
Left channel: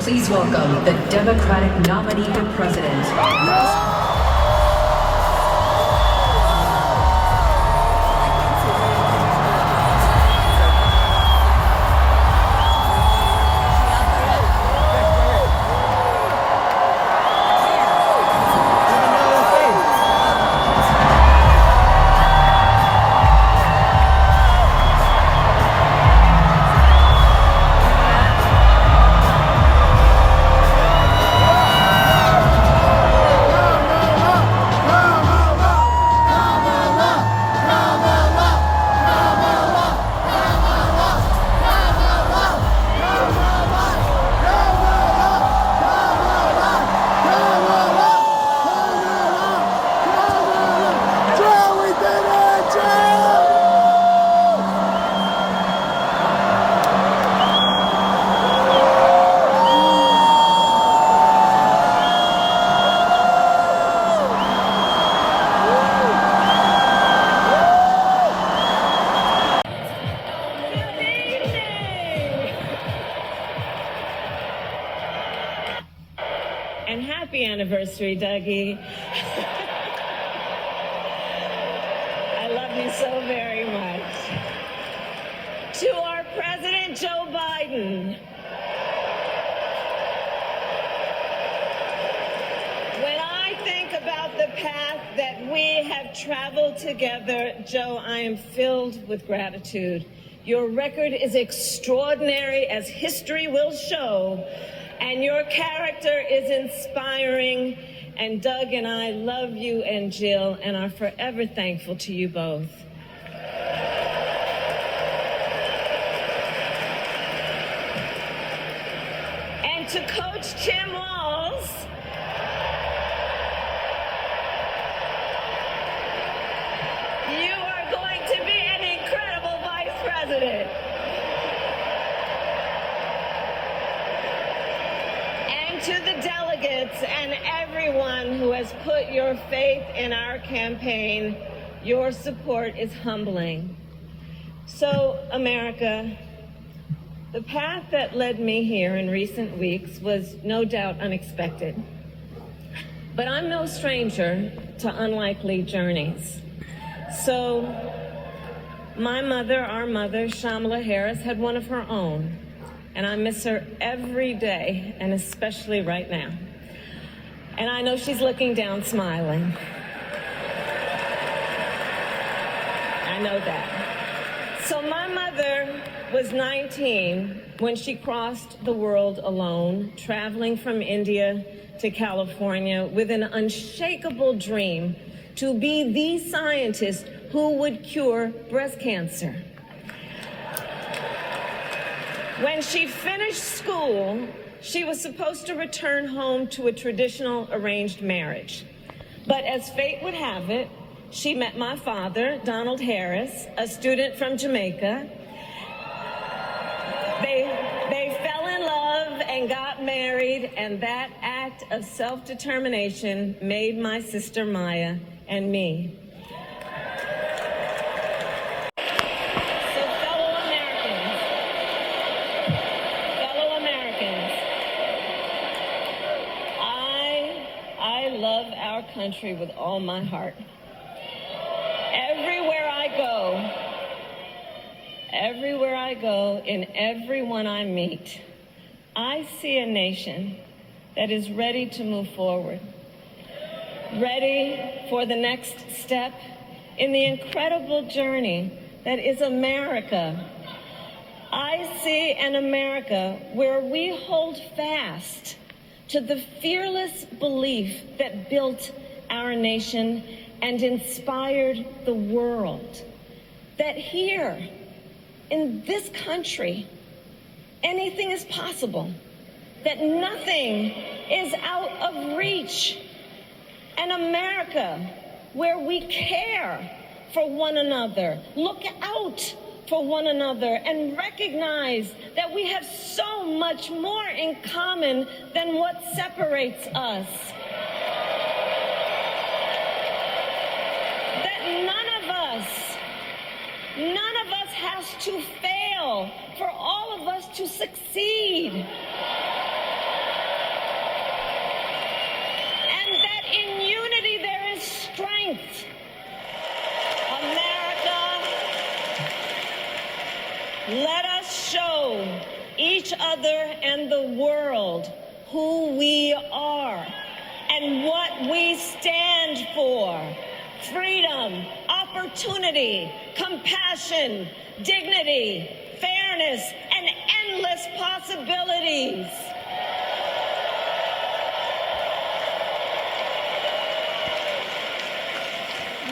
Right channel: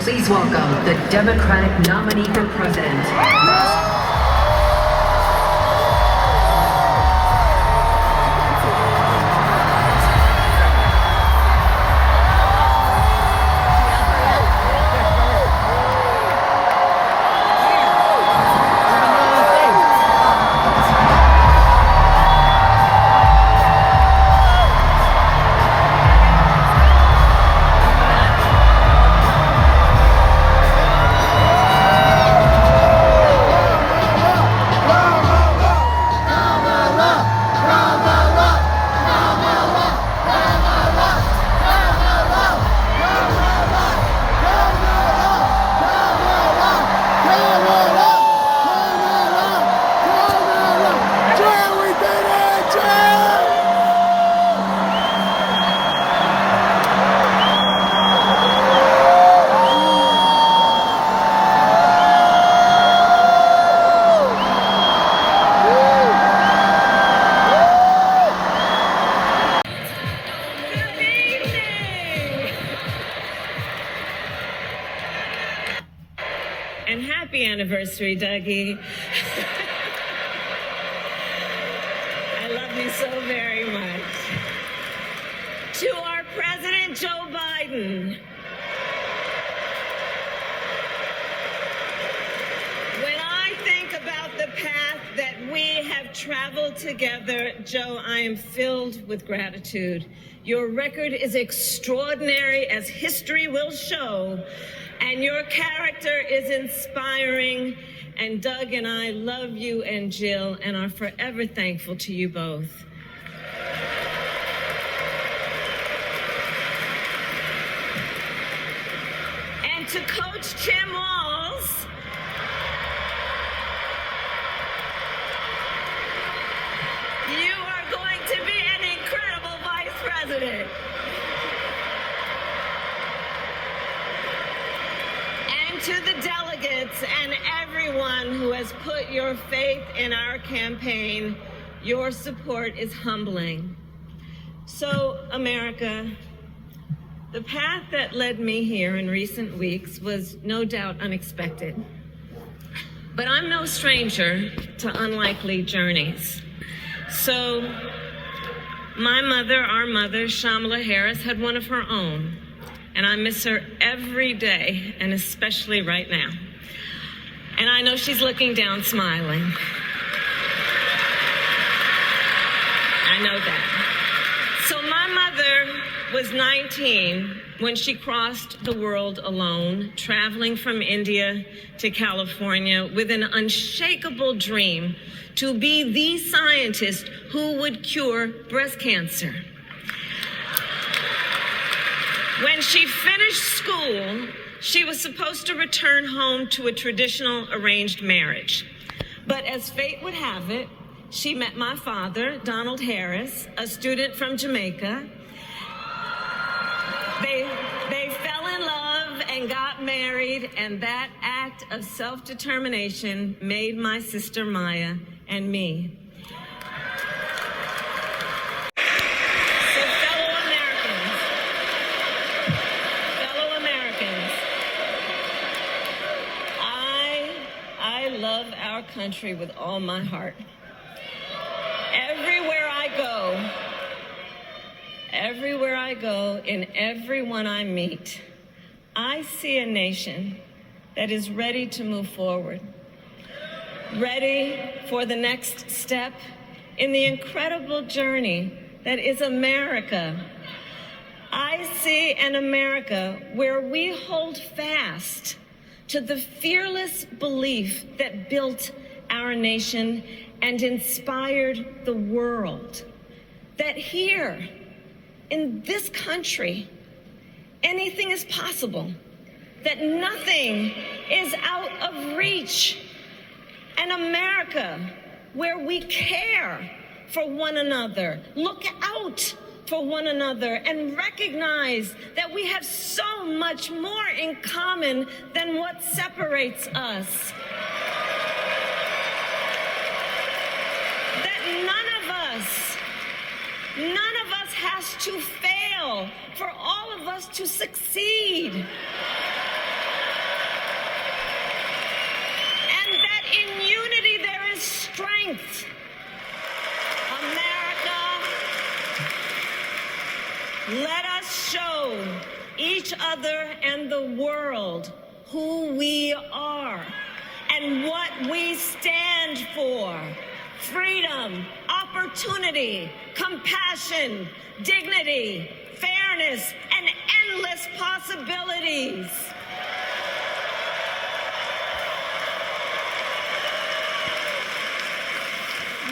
Please welcome the Democratic nominee for president. Happy anniversary, Dougie. I love you so very much. To our President Joe Biden. When I think about the path that we have traveled together, Joe, I am filled with gratitude. Your record is extraordinary, as history will show, and your character is inspiring. And Doug and I love you and Jill and are forever thankful to you both. And to Coach Tim Walz, you are going to be an incredible vice president. And to the delegates and everyone who has put your faith in our campaign, your support is humbling. So, America, the path that led me here in recent weeks was no doubt unexpected. But I'm no stranger to unlikely journeys. So, my mother, our mother, Kamala Harris, had one of her own. And I miss her every day, and especially right now. And I know she's looking down smiling. I know that. So my mother was 19 when she crossed the world alone, traveling from India to California with an unshakable dream to be the scientist who would cure breast cancer. When she finished school, she was supposed to return home to a traditional arranged marriage. But as fate would have it, she met my father, Donald Harris, a student from Jamaica. They fell in love and got married, and that act of self-determination made my sister Maya and me. Country with all my heart. Everywhere I go, in everyone I meet, I see a nation that is ready to move forward, ready for the next step in the incredible journey that is America. I see an America where we hold fast to the fearless belief that built our nation and inspired the world. That here, in this country, anything is possible. That nothing is out of reach. An America where we care for one another, look out for one another, and recognize that we have so much more in common than what separates us. That none of us has to fail for all of us to succeed. And that in unity there is strength. Let us show each other and the world who we are and what we stand for. Freedom, opportunity, compassion, dignity, fairness, and endless possibilities.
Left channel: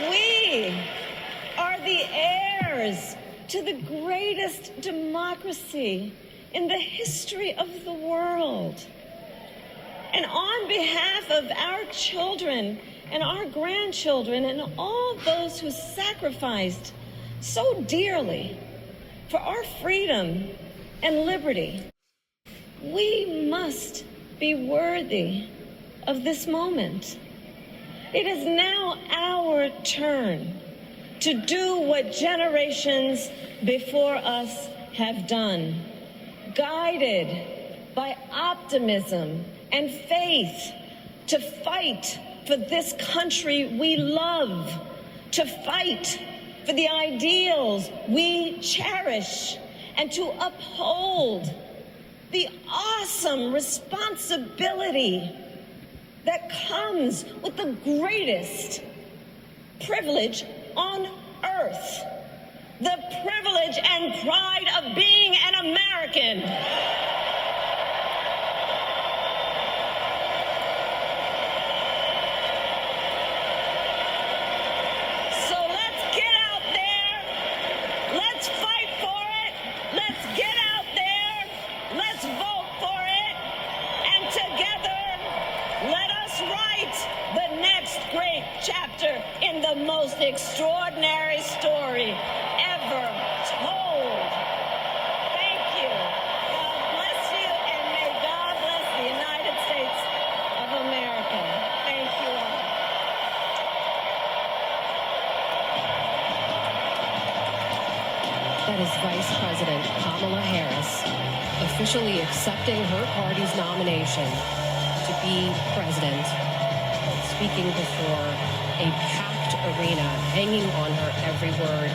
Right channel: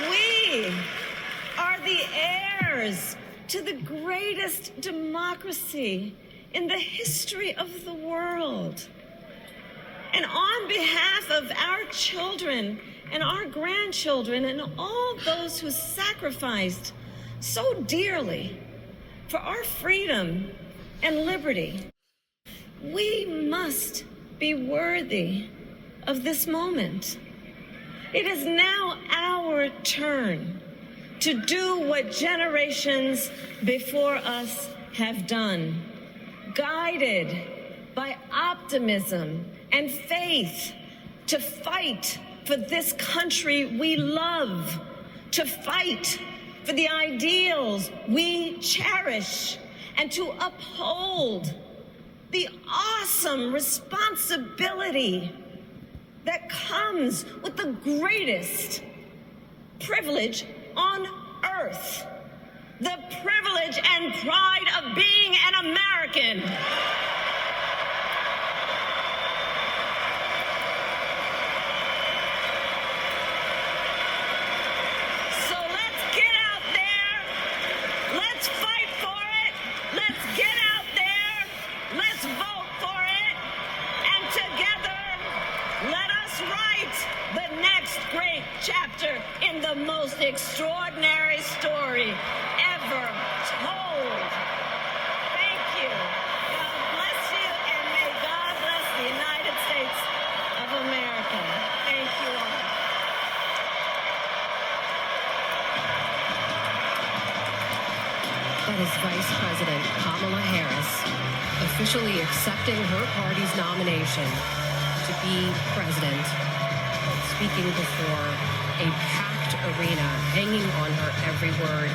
We are the heirs to the greatest democracy in the history of the world. And on behalf of our children and our grandchildren and all those who sacrificed so dearly for our freedom and liberty, we must be worthy of this moment. It is now our turn to do what generations before us have done, guided by optimism and faith, to fight for this country we love, to fight for the ideals we cherish, and to uphold the awesome responsibility that comes with the greatest privilege on earth, the privilege and pride of being an American. So let's get out there, let's fight for it, let's get out there, let's vote for it, and together let us write the next great chapter in the most extraordinary story ever told. Thank you. God bless you, and may God bless the United States of America. Thank you all. But as Vice President Kamala Harris officially accepting her party's nomination to be president, speaking before a packed arena, hanging on her every word,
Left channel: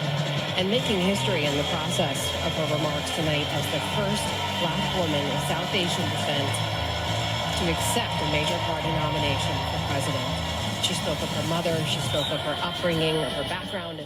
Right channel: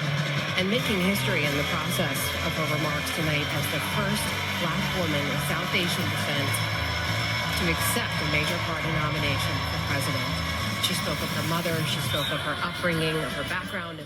and making history in the process of her remarks tonight as the first Black woman of South Asian descent to accept a major party nomination for president. She spoke of her mother, she spoke of her upbringing, of her background.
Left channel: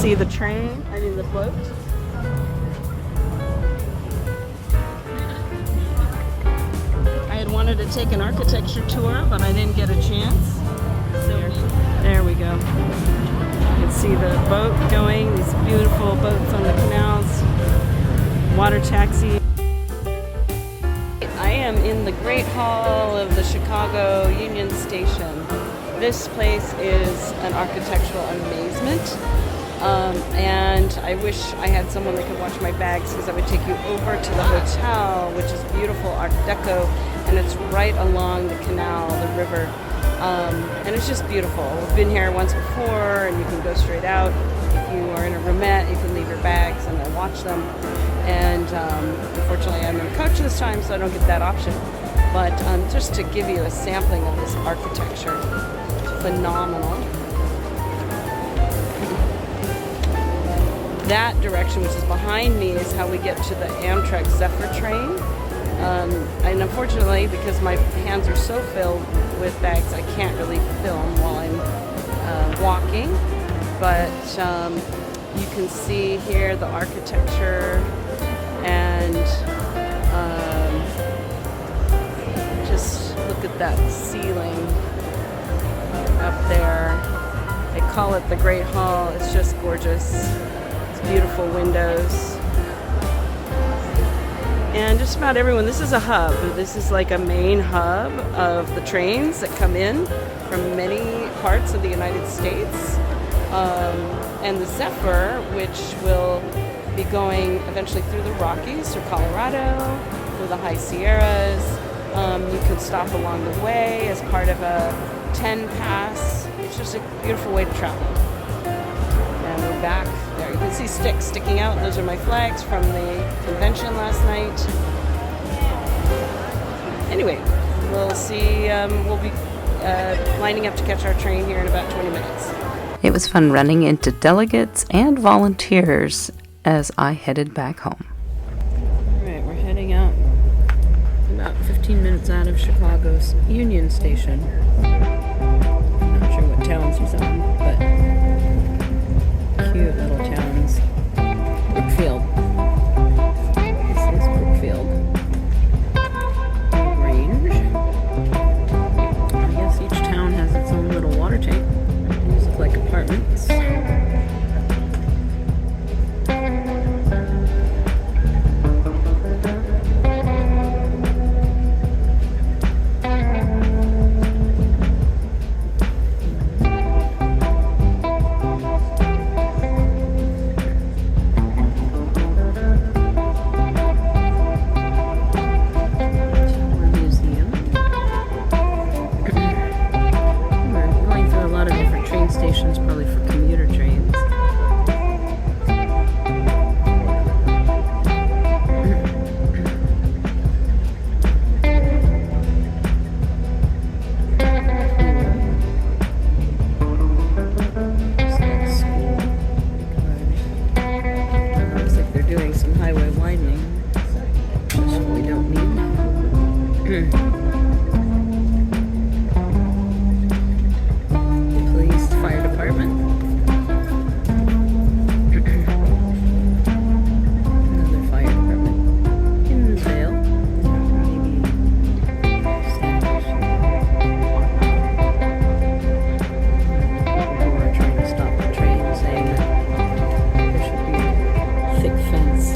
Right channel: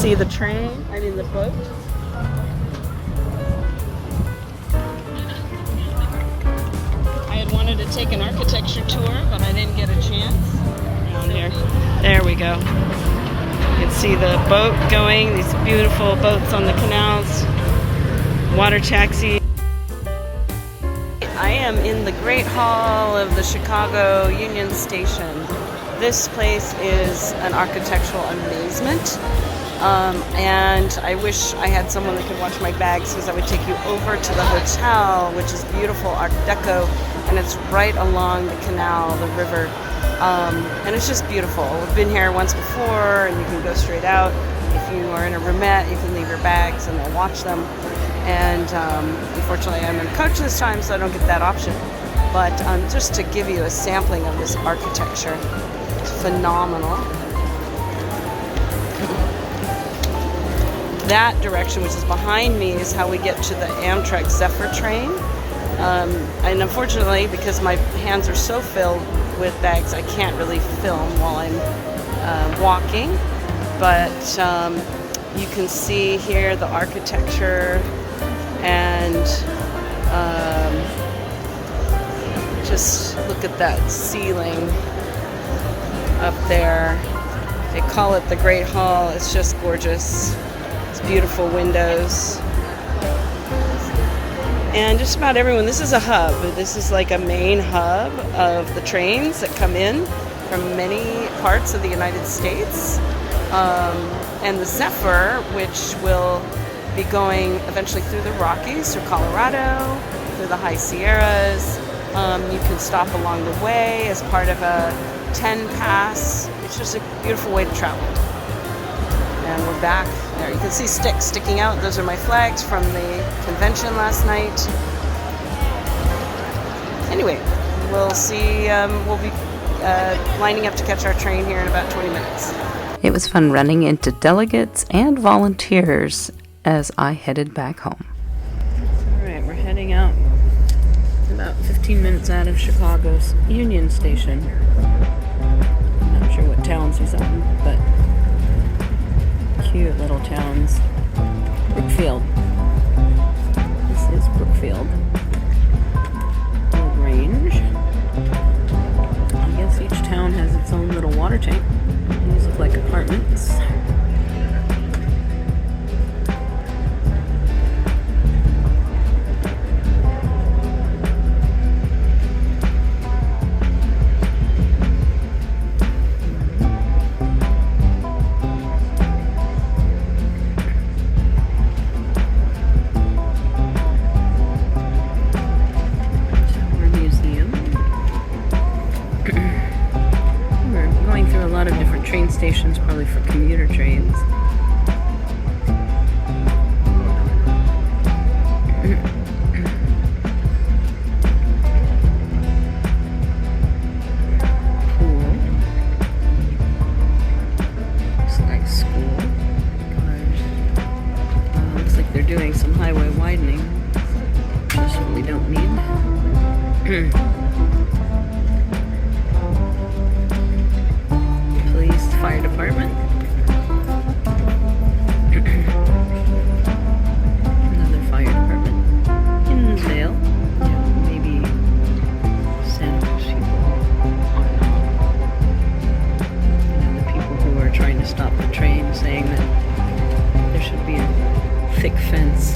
See the train, the boat. I had wanted to take an architecture tour, but I didn't get a chance. Around here. There we go. You can see the boat going, these beautiful boats on the canals, water taxi. I am in the Great Hall of the Chicago Union Station. This place is an architectural amazement. And I wish I had someone that could watch my bags, because I would take you over to the hotel, which is beautiful Art Deco, and it's right along the canal, the river, and it's just beautiful. We've been here once before, and you can go straight out. If you are in a roomette, you can leave your bags and they'll watch them. And unfortunately, I'm in a coach this time, so I don't get that option. But just to give you a sampling of this architecture, it's phenomenal. That direction, which is behind me, is how we get to the Amtrak Zephyr train. And unfortunately, because my hands are so filled with bags, I can't really film while I'm walking. But you can see here the architecture, and just look at that ceiling up there. They call it the Great Hall. It's just gorgeous. It's beautiful windows. And just about everyone, this is a hub. This is like a main hub of the trains that come in from many parts of the United States. And the Zephyr, which will be going eventually through the Rockies, through Colorado, through the High Sierras. You can stop along the way as part of a 10 pass. It's just a beautiful way to travel. And we're back there. You can see sticks sticking out. Those are my flags from the convention last night. Anyway, we'll see. We'll be lining up to catch our train here in about 20 minutes. It was fun running into delegates and volunteers as I headed back home. All right, we're heading out about 15 minutes out of Chicago's Union Station. I'm not sure what towns he's on, but cute little towns. Brookfield. This is Brookfield. Range. I guess each town has its own little water tank. These look like apartments. Stations, probably for commuter trains. Looks like school. Looks like they're doing some highway widening. That's what we don't need. Fire department. Another fire department in Vale. Yeah, maybe Santa Cruz. The people who are trying to stop the train saying that there should be a thick fence.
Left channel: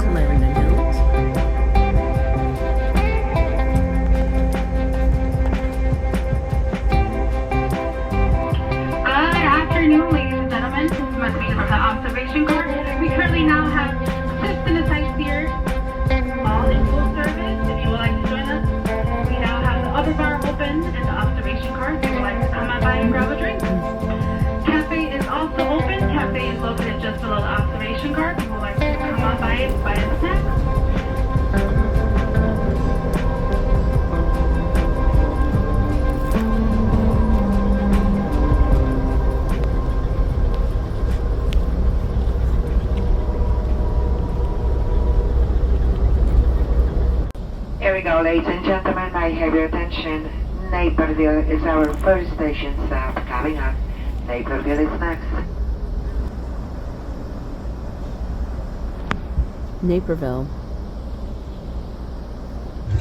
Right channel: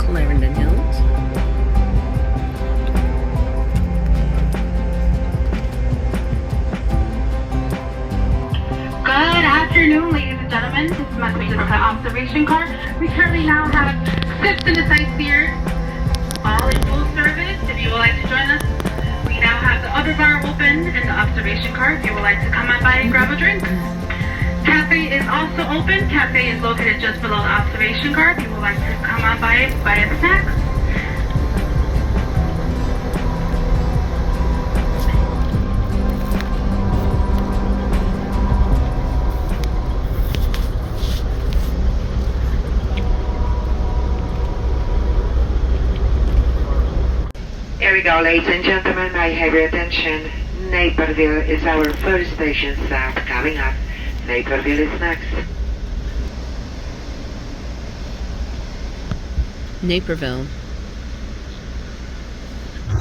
Clarendon Hills. Afternoon, ladies and gentlemen. This is my speaker from the observation car. We currently now have 6 in the sightseers, all in full service. If you would like to join us, we now have the other bar open in the observation car. If you would like to come on by and grab a drink. Cafe is also open. Cafe is located just below the observation car. If you would like to come on by and buy a snack. Here we go, ladies and gentlemen, I have your attention. Naperville is our first station stop. Coming up, Naperville is next. Naperville.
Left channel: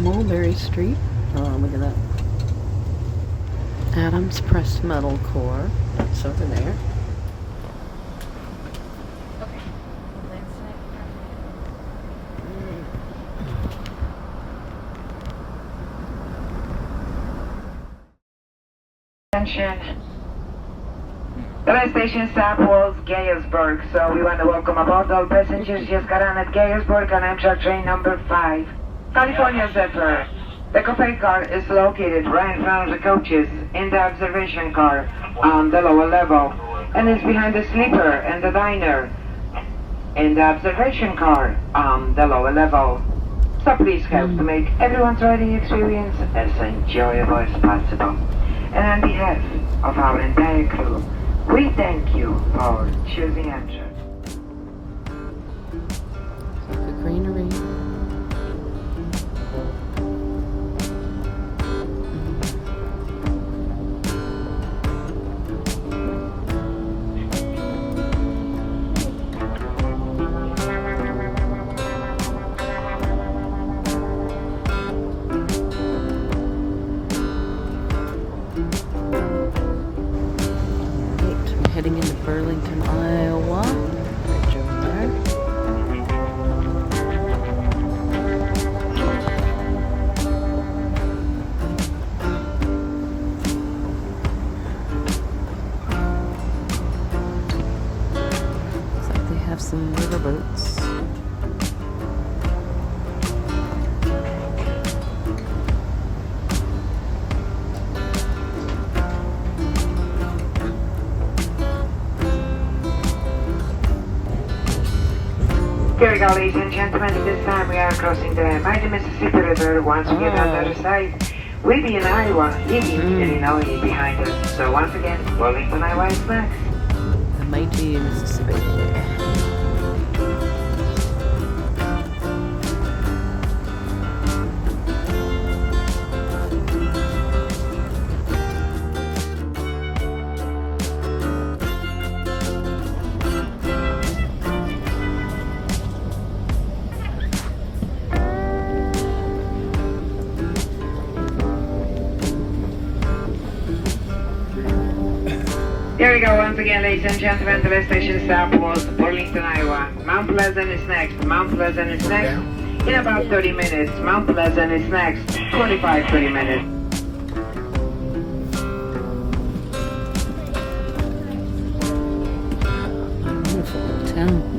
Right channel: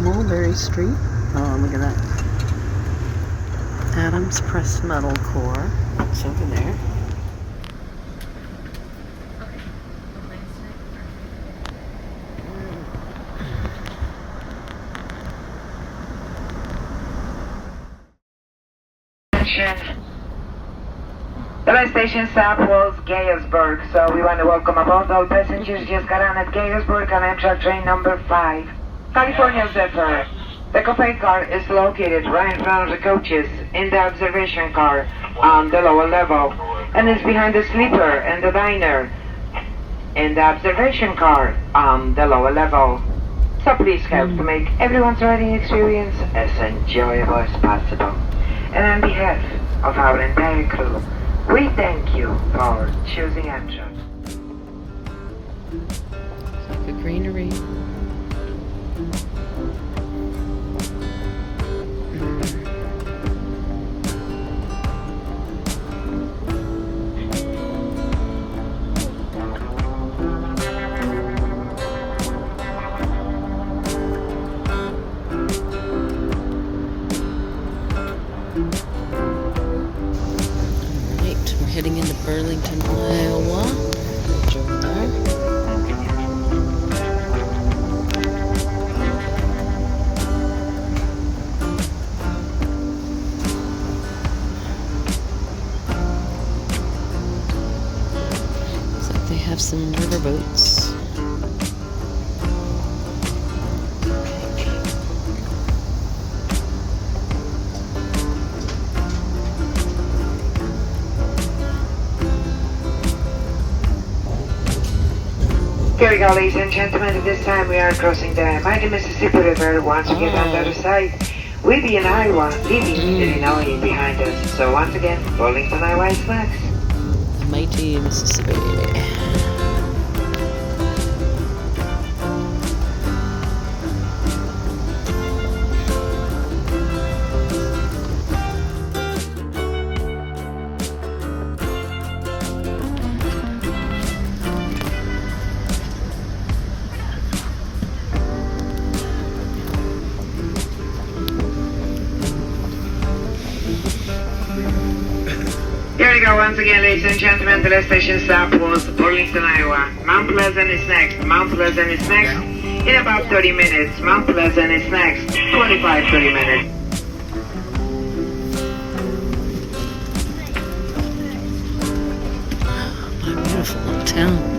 Mulberry Street. Oh, look at that. Adams Press Metal Core. That's over there. The last station stop was Gettysburg, so we want to welcome aboard all passengers just got on at Gettysburg on Amtrak train number 5. California Zephyr. The coupé car is located right in front of the coaches in the observation car on the lower level, and is behind the sleeper and the diner in the observation car on the lower level. So please help to make everyone's riding experience as enjoyable as possible. And on behalf of our entire crew, we thank you for choosing Amtrak. The greenery. Heading into Burlington, Iowa. Bridge over there. some riverboats. Here we go, ladies and gentlemen. At this time, we are crossing the mighty Mississippi River. Once we get on the other side, we'll be in Iowa, leaving Illinois behind us. So once again, Burlington, Iowa is next. The mighty Mississippi. Here we go once again, ladies and gentlemen. The last station stop was Burlington, Iowa. Mount Pleasant is next. Mount Pleasant is next. In about 30 minutes. Mount Pleasant is next. 25-30 minutes. My beautiful little town.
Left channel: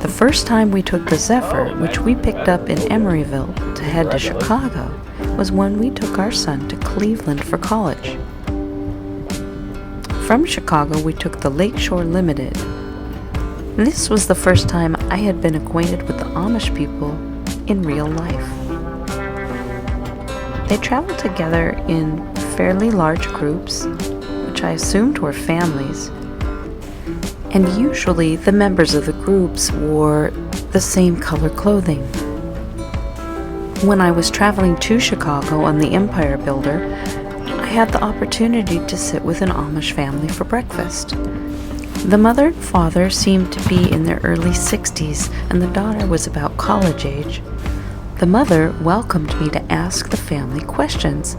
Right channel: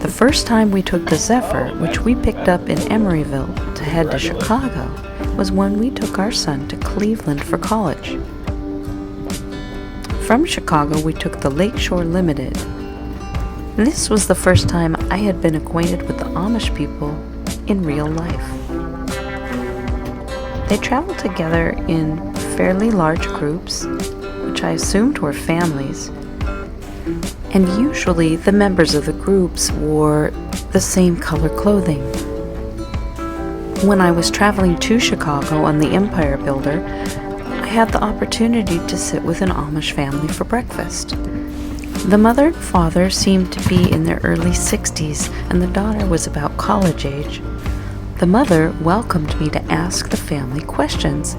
The first time we took the Zephyr, which we picked up in Emeryville to head to Chicago, was when we took our son to Cleveland for college. From Chicago, we took the Lakeshore Limited. This was the first time I had been acquainted with the Amish people in real life. They traveled together in fairly large groups, which I assumed were families, and usually the members of the groups wore the same color clothing. When I was traveling to Chicago on the Empire Builder, I had the opportunity to sit with an Amish family for breakfast. The mother and father seemed to be in their early 60s, and the daughter was about college age. The mother welcomed me to ask the family questions.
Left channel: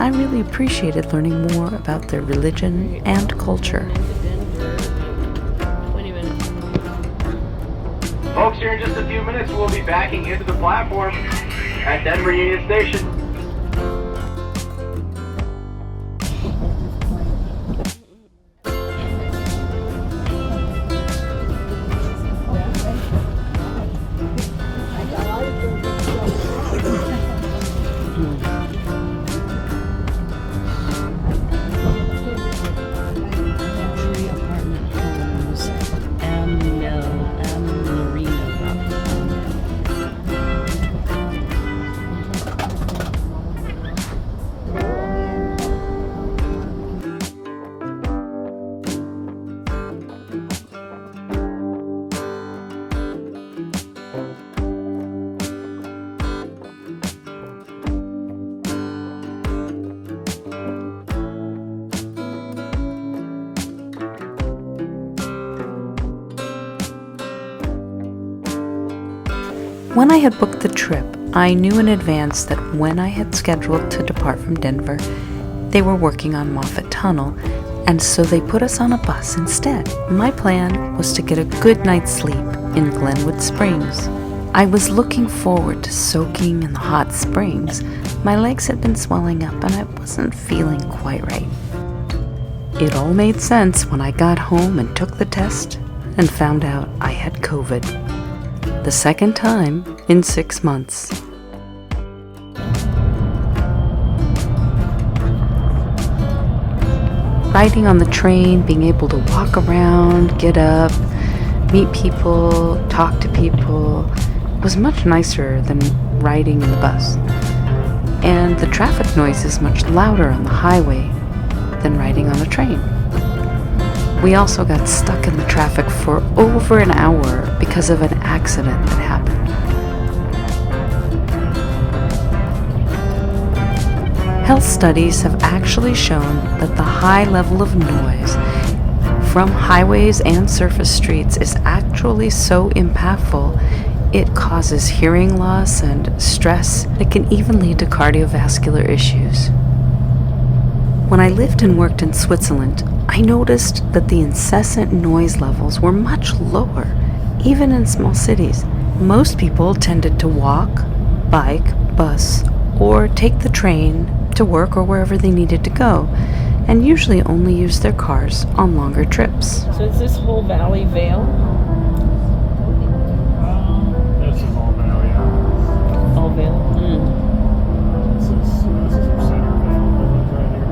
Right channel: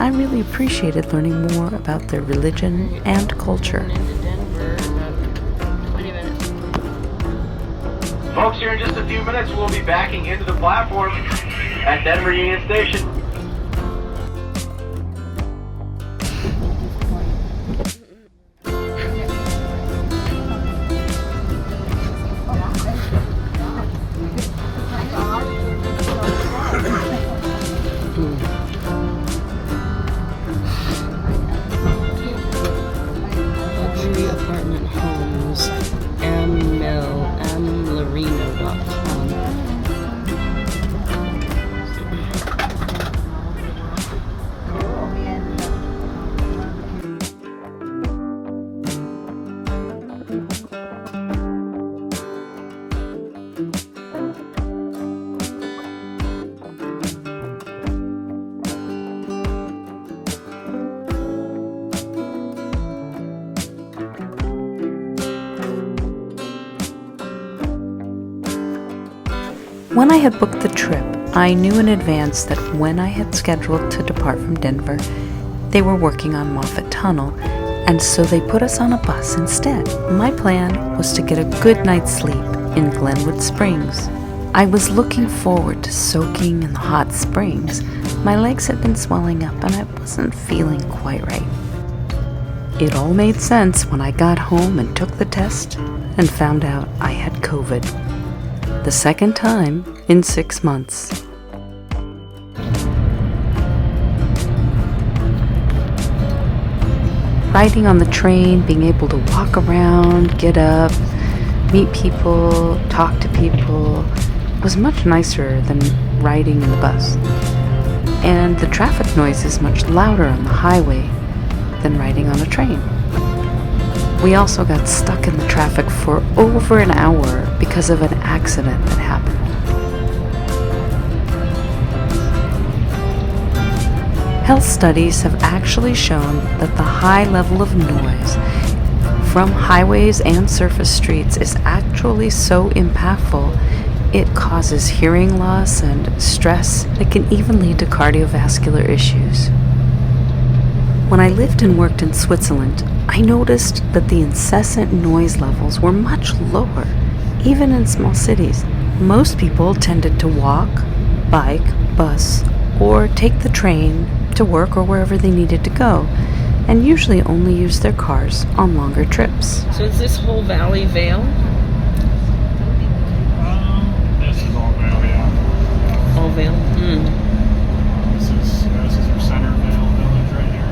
I really appreciated learning more about their religion and culture. Folks, here in just a few minutes, we'll be backing into the platform at Denver Union Station. When I had booked the trip, I knew in advance that when I had scheduled to depart from Denver, they were working on Moffett Tunnel, and so they put us on a bus instead. My plan was to get a good night's sleep in Glenwood Springs. I was looking forward to soaking in the hot springs. My legs had been swelling up and I wasn't feeling quite right. It all made sense when I got home and took the test and found out I had COVID. the second time in 6 months. Riding on the train, being able to walk around, get up, meet people, talk to people, was much nicer than riding in the bus. And the traffic noise is much louder on the highway than riding on a train. We also got stuck in the traffic for over an hour because of an accident that happened. Health studies have actually shown that the high level of noise from highways and surface streets is actually so impactful it causes hearing loss and stress that can even lead to cardiovascular issues. When I lived and worked in Switzerland, I noticed that the incessant noise levels were much lower, even in small cities. Most people tended to walk, bike, bus, or take the train to work or wherever they needed to go, and usually only use their cars on longer trips. So is this whole valley Vale? This is all Vale, yeah. All Vale? This is your Center Vale village right here.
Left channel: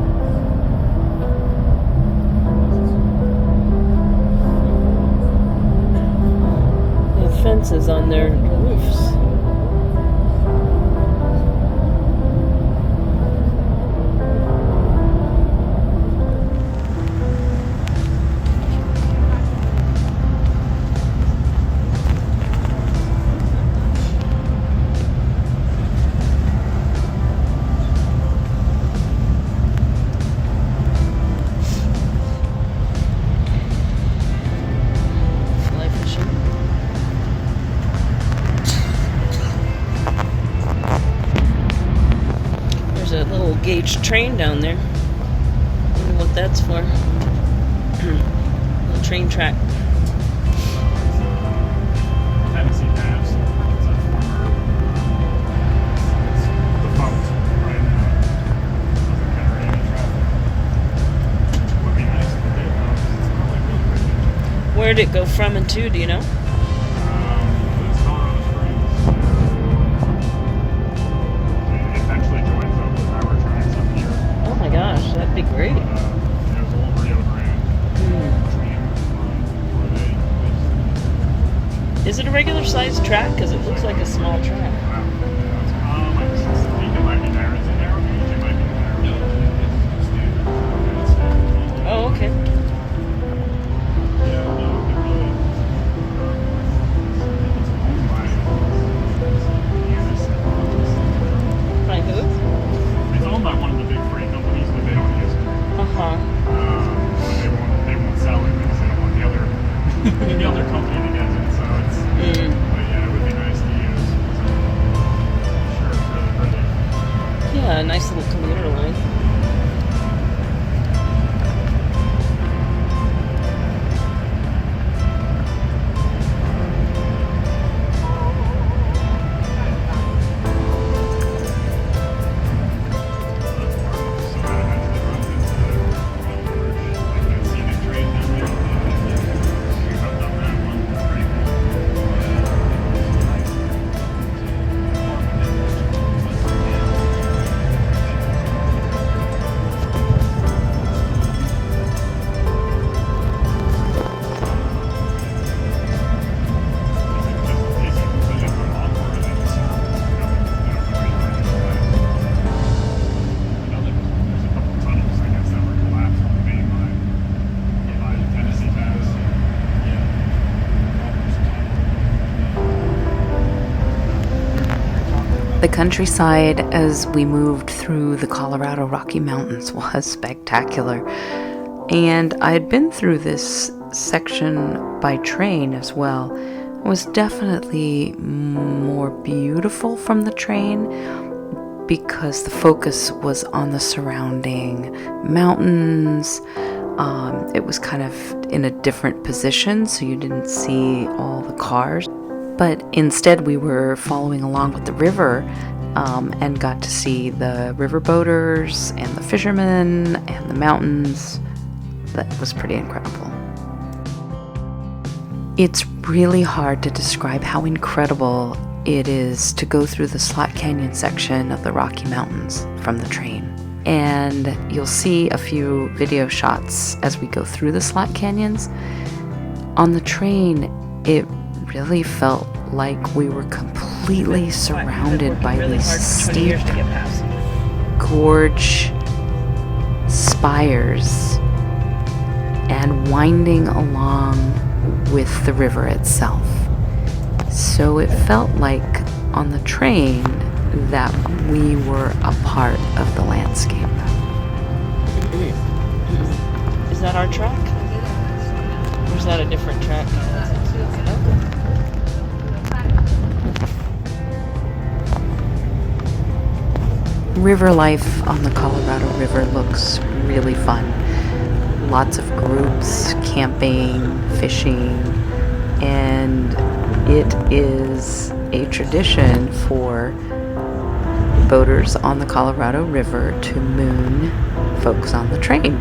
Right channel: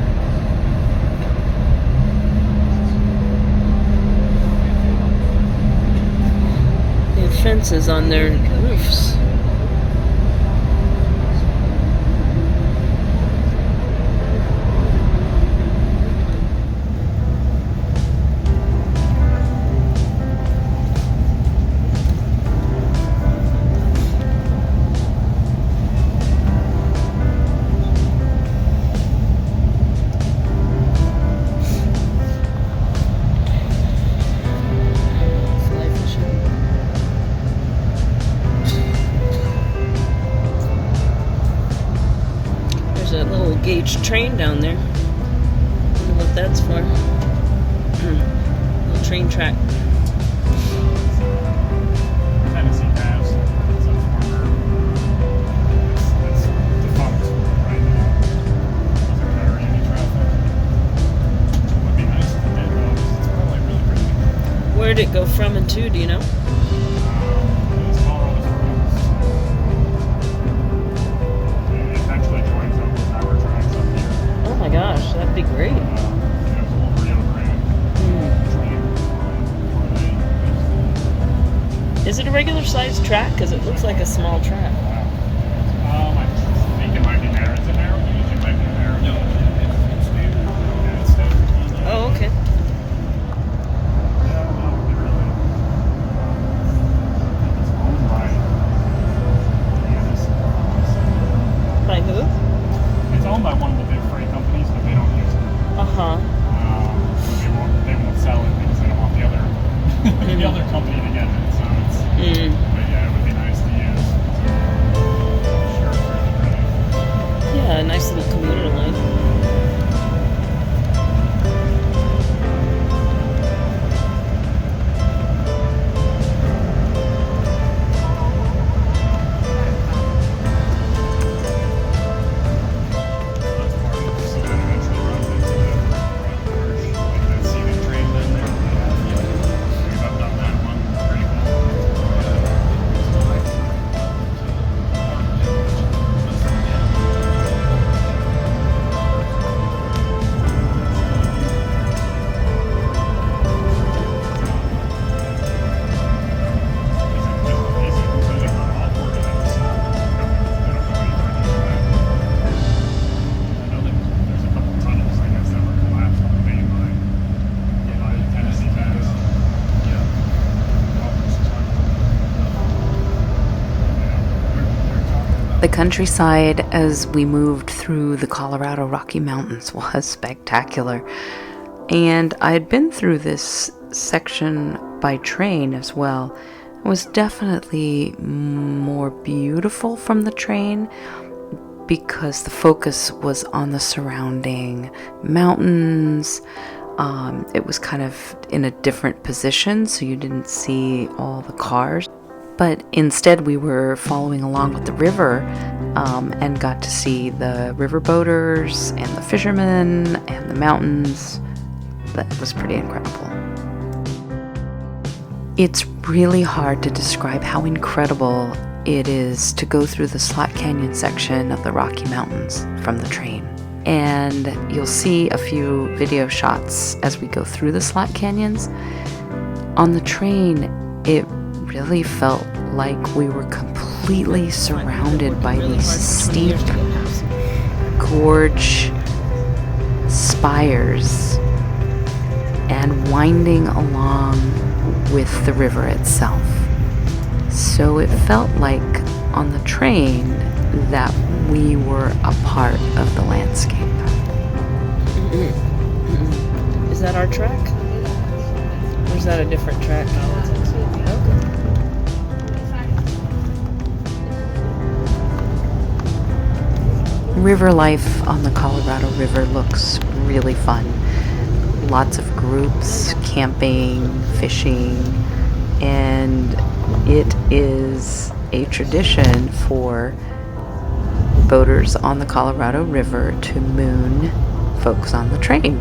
They have fences on their roofs. Gauge train down there. I wonder what that's for. Little train track. Where'd it go from and to, do you know? Gosh, that'd be great. Is it a regular sized track? Because it looks like a small track. I think it might be narrow. Is it narrow gauge? It might be narrow. Oh, okay. Yeah, no, it really. It's owned by. By who? It's owned by one of the big freight companies, but they don't use it. They won't sell it because they don't want the other the other company to get it. So it's. But yeah, it would be nice to use. Sure, it's really pretty. Yeah, a nice little commuter line. The countryside as we moved through the Colorado Rocky Mountains was spectacular. And I had been through this section by train as well. It was definitely more beautiful from the train because the focus was on the surrounding mountains. It was kind of in a different position, so you didn't see all the cars. But instead we were following along with the river and got to see the river boaters and the fishermen and the mountains. That was pretty incredible. It's really hard to describe how incredible it is to go through the Slot Canyon section of the Rocky Mountains from the train. And you'll see a few video shots as we go through the Slot Canyons. On the train, it really felt like we were completely surrounded by these steep gorge spires and winding along with the river itself. So it felt like on the train that we were a part of the landscape. Is that our track? Or is that a different track? River life on the Colorado River looks really fun. Lots of groups, camping, fishing, and it is a tradition for boaters on the Colorado River to moon folks on the train.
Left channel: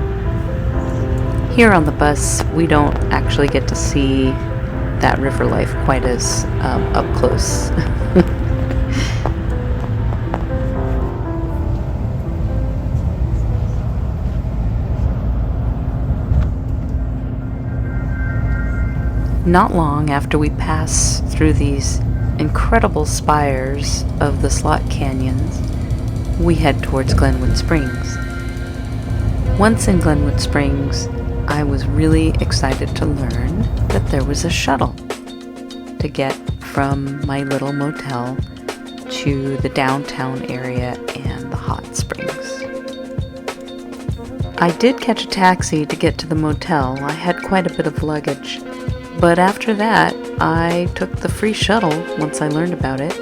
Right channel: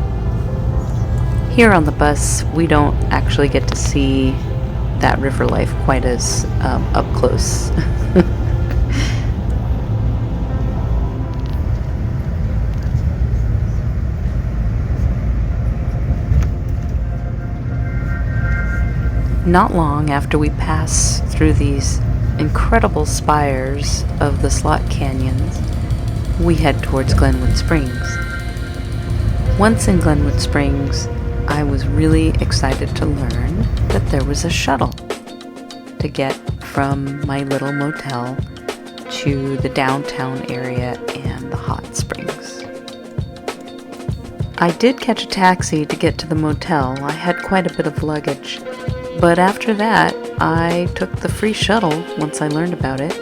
Here on the bus, we don't actually get to see that river life quite as up close. Not long after we pass through these incredible spires of the Slot Canyons, we head towards Glenwood Springs. Once in Glenwood Springs, I was really excited to learn that there was a shuttle to get from my little motel to the downtown area and the hot springs. I did catch a taxi to get to the motel. I had quite a bit of luggage. But after that, I took the free shuttle once I learned about it,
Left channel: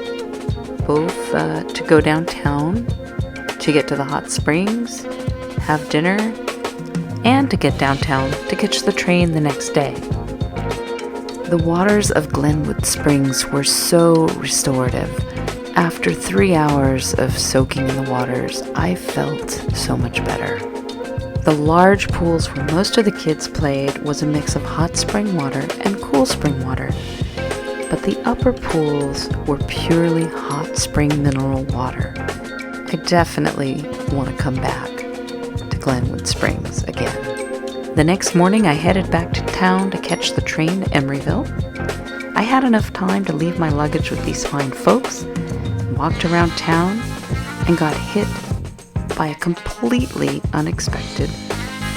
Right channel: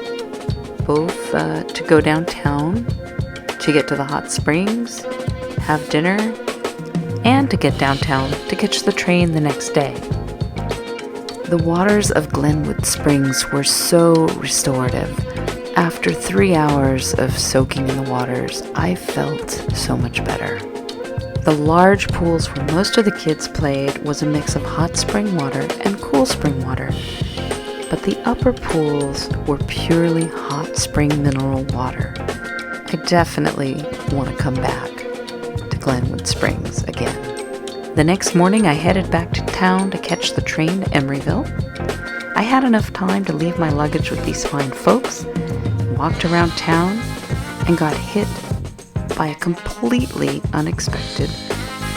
both to go downtown, to get to the hot springs, have dinner, and to get downtown to catch the train the next day. The waters of Glenwood Springs were so restorative. After 3 hours of soaking in the waters, I felt so much better. The large pools where most of the kids played was a mix of hot spring water and cool spring water, but the upper pools were purely hot spring mineral water. I definitely want to come back to Glenwood Springs again. The next morning I headed back to town to catch the train to Emeryville. I had enough time to leave my luggage with these fine folks, walked around town, and got hit by a completely unexpected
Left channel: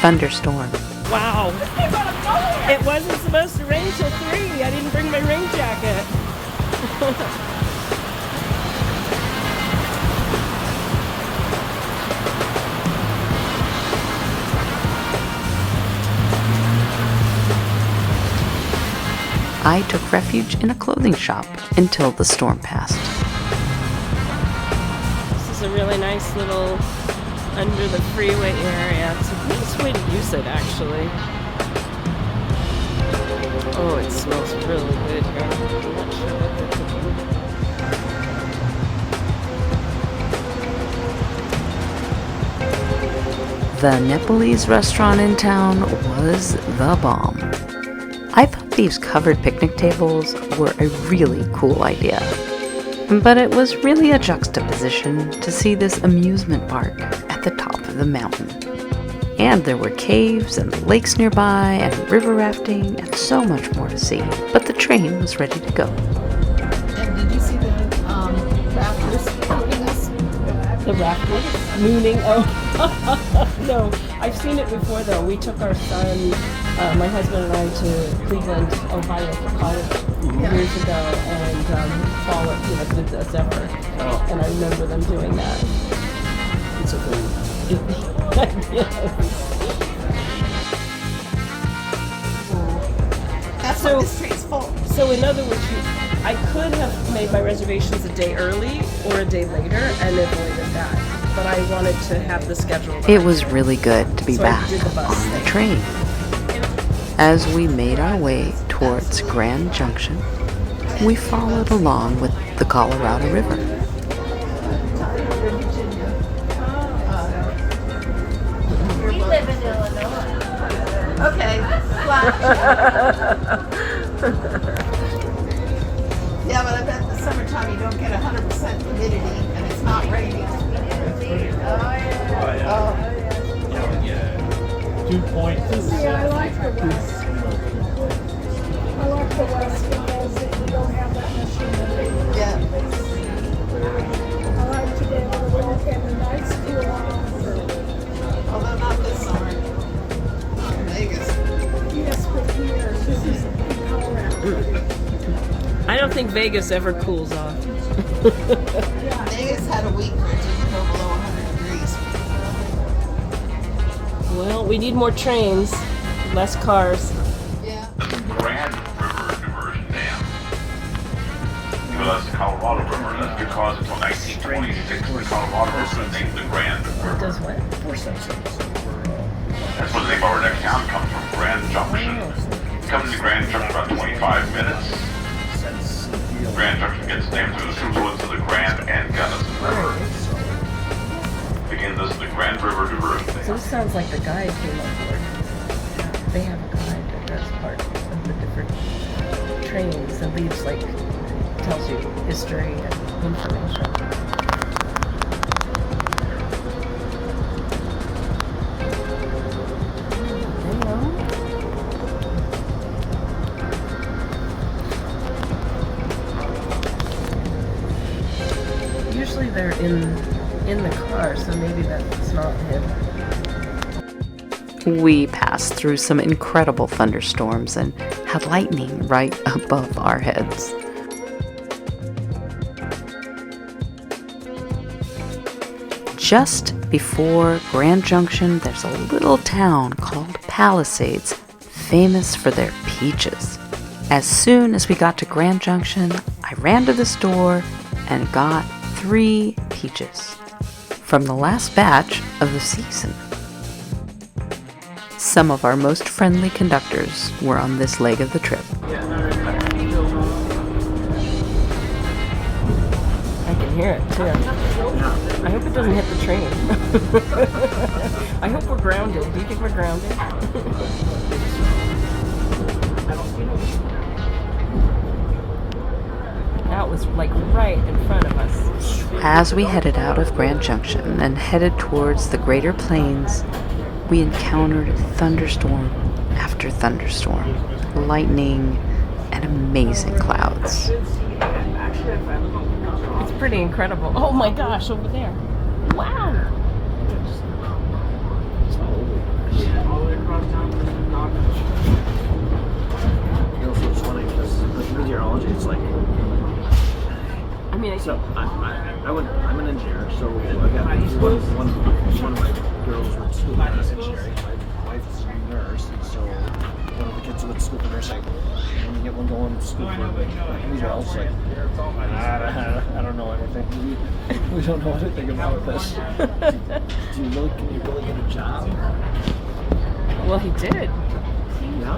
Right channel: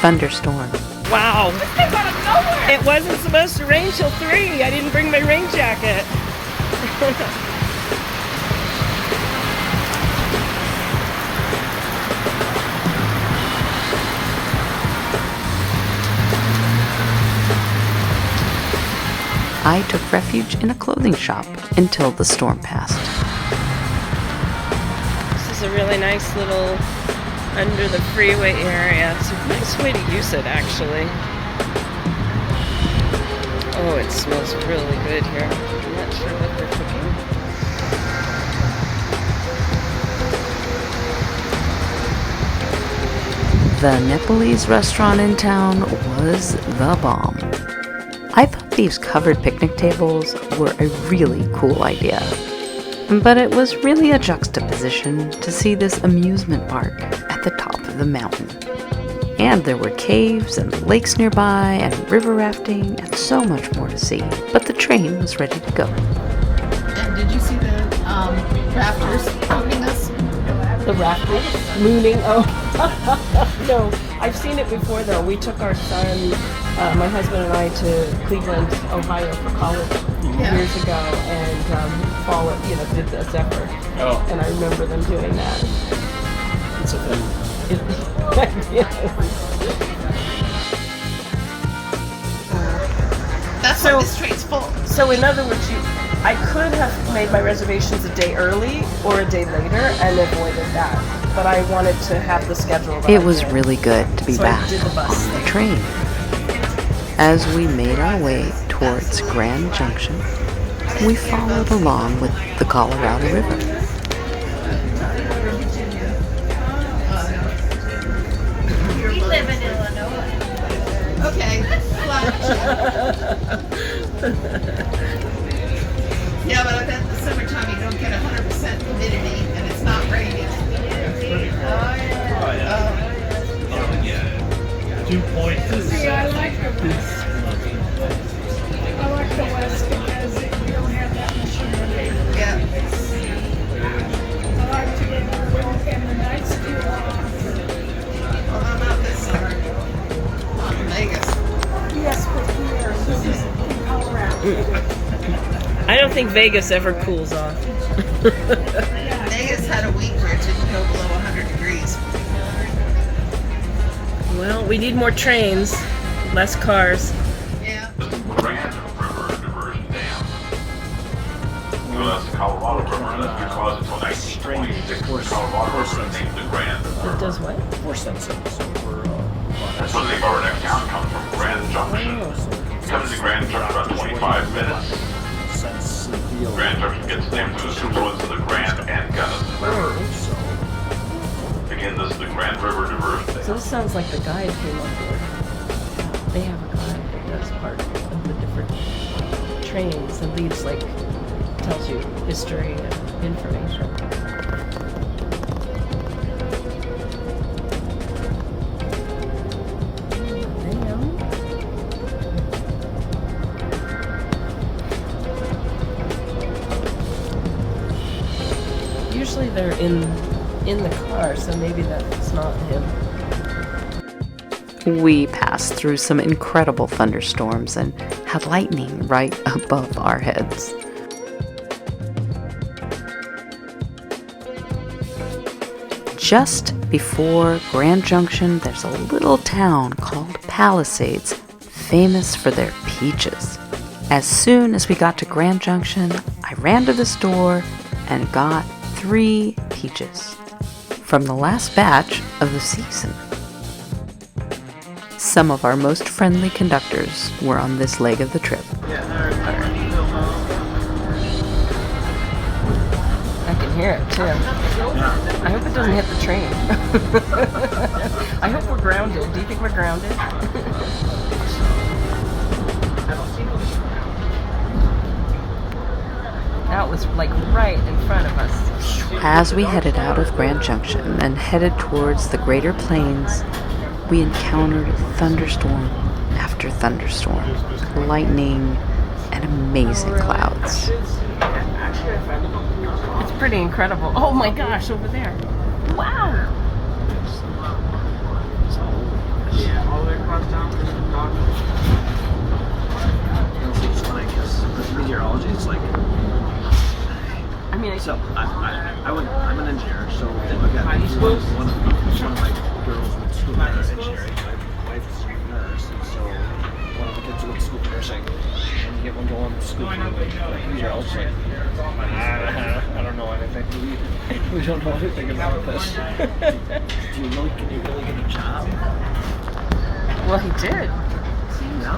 thunderstorm. Wow. It wasn't supposed to rain till 3. I didn't bring my rain jacket. I took refuge in a clothing shop until the storm passed. This is a really nice little under the freeway area. It's a nice way to use it, actually. Oh, it smells really good here. I'm not sure what they're cooking. The Nepalese restaurant in town was the bomb. I thought these covered picnic tables were a really cool idea. But it was really a juxtaposition to see this amusement park at the top of the mountain. And there were caves and lakes nearby and river rafting and so much more to see. But the train was ready to go. And did you see the rafters floating us? The rafters? Mooning? Oh, no. I've seen it before, though. We took our son, my husband and I, to Cleveland, Ohio for college years ago, and did the Zephyr. Oh. And I remember them doing that. It's a That's why this train's full. So in other words, I could have made my reservations a day early or a day later and avoided that. But I wanted to have the schedule. It was really good to be back on the train. As we made our way towards Grand Junction, we followed along with the Colorado River. We live in Illinois. Okay. I don't think Vegas ever cools off. Vegas had a week where it didn't go below 100 degrees. Well, we need more trains, less cars. Yeah. Grand River Diversion Dam. The Colorado River, and that's because until 1926, the Colorado River was named the Grand River. It does what? Force sensors. And so the name of our next town comes from Grand Junction. Coming to Grand Junction about 25 minutes. Grand Junction gets its name from the confluence of the Grand and Gunnison. Again, this is the Grand River Diversion Dam. So this sounds like the guide came up with. They have a guide that does part of the different trains and leaves tells you history and information. Usually they're in the car, so maybe that's not him. We passed through some incredible thunderstorms and had lightning right above our heads. Just before Grand Junction, there's a little town called Palasades, famous for their peaches. As soon as we got to Grand Junction, I ran to the store and got 3 peaches from the last batch of the season. Some of our most friendly conductors were on this leg of the trip. I can hear it too. I hope it doesn't hit the train. I hope we're grounded. Do you think we're grounded? That was right in front of us. As we headed out of Grand Junction and headed towards the Greater Plains, we encountered thunderstorm after thunderstorm, lightning, and amazing clouds. It's pretty incredible. Oh my gosh, over there. Wow. Yeah, all the way across town to Chicago. It's funny because with meteorology, it's like. I mean, I'm an engineer, so I've got one of my girls went to school for engineering. My wife's a nurse, and so one of the kids went to school for nursing. And you get one going to school for meteorology. I don't know anything. We don't know anything about this. Can you really get a job? Well, he did. No.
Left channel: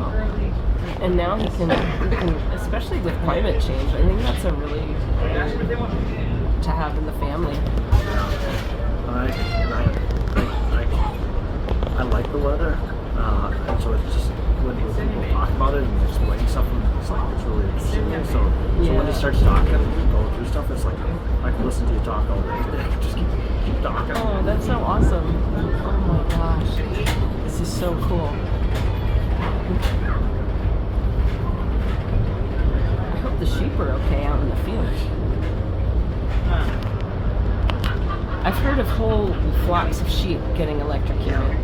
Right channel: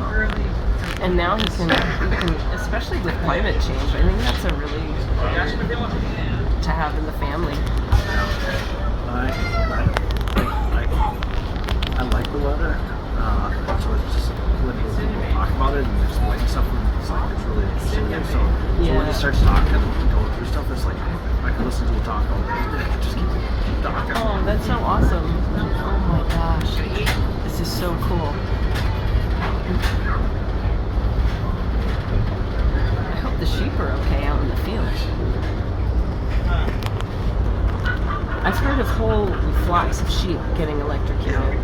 And now he can, especially with climate change, I think that's a really to have in the family. I like the weather. So it's just when people talk about it and explain stuff, it's really interesting. So when he starts talking and going through stuff, it's like I can listen to you talk all day. Just keep talking. Oh, that's so awesome! Oh my gosh, this is so cool. I hope the sheep are okay out in the field. I've heard of whole flocks of sheep getting electrocuted.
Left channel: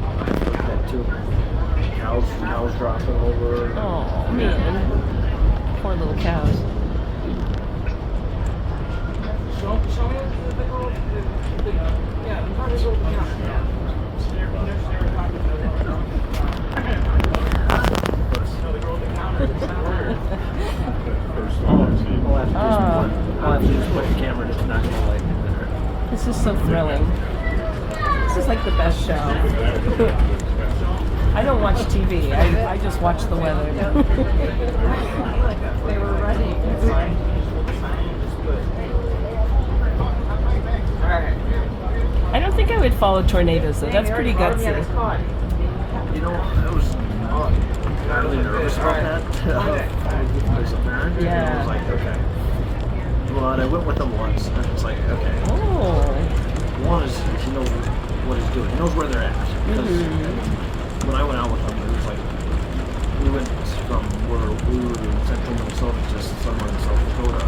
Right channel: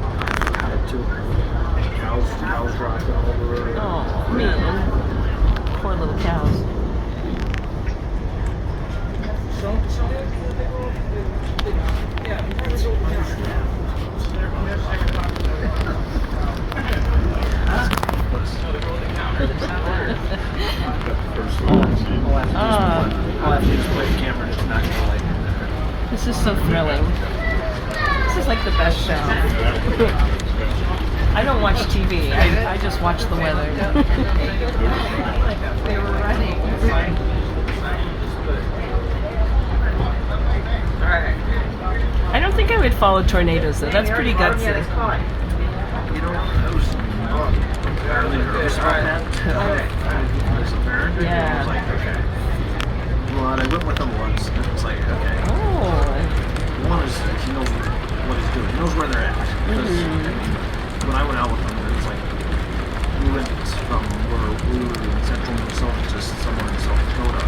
Cows dropping over. Oh man, poor little cows. This is so thrilling. This is like the best show. I don't watch TV. I just watch the weather. I don't think I would follow tornadoes though. That's pretty gutsy. Yeah. Well, I went with them once, and it was like, okay. Oh. One is he knows what he's doing. He knows where they're at. When I went out with them, it was like we went from where we were in central Minnesota to somewhere in South Dakota.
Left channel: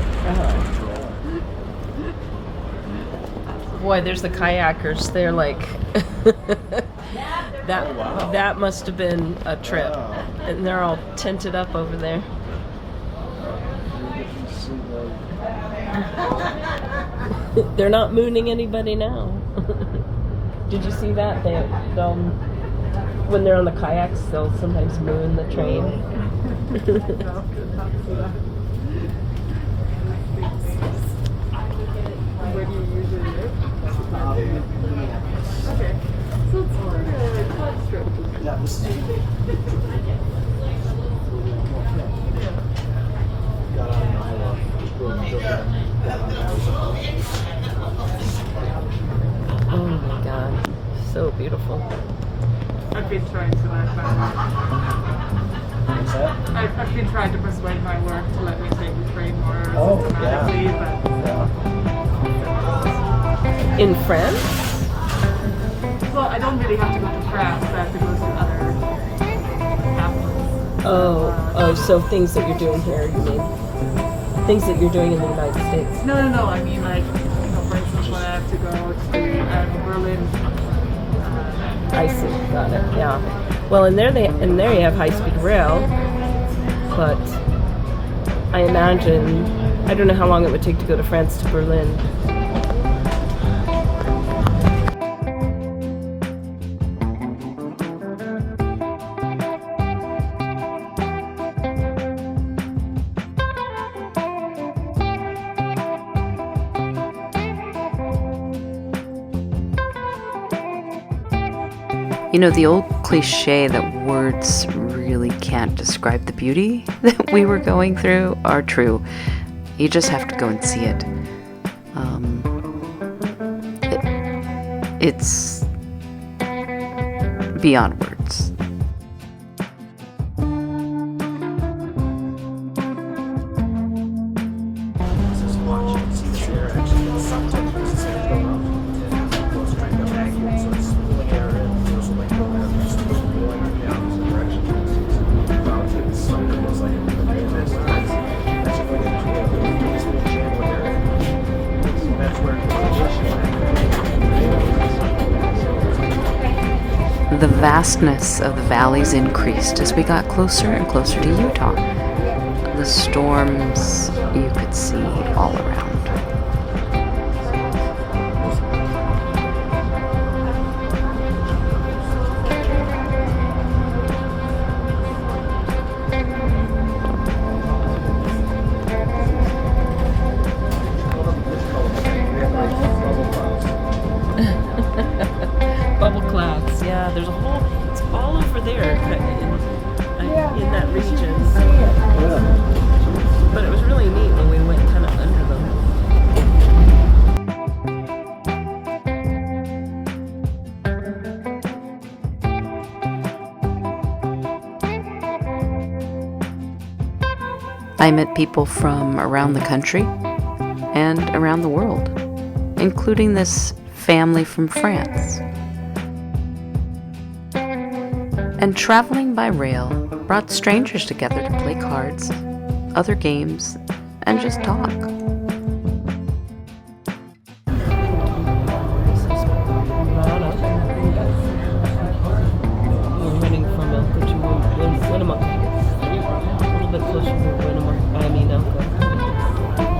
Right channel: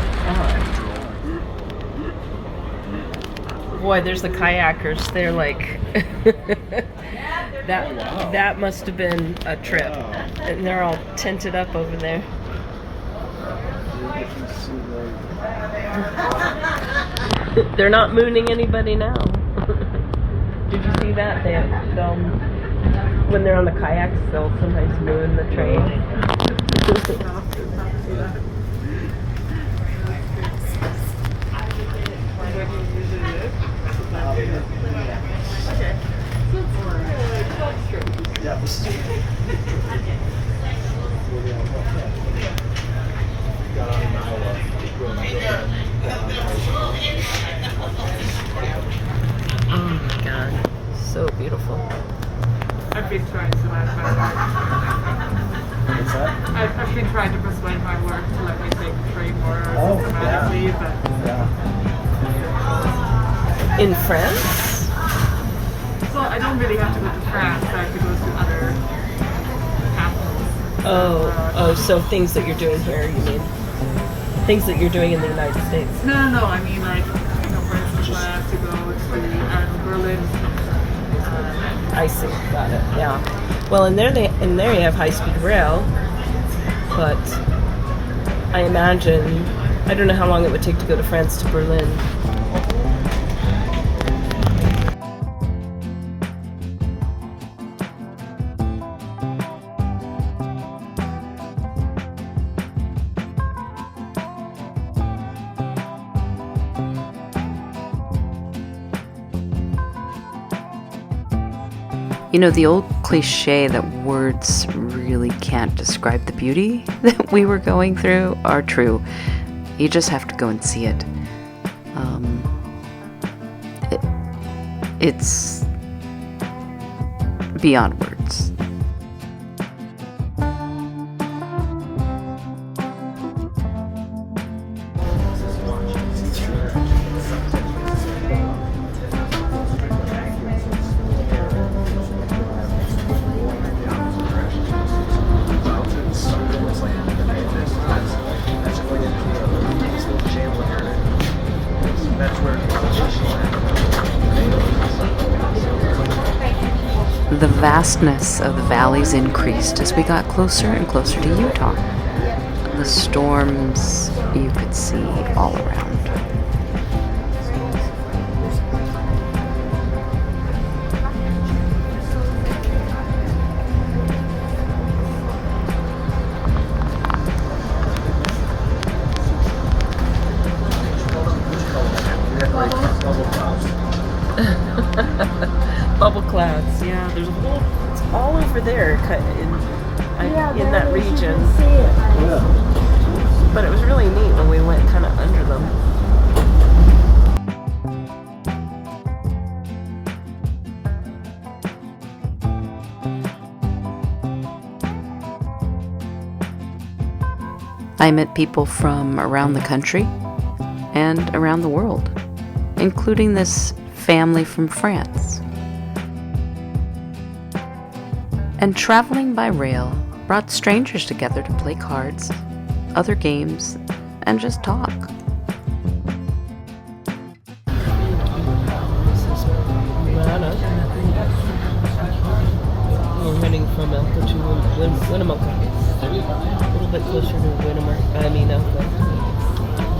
Boy, there's the kayakers. They're like that. That must have been a trip, and they're all tented up over there. They're not mooning anybody now. Did you see that? They'll when they're on the kayaks, they'll sometimes moon the train. Oh my God, so beautiful. I've been trying to I've been trying to persuade my work to let me take the train more systematically, but In France? well, I don't really have to go to France. I have to go to other capitals. Oh, so things that you're doing here, you mean? Things that you're doing in the United States? No. I mean, like, for instance, I have to go to Berlin. I see, got it, yeah. Well, and there you have high-speed rail, but I imagine, I don't know how long it would take to go to France to Berlin. You know, the old cliche that words really can't describe the beauty that we were going through are true. You just have to go and see it. It's beyond words. The vastness of the valleys increased as we got closer and closer to Utah. The storms you could see all around. Bubble clouds, yeah, there's a whole, it's all over there in that region. But it was really neat when we went kind of under them. I met people from around the country and around the world, including this family from France. And traveling by rail brought strangers together to play cards, other games, and just talk. We're heading from Elko to Winnemucca. A little bit closer to Elko.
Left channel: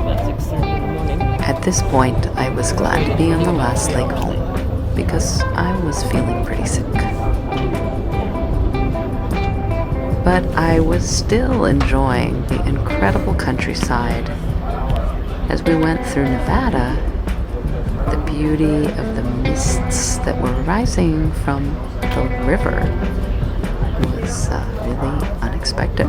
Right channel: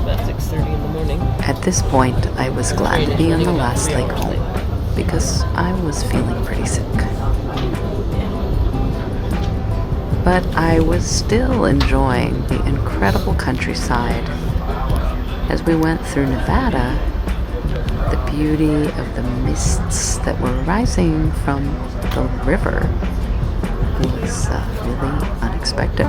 About 6:30 in the morning. At this point, I was glad to be on the last leg home because I was feeling pretty sick. But I was still enjoying the incredible countryside. As we went through Nevada, the beauty of the mists that were rising from the river was really unexpected.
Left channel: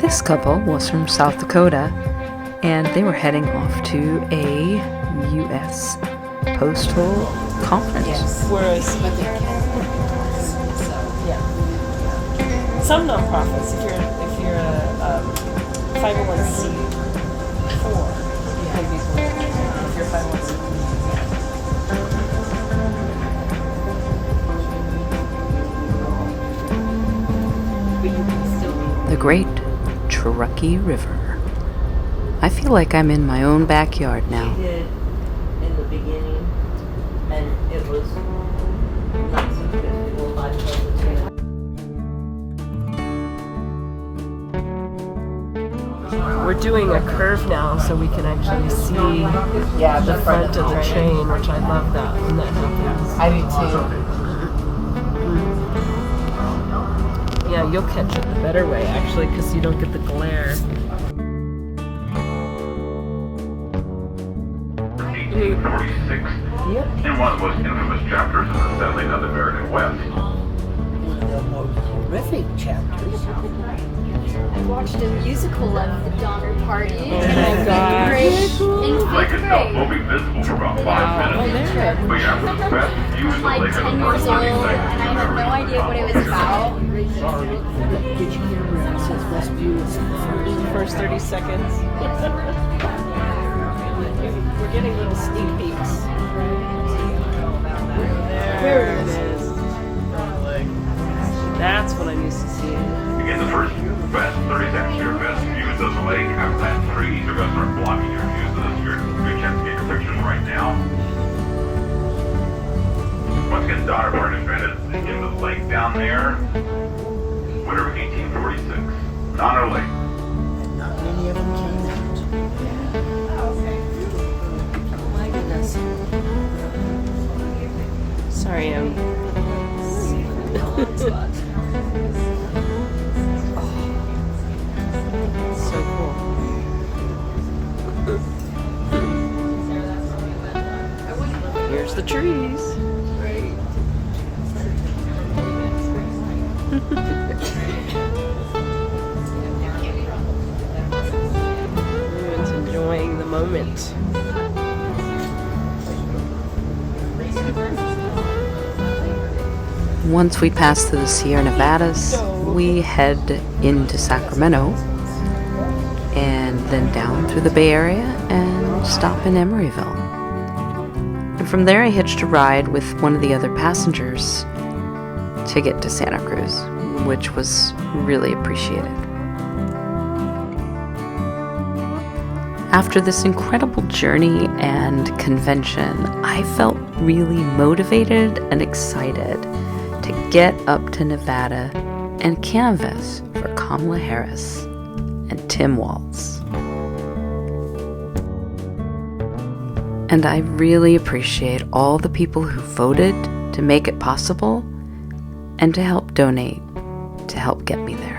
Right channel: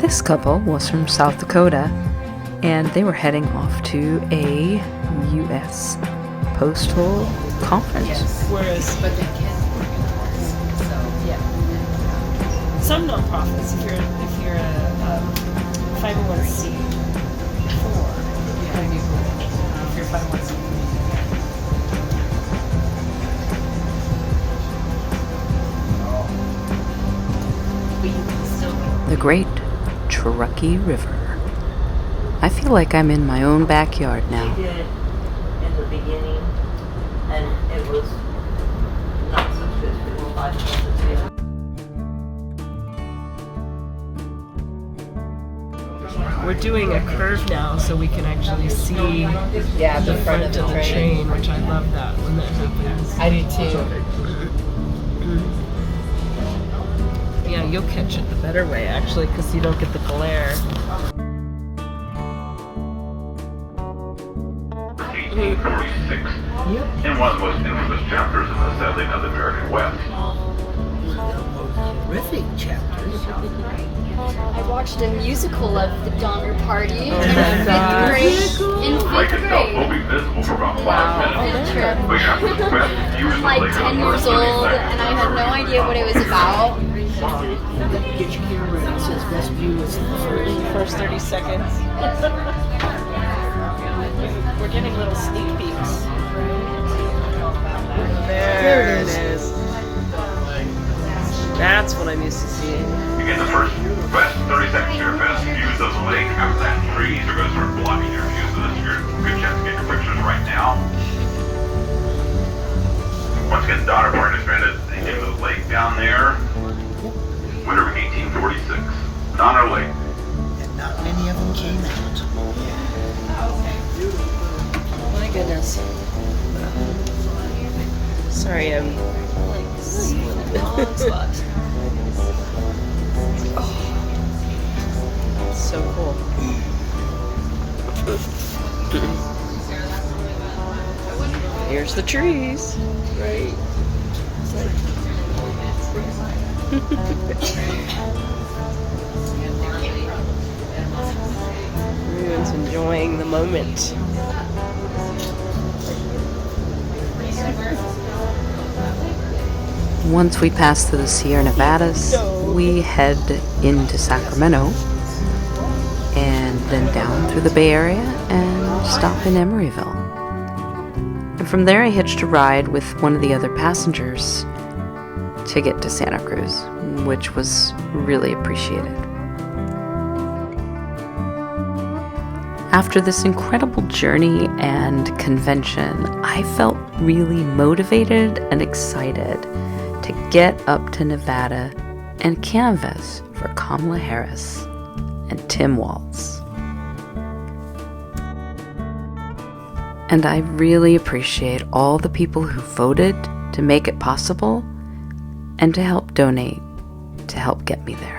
This couple was from South Dakota, and they were heading off to a U.S. postal conference. Whereas, some nonprofits, if you're a 501c4, if you're 501c4. The Great Truckee River. I feel like I'm in my own backyard now. We did in the beginning, and it was not so good. It was 5 months. We're doing a curve now, so we can actually see the front of the train, which I love that. And that happens. I do too. Yeah, you'll catch it the better way, actually, because you don't get the glare. 1846, in one of the most infamous chapters of the settling of the American West. One of the most horrific chapters. I watched a musical of the Donner Party in Like fifth itself grade. will be visible for about 5 minutes. Trip. But yeah, the west view is I'm like 10 years old, and I had no idea what it was about. First 30 seconds. We're getting little sneak peeks. There it is. That's what I'm used to seeing. Again, the first 30 seconds of your best views of the lake. After that, trees are going to start blocking your views of this. You're a good chance to get your pictures right now. Once again, Donner Party is stranded in the lake down there. Winter of 1846. Donner Lake. And not many of them came out. My goodness. Sorry, I'm. So cool. Here's the trees. Right. Everyone's enjoying the moment. Once we pass through the Sierra Nevadas, we head into Sacramento and then down through the Bay Area and stop in Emeryville. And from there I hitched a ride with one of the other passengers to get to Santa Cruz, which was really appreciated. After this incredible journey and convention, I felt really motivated and excited to get up to Nevada and canvass for Kamala Harris and Tim Walz. And I really appreciate all the people who voted to make it possible and to help donate to help get me there.